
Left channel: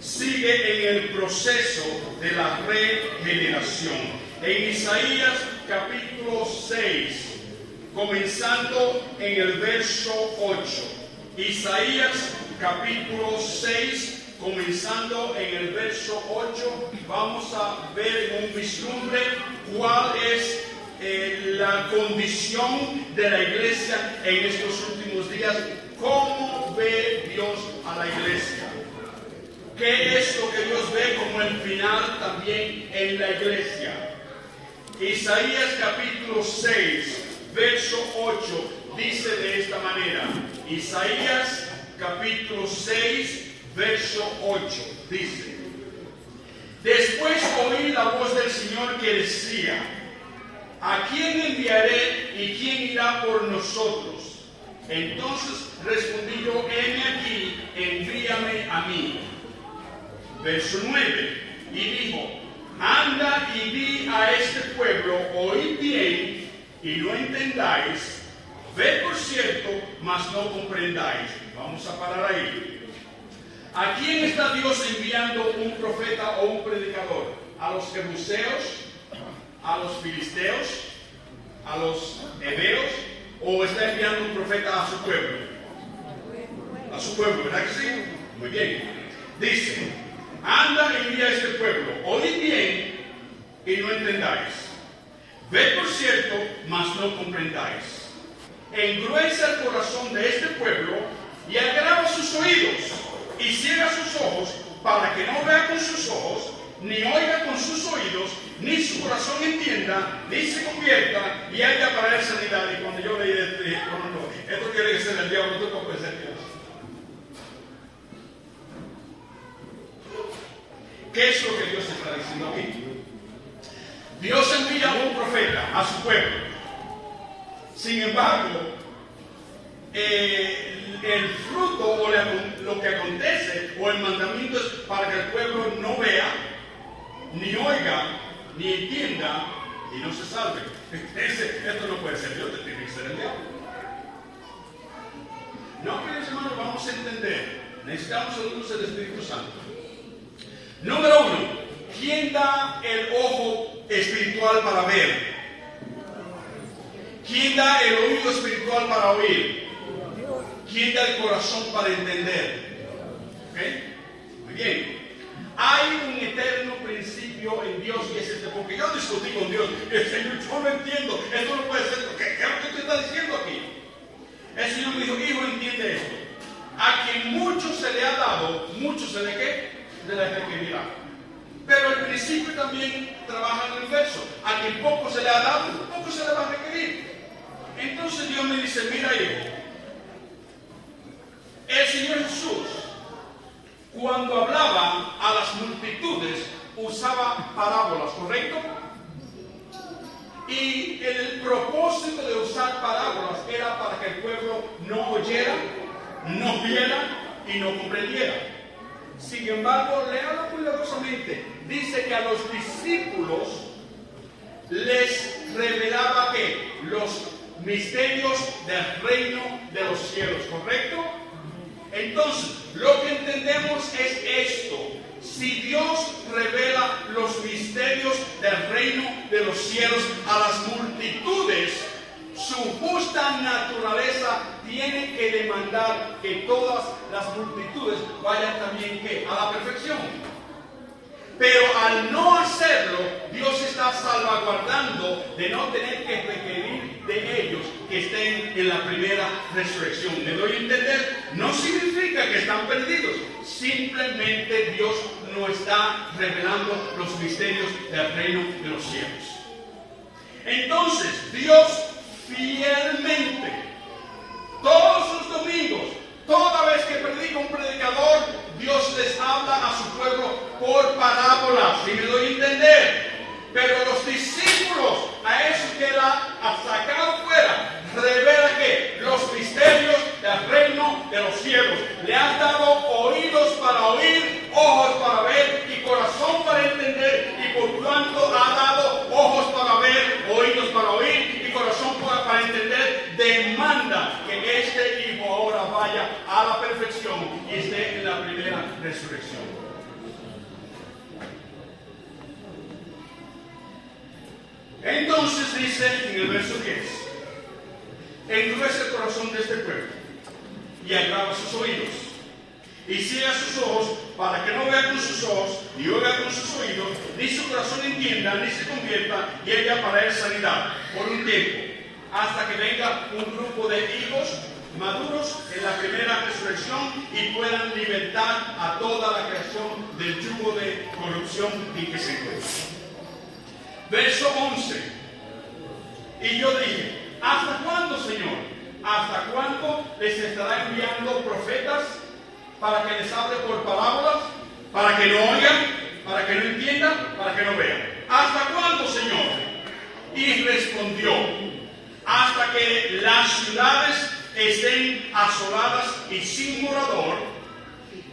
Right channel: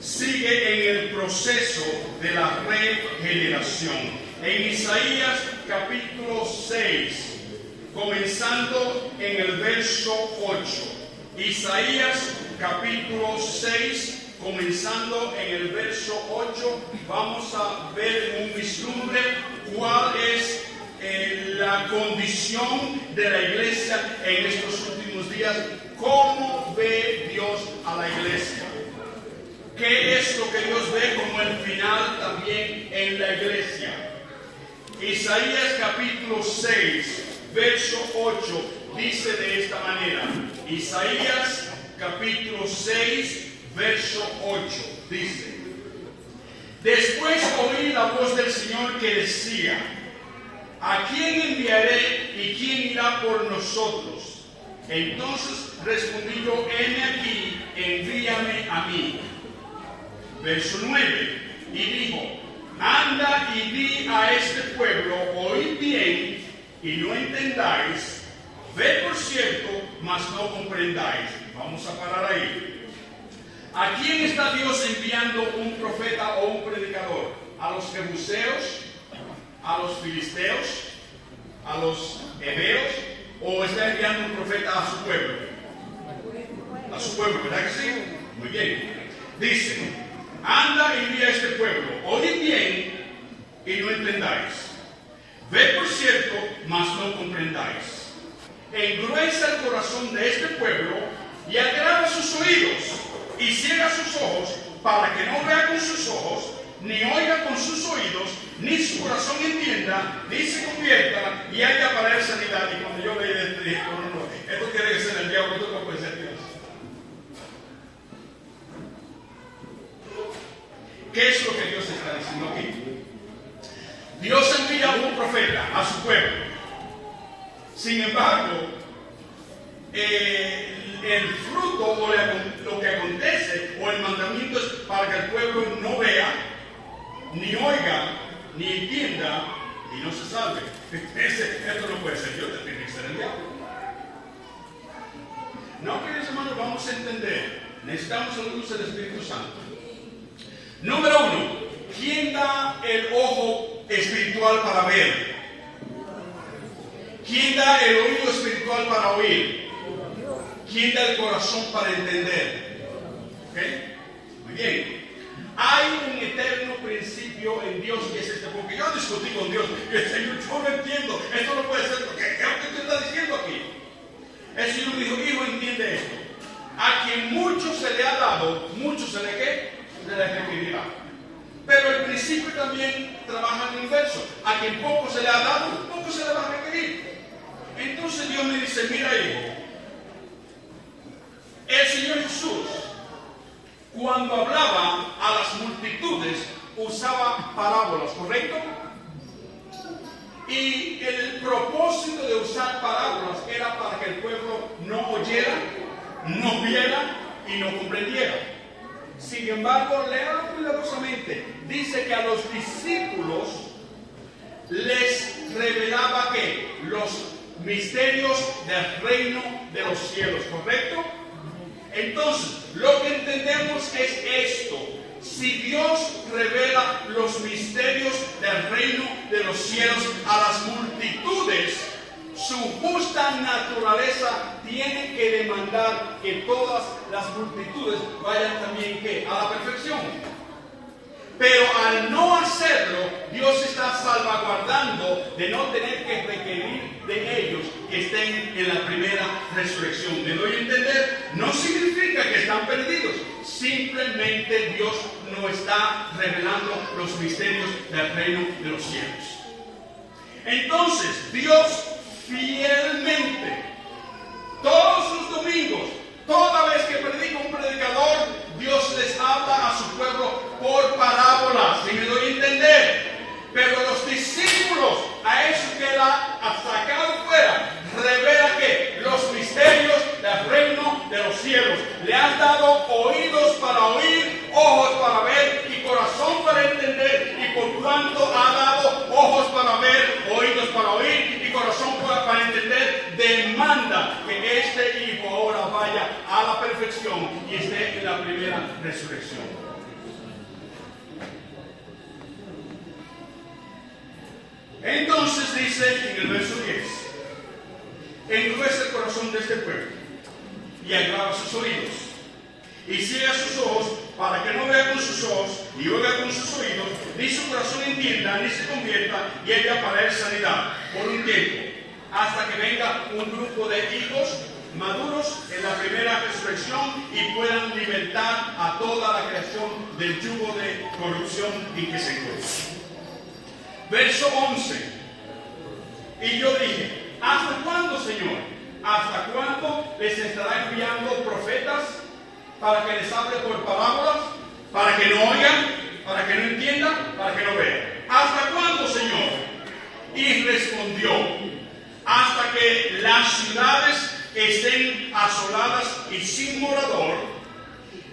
sigue en el proceso de la regeneración. En Isaías capítulo 6, comenzando en el verso 8. Isaías capítulo 6, comenzando en el verso 8, vamos a ver en un vislumbre cuál es la condición de la iglesia en estos últimos días. ¿Cómo ve Dios a la iglesia? ¿Qué es lo que Dios ve como el final también en la iglesia? Isaías capítulo 6, verso 8, dice de esta manera. Isaías capítulo 6, verso 8, dice: Después oí la voz del Señor que decía: ¿A quién enviaré y quién irá por nosotros? Entonces respondí yo: heme aquí, envíame a mí. Verso 9, y dijo: Anda y di a este pueblo, oíd bien y no entendáis, ved por cierto, mas no comprendáis. Vamos a parar ahí. ¿A quién está Dios enviando un profeta o un predicador? ¿A los jebuseos? ¿A los filisteos? ¿A los heveos? ¿O está enviando un profeta a su pueblo? A su pueblo, ¿verdad que sí? Muy bien. Dice: Anda y di a este pueblo, oíd bien y no entendáis, ved por cierto, mas no comprendáis. Engruesa el corazón de este pueblo y agrava sus oídos y ciega sus ojos, para que no vea con sus ojos, ni oiga con sus oídos, ni su corazón entienda, ni se convierta, y haya para él sanidad. Y cuando yo leí esto, dije: no, esto quiere decir el diablo, tú no puedes ser Dios. ¿Qué es lo que Dios está diciendo aquí? Dios envía a un profeta a su pueblo. Sin embargo, el fruto o lo que acontece o el mandamiento es para que el pueblo no vea, ni oiga, ni entienda y no se salve. Esto no puede ser Dios, tiene que ser el diablo. No, queridos hermanos, vamos a entender. Necesitamos la luz del Espíritu Santo. Número 1, ¿quién da el ojo espiritual para ver? ¿Quién da el oído espiritual para oír? ¿Quién da el corazón para entender? ¿Okay? Muy bien. Hay un eterno principio en Dios que es este, porque yo discutí con Dios, Señor, yo no entiendo, esto no puede ser, ¿qué es lo que usted está diciendo aquí? El Señor me dijo: hijo, entiende esto, a quien mucho se le ha dado, mucho se le ¿qué? Se le requerirá. Pero el principio también trabaja en el verso: a quien poco se le ha dado, poco se le va a requerir. Entonces Dios me dice: mira, hijo, el Señor Jesús, cuando hablaba a las multitudes, usaba parábolas, ¿correcto? Y el propósito de usar parábolas era para que el pueblo no oyera, no viera y no comprendiera. Sin embargo, léalo cuidadosamente. Dice que a los discípulos les revelaba que los misterios del reino de los cielos, ¿correcto? Entonces, lo que entendemos es esto: si Dios revela los misterios del reino de los cielos a las multitudes, su justa naturaleza tiene que demandar que todas las multitudes vayan también ¿qué? A la perfección. Pero al no hacerlo, Dios está salvaguardando de no tener que requerir de ellos que estén en la primera resurrección. ¿Me doy a entender? No significa que están perdidos. Simplemente Dios no está revelando los misterios del reino de los cielos. Entonces, Dios fielmente, todos los domingos, toda vez que predica un predicador, Dios les habla a su pueblo por parábolas, si me doy a entender. Pero los discípulos, a esos que Él ha sacado fuera, revela que los misterios del reino de los cielos le han dado oídos para oír, resurrección y esté en la primera resurrección. Entonces dice en el verso 10: endurece el corazón de este pueblo y agrava sus oídos, y ciega sus ojos, para que no vea con sus ojos y oiga con sus oídos, ni su corazón entienda, ni se convierta, y haya para él sanidad por un tiempo, hasta que venga un grupo de hijos maduros en la primera resurrección y puedan libertar a toda la creación del yugo de corrupción en que se encuentra. Verso 11: y yo dije, ¿hasta cuándo, Señor? ¿Hasta cuándo les estará enviando profetas para que les hable por parábolas, para que no oigan, para que no entiendan, para que no vean? ¿Hasta cuándo, Señor? Y respondió, hasta que las ciudades estén asoladas y sin morador,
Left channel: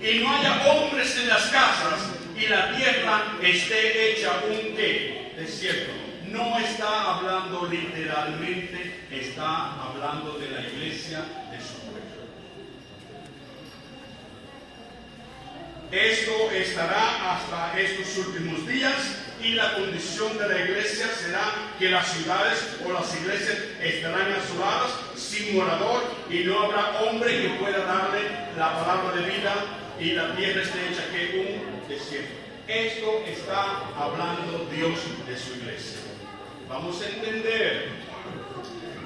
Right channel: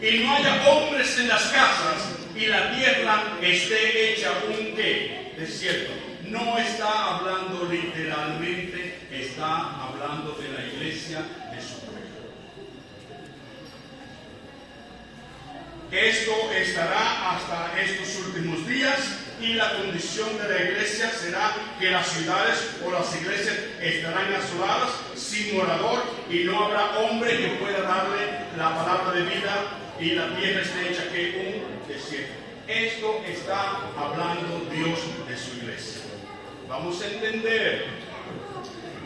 y no haya hombres en las casas, y la tierra esté hecha un ¿qué? Desierto. No está hablando literalmente, está hablando de la iglesia, de su pueblo. Esto estará hasta estos últimos días, y la condición de la iglesia será que las ciudades o las iglesias estarán asoladas, sin morador, y no habrá hombre que pueda darle la palabra de vida, y la tierra esté hecha que un desierto. Esto está hablando Dios de su iglesia. Vamos a entender,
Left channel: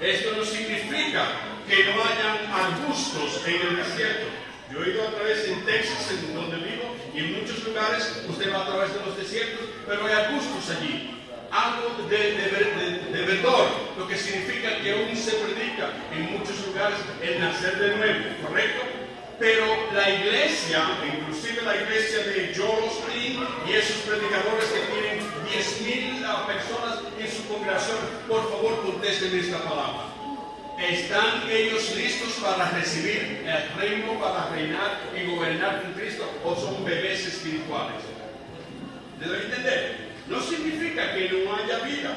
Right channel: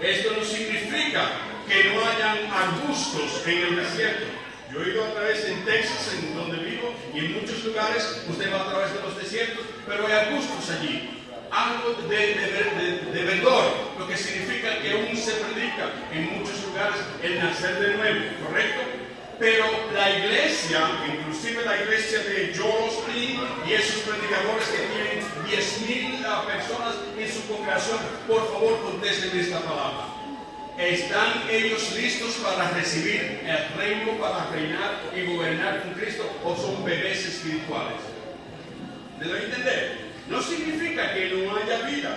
esto no significa que no hayan arbustos en el desierto. Yo he ido a través en Texas, en donde vivo, y en muchos lugares usted va a través de los desiertos, pero hay arbustos allí. Algo de verdor, lo que significa que aún se predica en muchos lugares el nacer de nuevo, ¿correcto? Pero la iglesia, inclusive la iglesia de Joel Osteen y esos predicadores que tienen 10,000 personas en su congregación, por favor contesten esta palabra. ¿Están ellos listos para recibir el reino, para reinar y gobernar con Cristo, o son bebés espirituales? ¿Me doy a entender? No significa que no haya vida,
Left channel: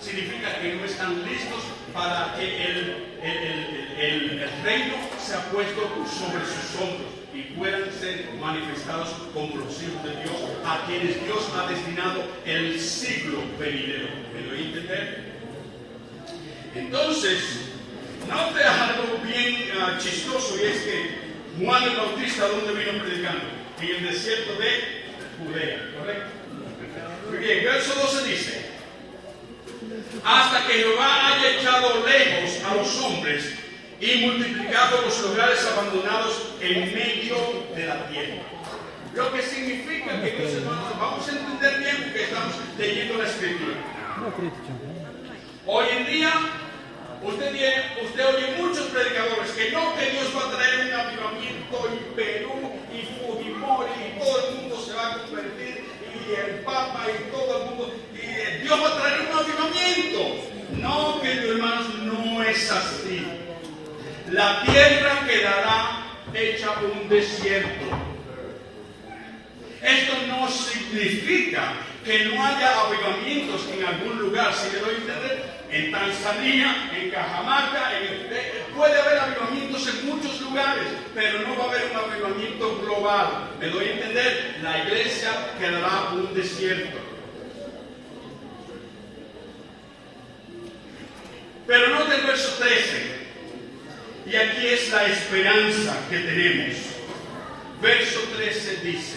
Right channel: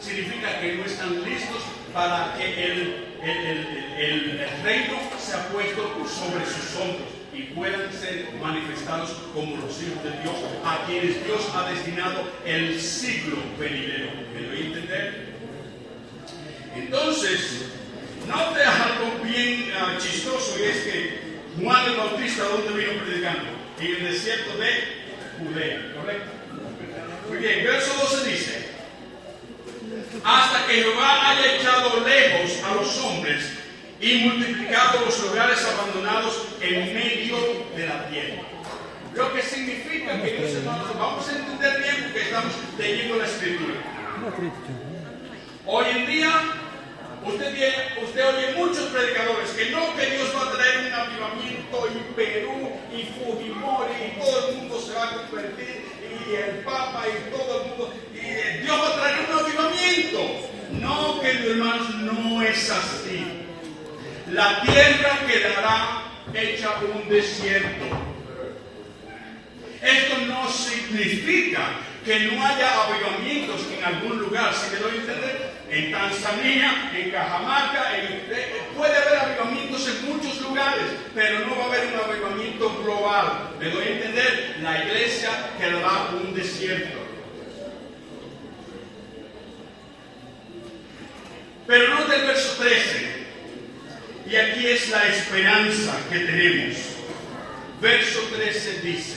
significa que no están listos para que el reino sea puesto sobre sus hombros y puedan ser manifestados como los hijos de Dios, a quienes Dios ha destinado el siglo venidero. ¿Me doy a entender? Entonces, note algo bien chistoso, y es que Juan el Bautista, ¿dónde vino predicando? En el desierto de Judea, ¿correcto? Muy bien, verso 12 dice: hasta que Jehová haya echado lejos a los hombres y multiplicado los lugares abandonados en medio de la tierra. Lo que significa que, mis hermanos, vamos a entender bien porque estamos leyendo la Escritura. Hoy en día, usted oye muchos predicadores que Dios va a traer un avivamiento y Perú y Fujimori y todo el mundo se va a convertir, y el Papa y todo el mundo, y Dios va a traer un avivamiento. No, queridos hermanos, no es así. La tierra quedará hecha un desierto. Esto no significa que no haya avivamientos en algún lugar, si me doy a entender. En Tanzania, en Cajamarca, puede haber avivamientos en muchos lugares, pero no va a haber un avivamiento global. Me doy a entender, la iglesia quedará un desierto. Pero no del verso 13, y aquí es la esperanza que tenemos. Verso 13 dice,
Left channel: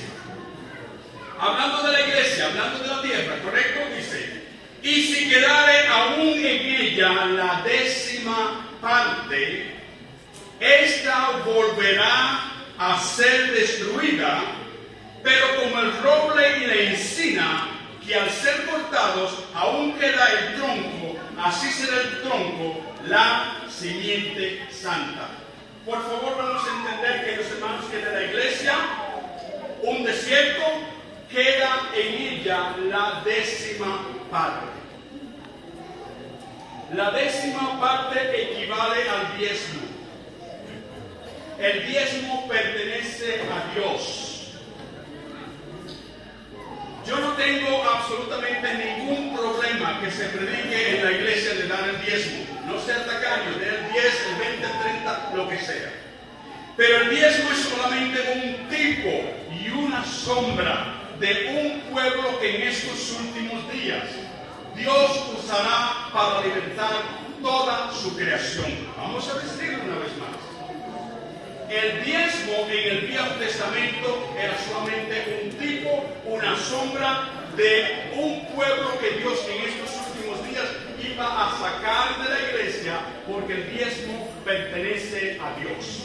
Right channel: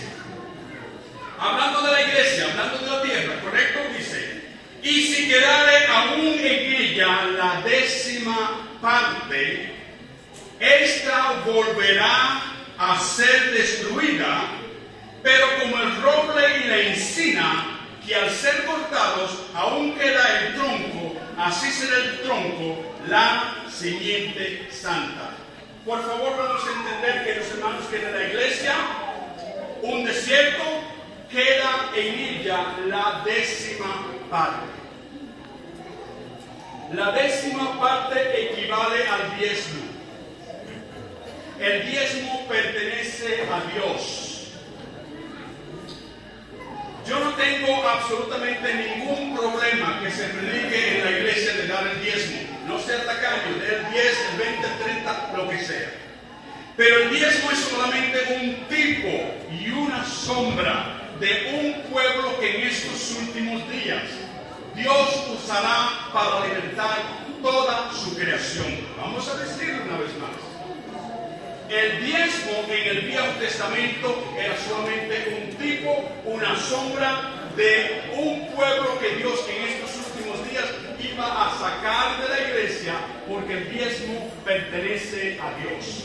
hablando de la iglesia, hablando de la tierra, ¿correcto? Dice: y si quedare aún en ella la 10ª parte, esta volverá a ser destruida, pero como el roble y la encina, que al ser cortados aún queda el tronco, así será el tronco, la simiente santa. Por favor, vamos a entender que los hermanos que de la iglesia, un desierto, queda en ella la 10ª parte. La 10ª parte equivale al diezmo. El diezmo pertenece a Dios. Yo no tengo absolutamente ningún problema que se predique en la iglesia de dar el diezmo. No sea tacaño, dé el 10, el 20, el 30, lo que sea. Pero el diezmo es solamente un tipo y una sombra de un pueblo que en estos últimos días Dios usará para alimentar toda su creación. Vamos a decirlo una vez más. El diezmo en el Viejo Testamento era solamente un tipo, una sombra de un pueblo que Dios en estos últimos días iba a sacar de la iglesia, porque el diezmo pertenece a Dios.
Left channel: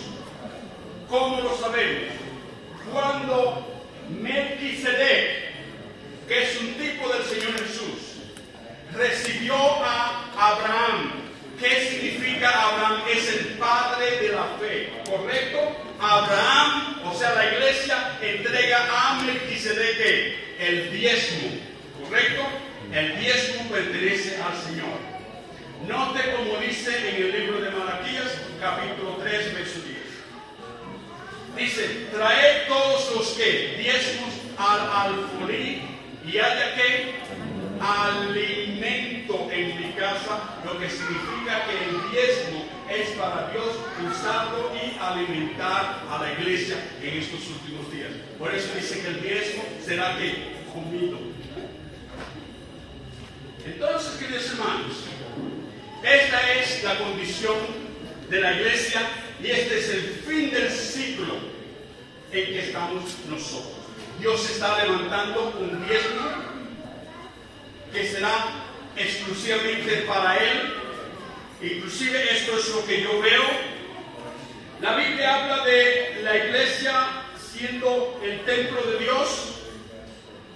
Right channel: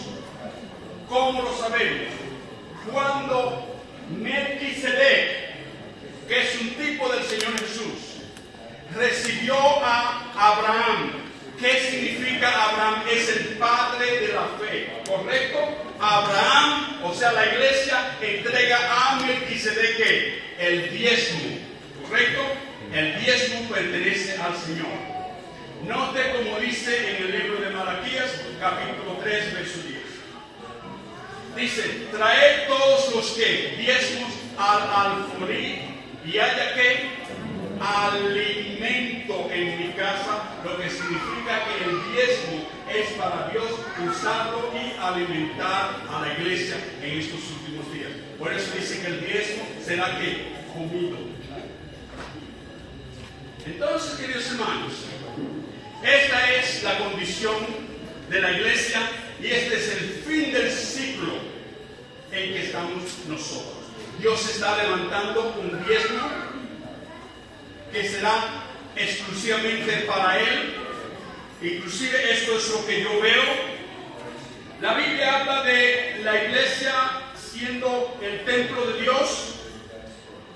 ¿Cómo lo sabemos? Cuando Melquisedec, que es un tipo del Señor Jesús, recibió a Abraham. ¿Qué significa Abraham? Es el padre de la fe, ¿correcto? Abraham, o sea, la iglesia entrega a Melquisedec el diezmo, ¿correcto? El diezmo pertenece al Señor. Note como dice en el libro de Malaquías, capítulo 3, verso 10. Dice, traed todos los que diezmos al alfolí y haya que alimento en mi casa, lo que significa que el diezmo es para Dios usarlo y alimentar a la iglesia en estos últimos días. Por eso dice que el diezmo será que comido. Entonces, queridos hermanos, esta es la condición de la iglesia y este es el fin del ciclo en que estamos nosotros. Dios está levantando un diezmo que será exclusivamente para Él. Inclusive esto es lo que yo veo. La Biblia habla de la iglesia siendo el templo de Dios.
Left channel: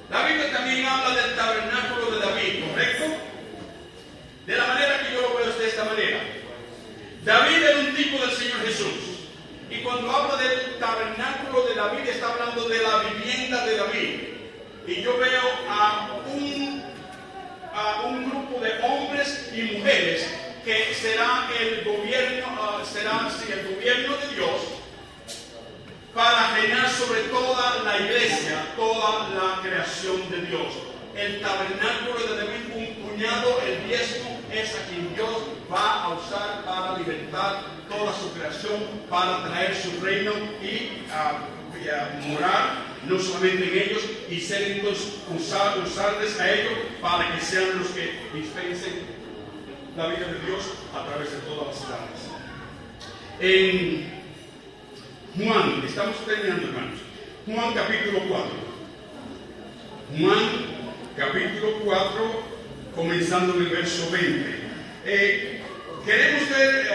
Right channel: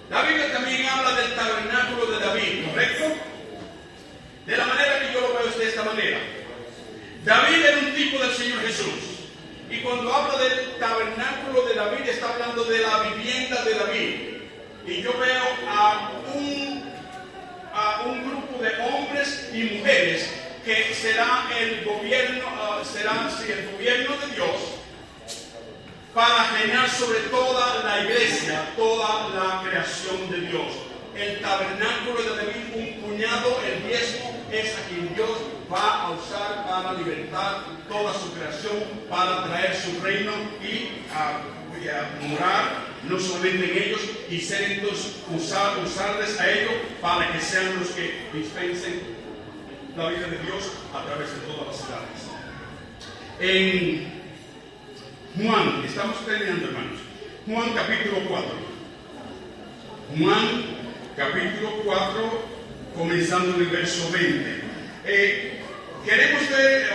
La Biblia también habla del tabernáculo de David, ¿correcto? De la manera que yo lo veo es de esta manera. David era un tipo del Señor Jesús. Y cuando habla del tabernáculo de David, está hablando de la vivienda de David. Y yo veo a un grupo de hombres y mujeres que será el gobierno, el gobierno de Dios para reinar sobre toda la iglesia, toda la creación de Dios. El tabernáculo de David, un puñado, el diezmo, es a quien Dios va a usar para libertar toda su creación, para traer su reino y morar no solamente en ellos, y ser entonces usarles a ellos para que sean los que dispensen la vida de Dios a través de todas las edades. En Juan, estamos terminando, hermanos. Juan capítulo 4. Juan capítulo 4, comenzando en el verso 20. Queremos ver,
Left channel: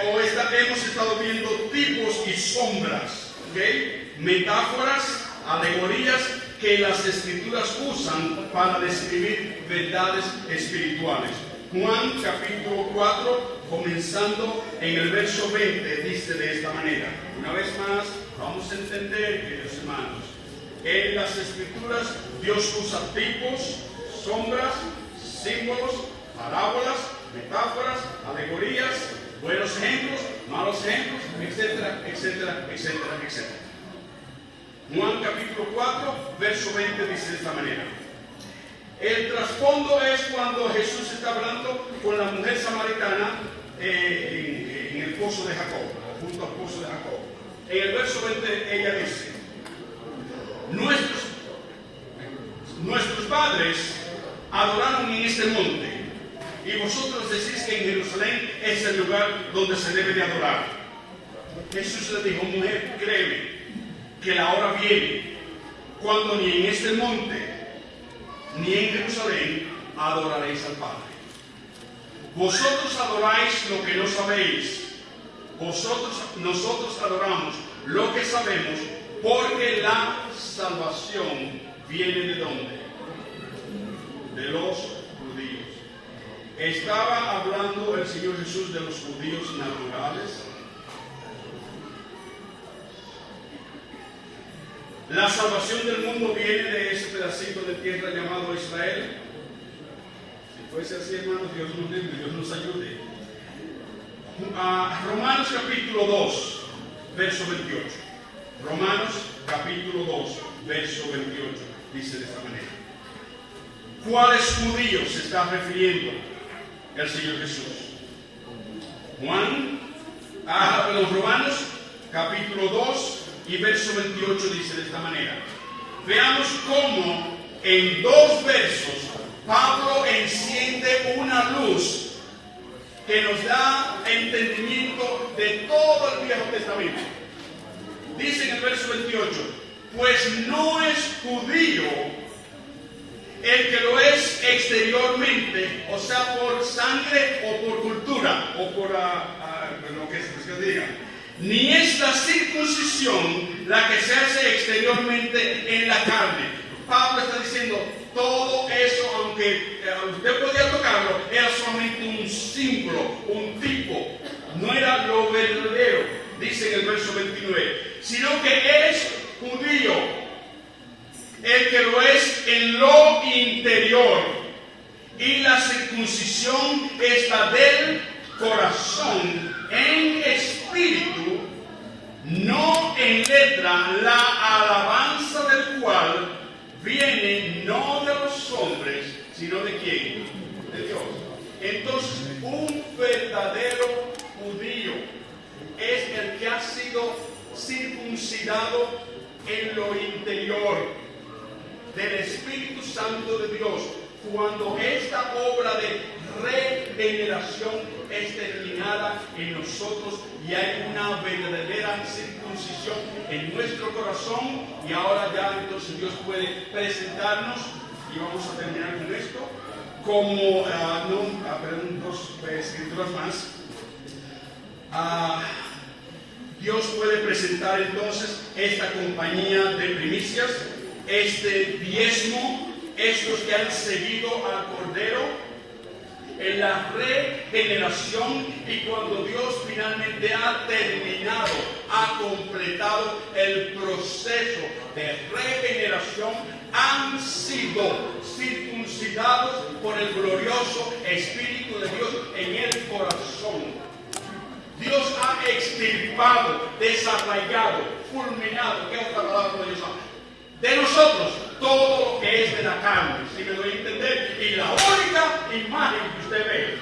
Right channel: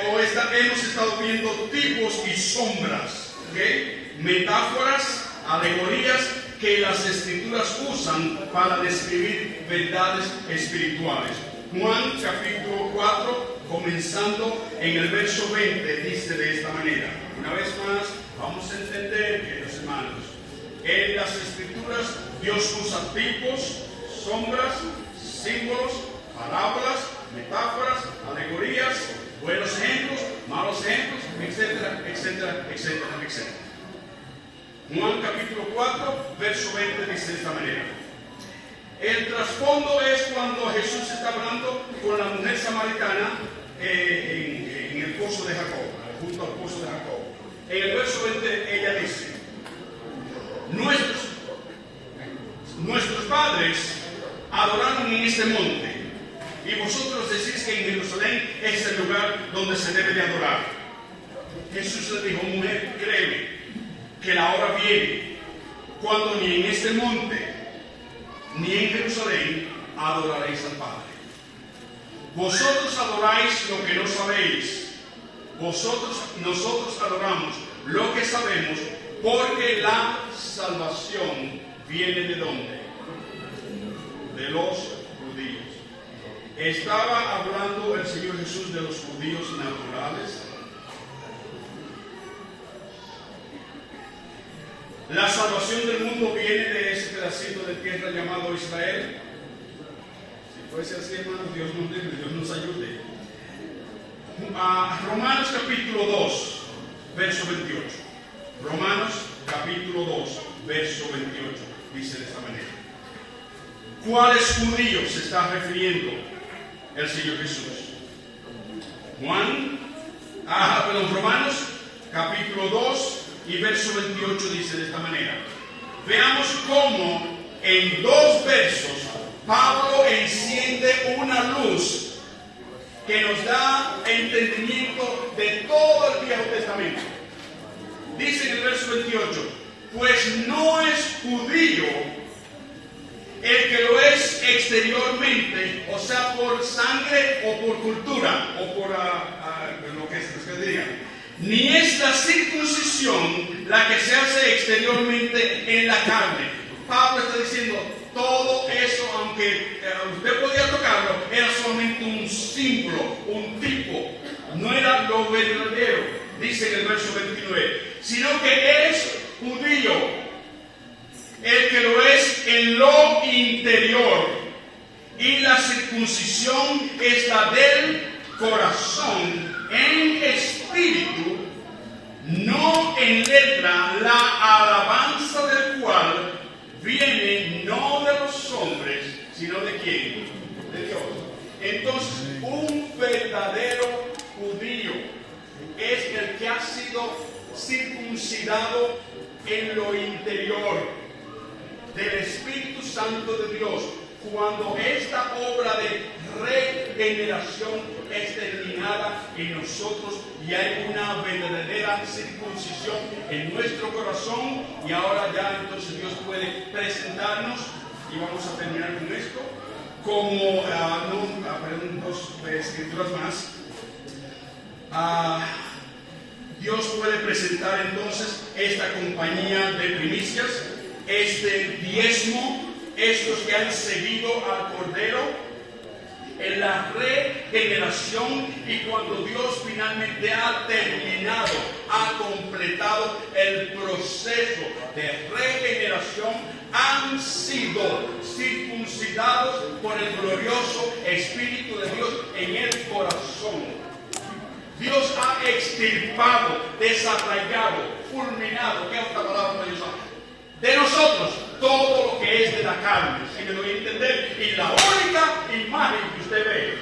hemos estado viendo tipos y sombras, ¿okay? Metáforas, alegorías que las escrituras usan para describir verdades espirituales. Juan capítulo 4, comenzando en el verso 20, dice de esta manera. Una vez más, vamos a entender, queridos hermanos, en las escrituras Dios usa tipos, sombras, símbolos, parábolas, metáforas, alegorías, buenos ejemplos, malos ejemplos, etcétera, etcétera, etcétera, etcétera. Juan capítulo 4, verso 20 dice de esta manera. El trasfondo es cuando Jesús está hablando con la mujer samaritana en el pozo de Jacob, junto al pozo de Jacob. En el verso 20 ella dice, nuestros padres adoraron en este monte, y vosotros decís que en Jerusalén es el lugar donde se debe de adorar. Jesús le dijo, mujer, créeme, que la hora viene cuando ni en este monte ni en Jerusalén adoraréis al Padre. Vosotros adoráis lo que no sabéis. Nosotros adoramos lo que sabemos, porque la salvación viene ¿de dónde? De los judíos. ¿Estaba hablando el Señor Jesús de los judíos naturales? La salvación del mundo viene de ese pedacito de tierra llamado Israel. Si fuese así, hermanos, Dios nos libre, Dios nos ayude. Romanos capítulo 2, verso 28. Romanos capítulo 2, verso 28, dice de esta manera. ¿Cuáles judíos se está refiriendo el Señor Jesús? Romanos capítulo 2 y verso 28 dice de esta manera. Veamos cómo en 2 versos Pablo enciende una luz que nos da entendimiento de todo el Viejo Testamento. Dice en el verso 28, pues no es judío el que lo es exteriormente, o sea, por sangre o por cultura, o por lo que se diga. Ni es la circuncisión la que se hace exteriormente en la carne. Pablo está diciendo, todo eso, aunque usted podía tocarlo, era solamente un símbolo, un tipo, no era lo verdadero, dice en el verso 29, sino que es judío el que lo es en lo interior, y la circuncisión es la del corazón, en espíritu, no en letra, la alabanza del cual viene no de los hombres, sino de quién, de Dios. Entonces, un verdadero judío es el que ha sido circuncidado en lo interior del Espíritu Santo de Dios, cuando esta obra de regeneración es terminada en nosotros y hay una verdadera circuncisión en nuestro corazón, y ahora ya entonces Dios puede presentarnos, y vamos a terminar con esto, como 2 escrituras más. Dios puede presentar entonces esta compañía de primicias, este diezmo, estos que han seguido al Cordero en la regeneración, y cuando Dios finalmente ha terminado, ha completado el proceso de regeneración, han sido circuncidados por el glorioso Espíritu de Dios en el corazón. Dios ha extirpado, desarraigado, fulminado, ¿qué otra palabra puede usar? De nosotros, todo lo que es de la carne, si me doy a entender, y la única imagen que usted ve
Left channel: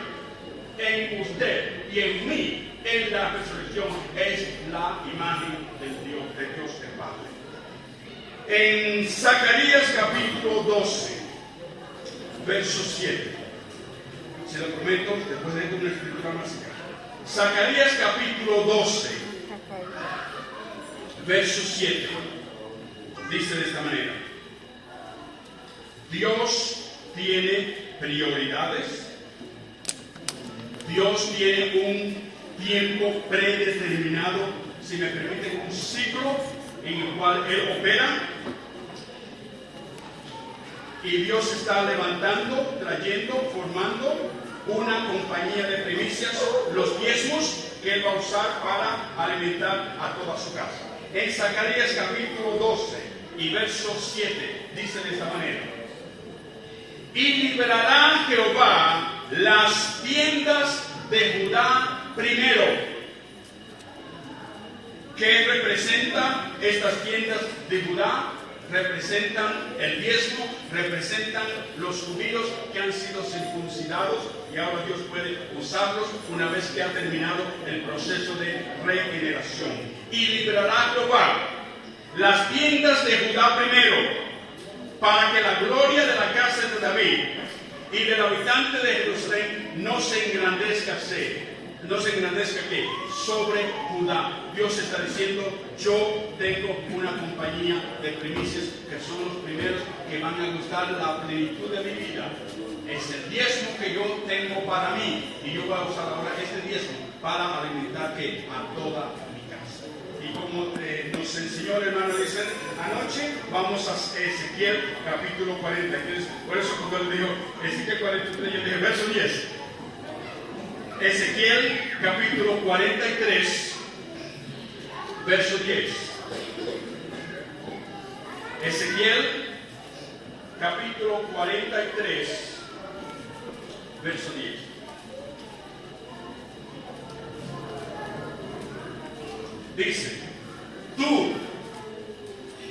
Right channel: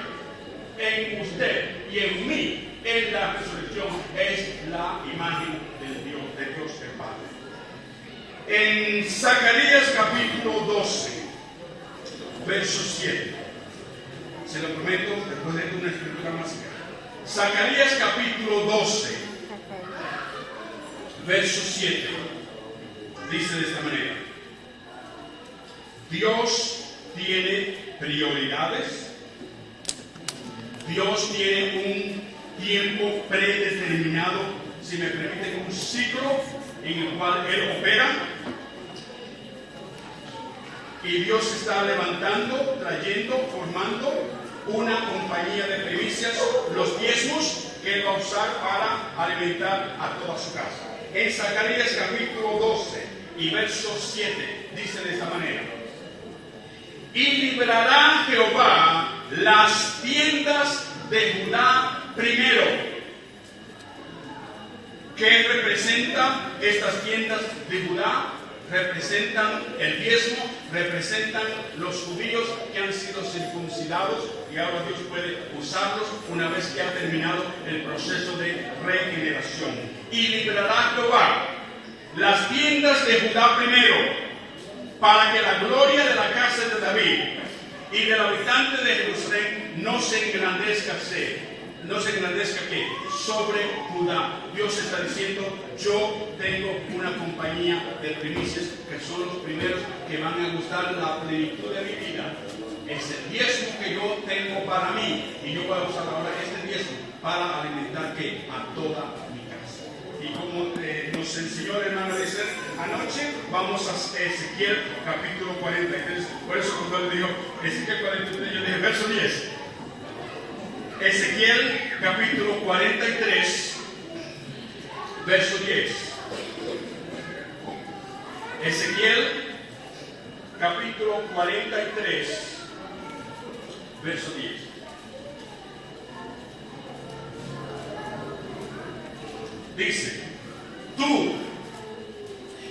en usted y en mí en la resurrección es la imagen de Dios el Padre. En Zacarías capítulo 12, verso 7, se lo prometo, después de una escritura más. Zacarías capítulo 12, verso 7, dice de esta manera: Dios tiene prioridades, Dios tiene un tiempo predeterminado, si me permiten, un ciclo en el cual Él opera, y Dios está levantando, trayendo, formando una compañía de primicias, los diezmos que Él va a usar para alimentar a toda su casa. En Zacarías capítulo 12 y verso 7 dice de esta manera: y liberará Jehová las tiendas de Judá primero. ¿Qué representa estas tiendas de Judá? Representan el diezmo, representan los judíos que han sido circuncidados, y ahora Dios puede usarlos una vez que ha terminado el proceso de regeneración. Y liberará Jehová las tiendas de Judá primero, para que la gloria de la casa de David y del habitante de Jerusalén no se engrandezca ¿qué? Sobre Judá. Dios está diciendo: yo tengo una compañía de primicias que son los primeros que van a gustar la plenitud de mi vida. Es el diezmo que yo tengo para mí, y yo voy a usar ahora este diezmo para alimentar ¿qué? A toda mi casa. Y como nos enseñó el hermano Eliezer anoche, vamos a Ezequiel capítulo 43. Por eso cuando le digo Ezequiel 43, yo dije verso 10. Ezequiel capítulo 43, verso 10. Ezequiel capítulo 43, verso 10. Dice: tú,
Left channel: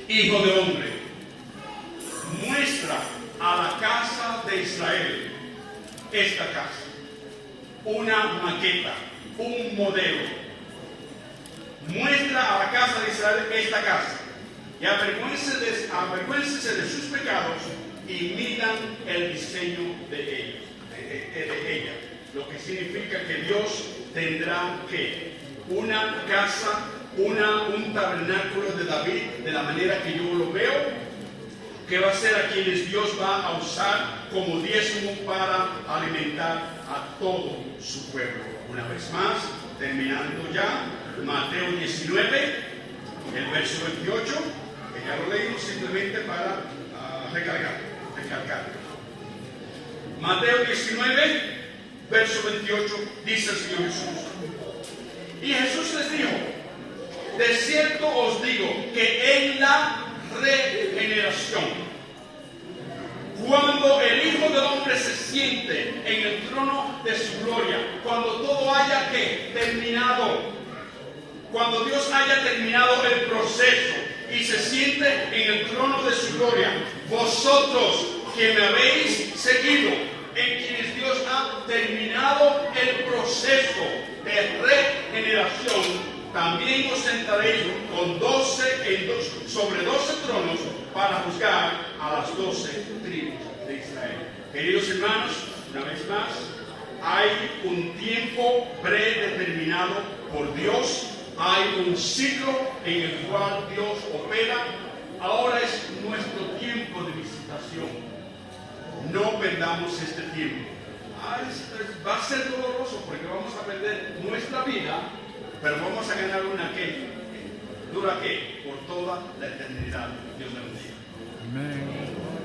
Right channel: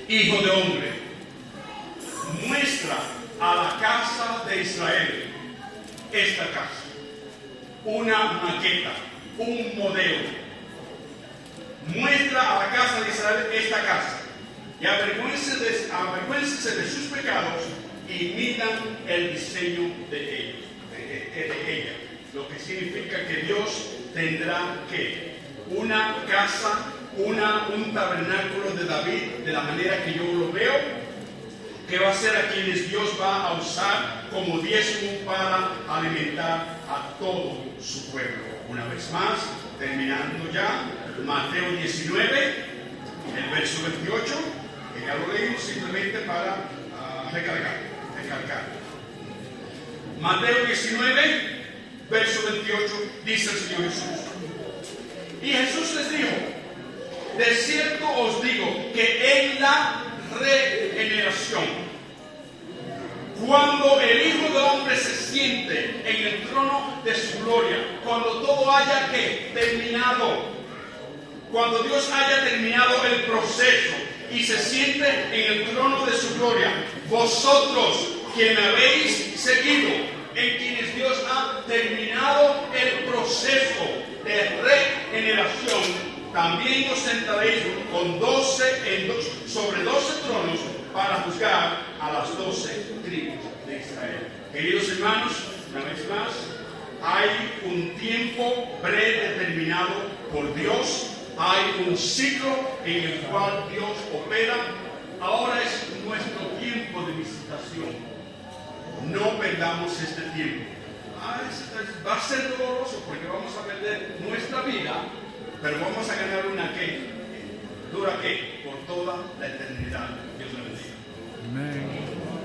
hijo de hombre, muestra a la casa de Israel esta casa, una maqueta, un modelo. muestra a la casa de Israel esta casa, y avergüéncense de sus pecados y midan el diseño de ella. Lo que significa que Dios tendrá que una casa, un tabernáculo de David, de la manera que yo lo veo, que va a ser a quienes Dios va a usar como diezmo para alimentar a todo su pueblo. Una vez más, terminando ya, Mateo 19, el verso 28, que ya lo leímos simplemente para recalcar. Mateo 19, verso 28, dice el Señor Jesús. Y Jesús les dijo: de cierto os digo que en la regeneración, cuando el Hijo del Hombre se siente en el trono de su gloria, cuando todo haya terminado, cuando Dios haya terminado el proceso y se siente en el trono de su gloria, vosotros que me habéis seguido, en quienes Dios ha terminado el proceso de regeneración, también os sentaréis con sobre 12 tronos para juzgar a las 12 tribus de Israel. Queridos hermanos, una vez más, hay un tiempo predeterminado por Dios, hay un ciclo en el cual Dios opera. Ahora es nuestro tiempo de visitación. No perdamos este tiempo. Va a ser doloroso porque vamos a perder nuestra vida, pero vamos a ganar una que dura por toda la eternidad. Dios bendiga. Amén.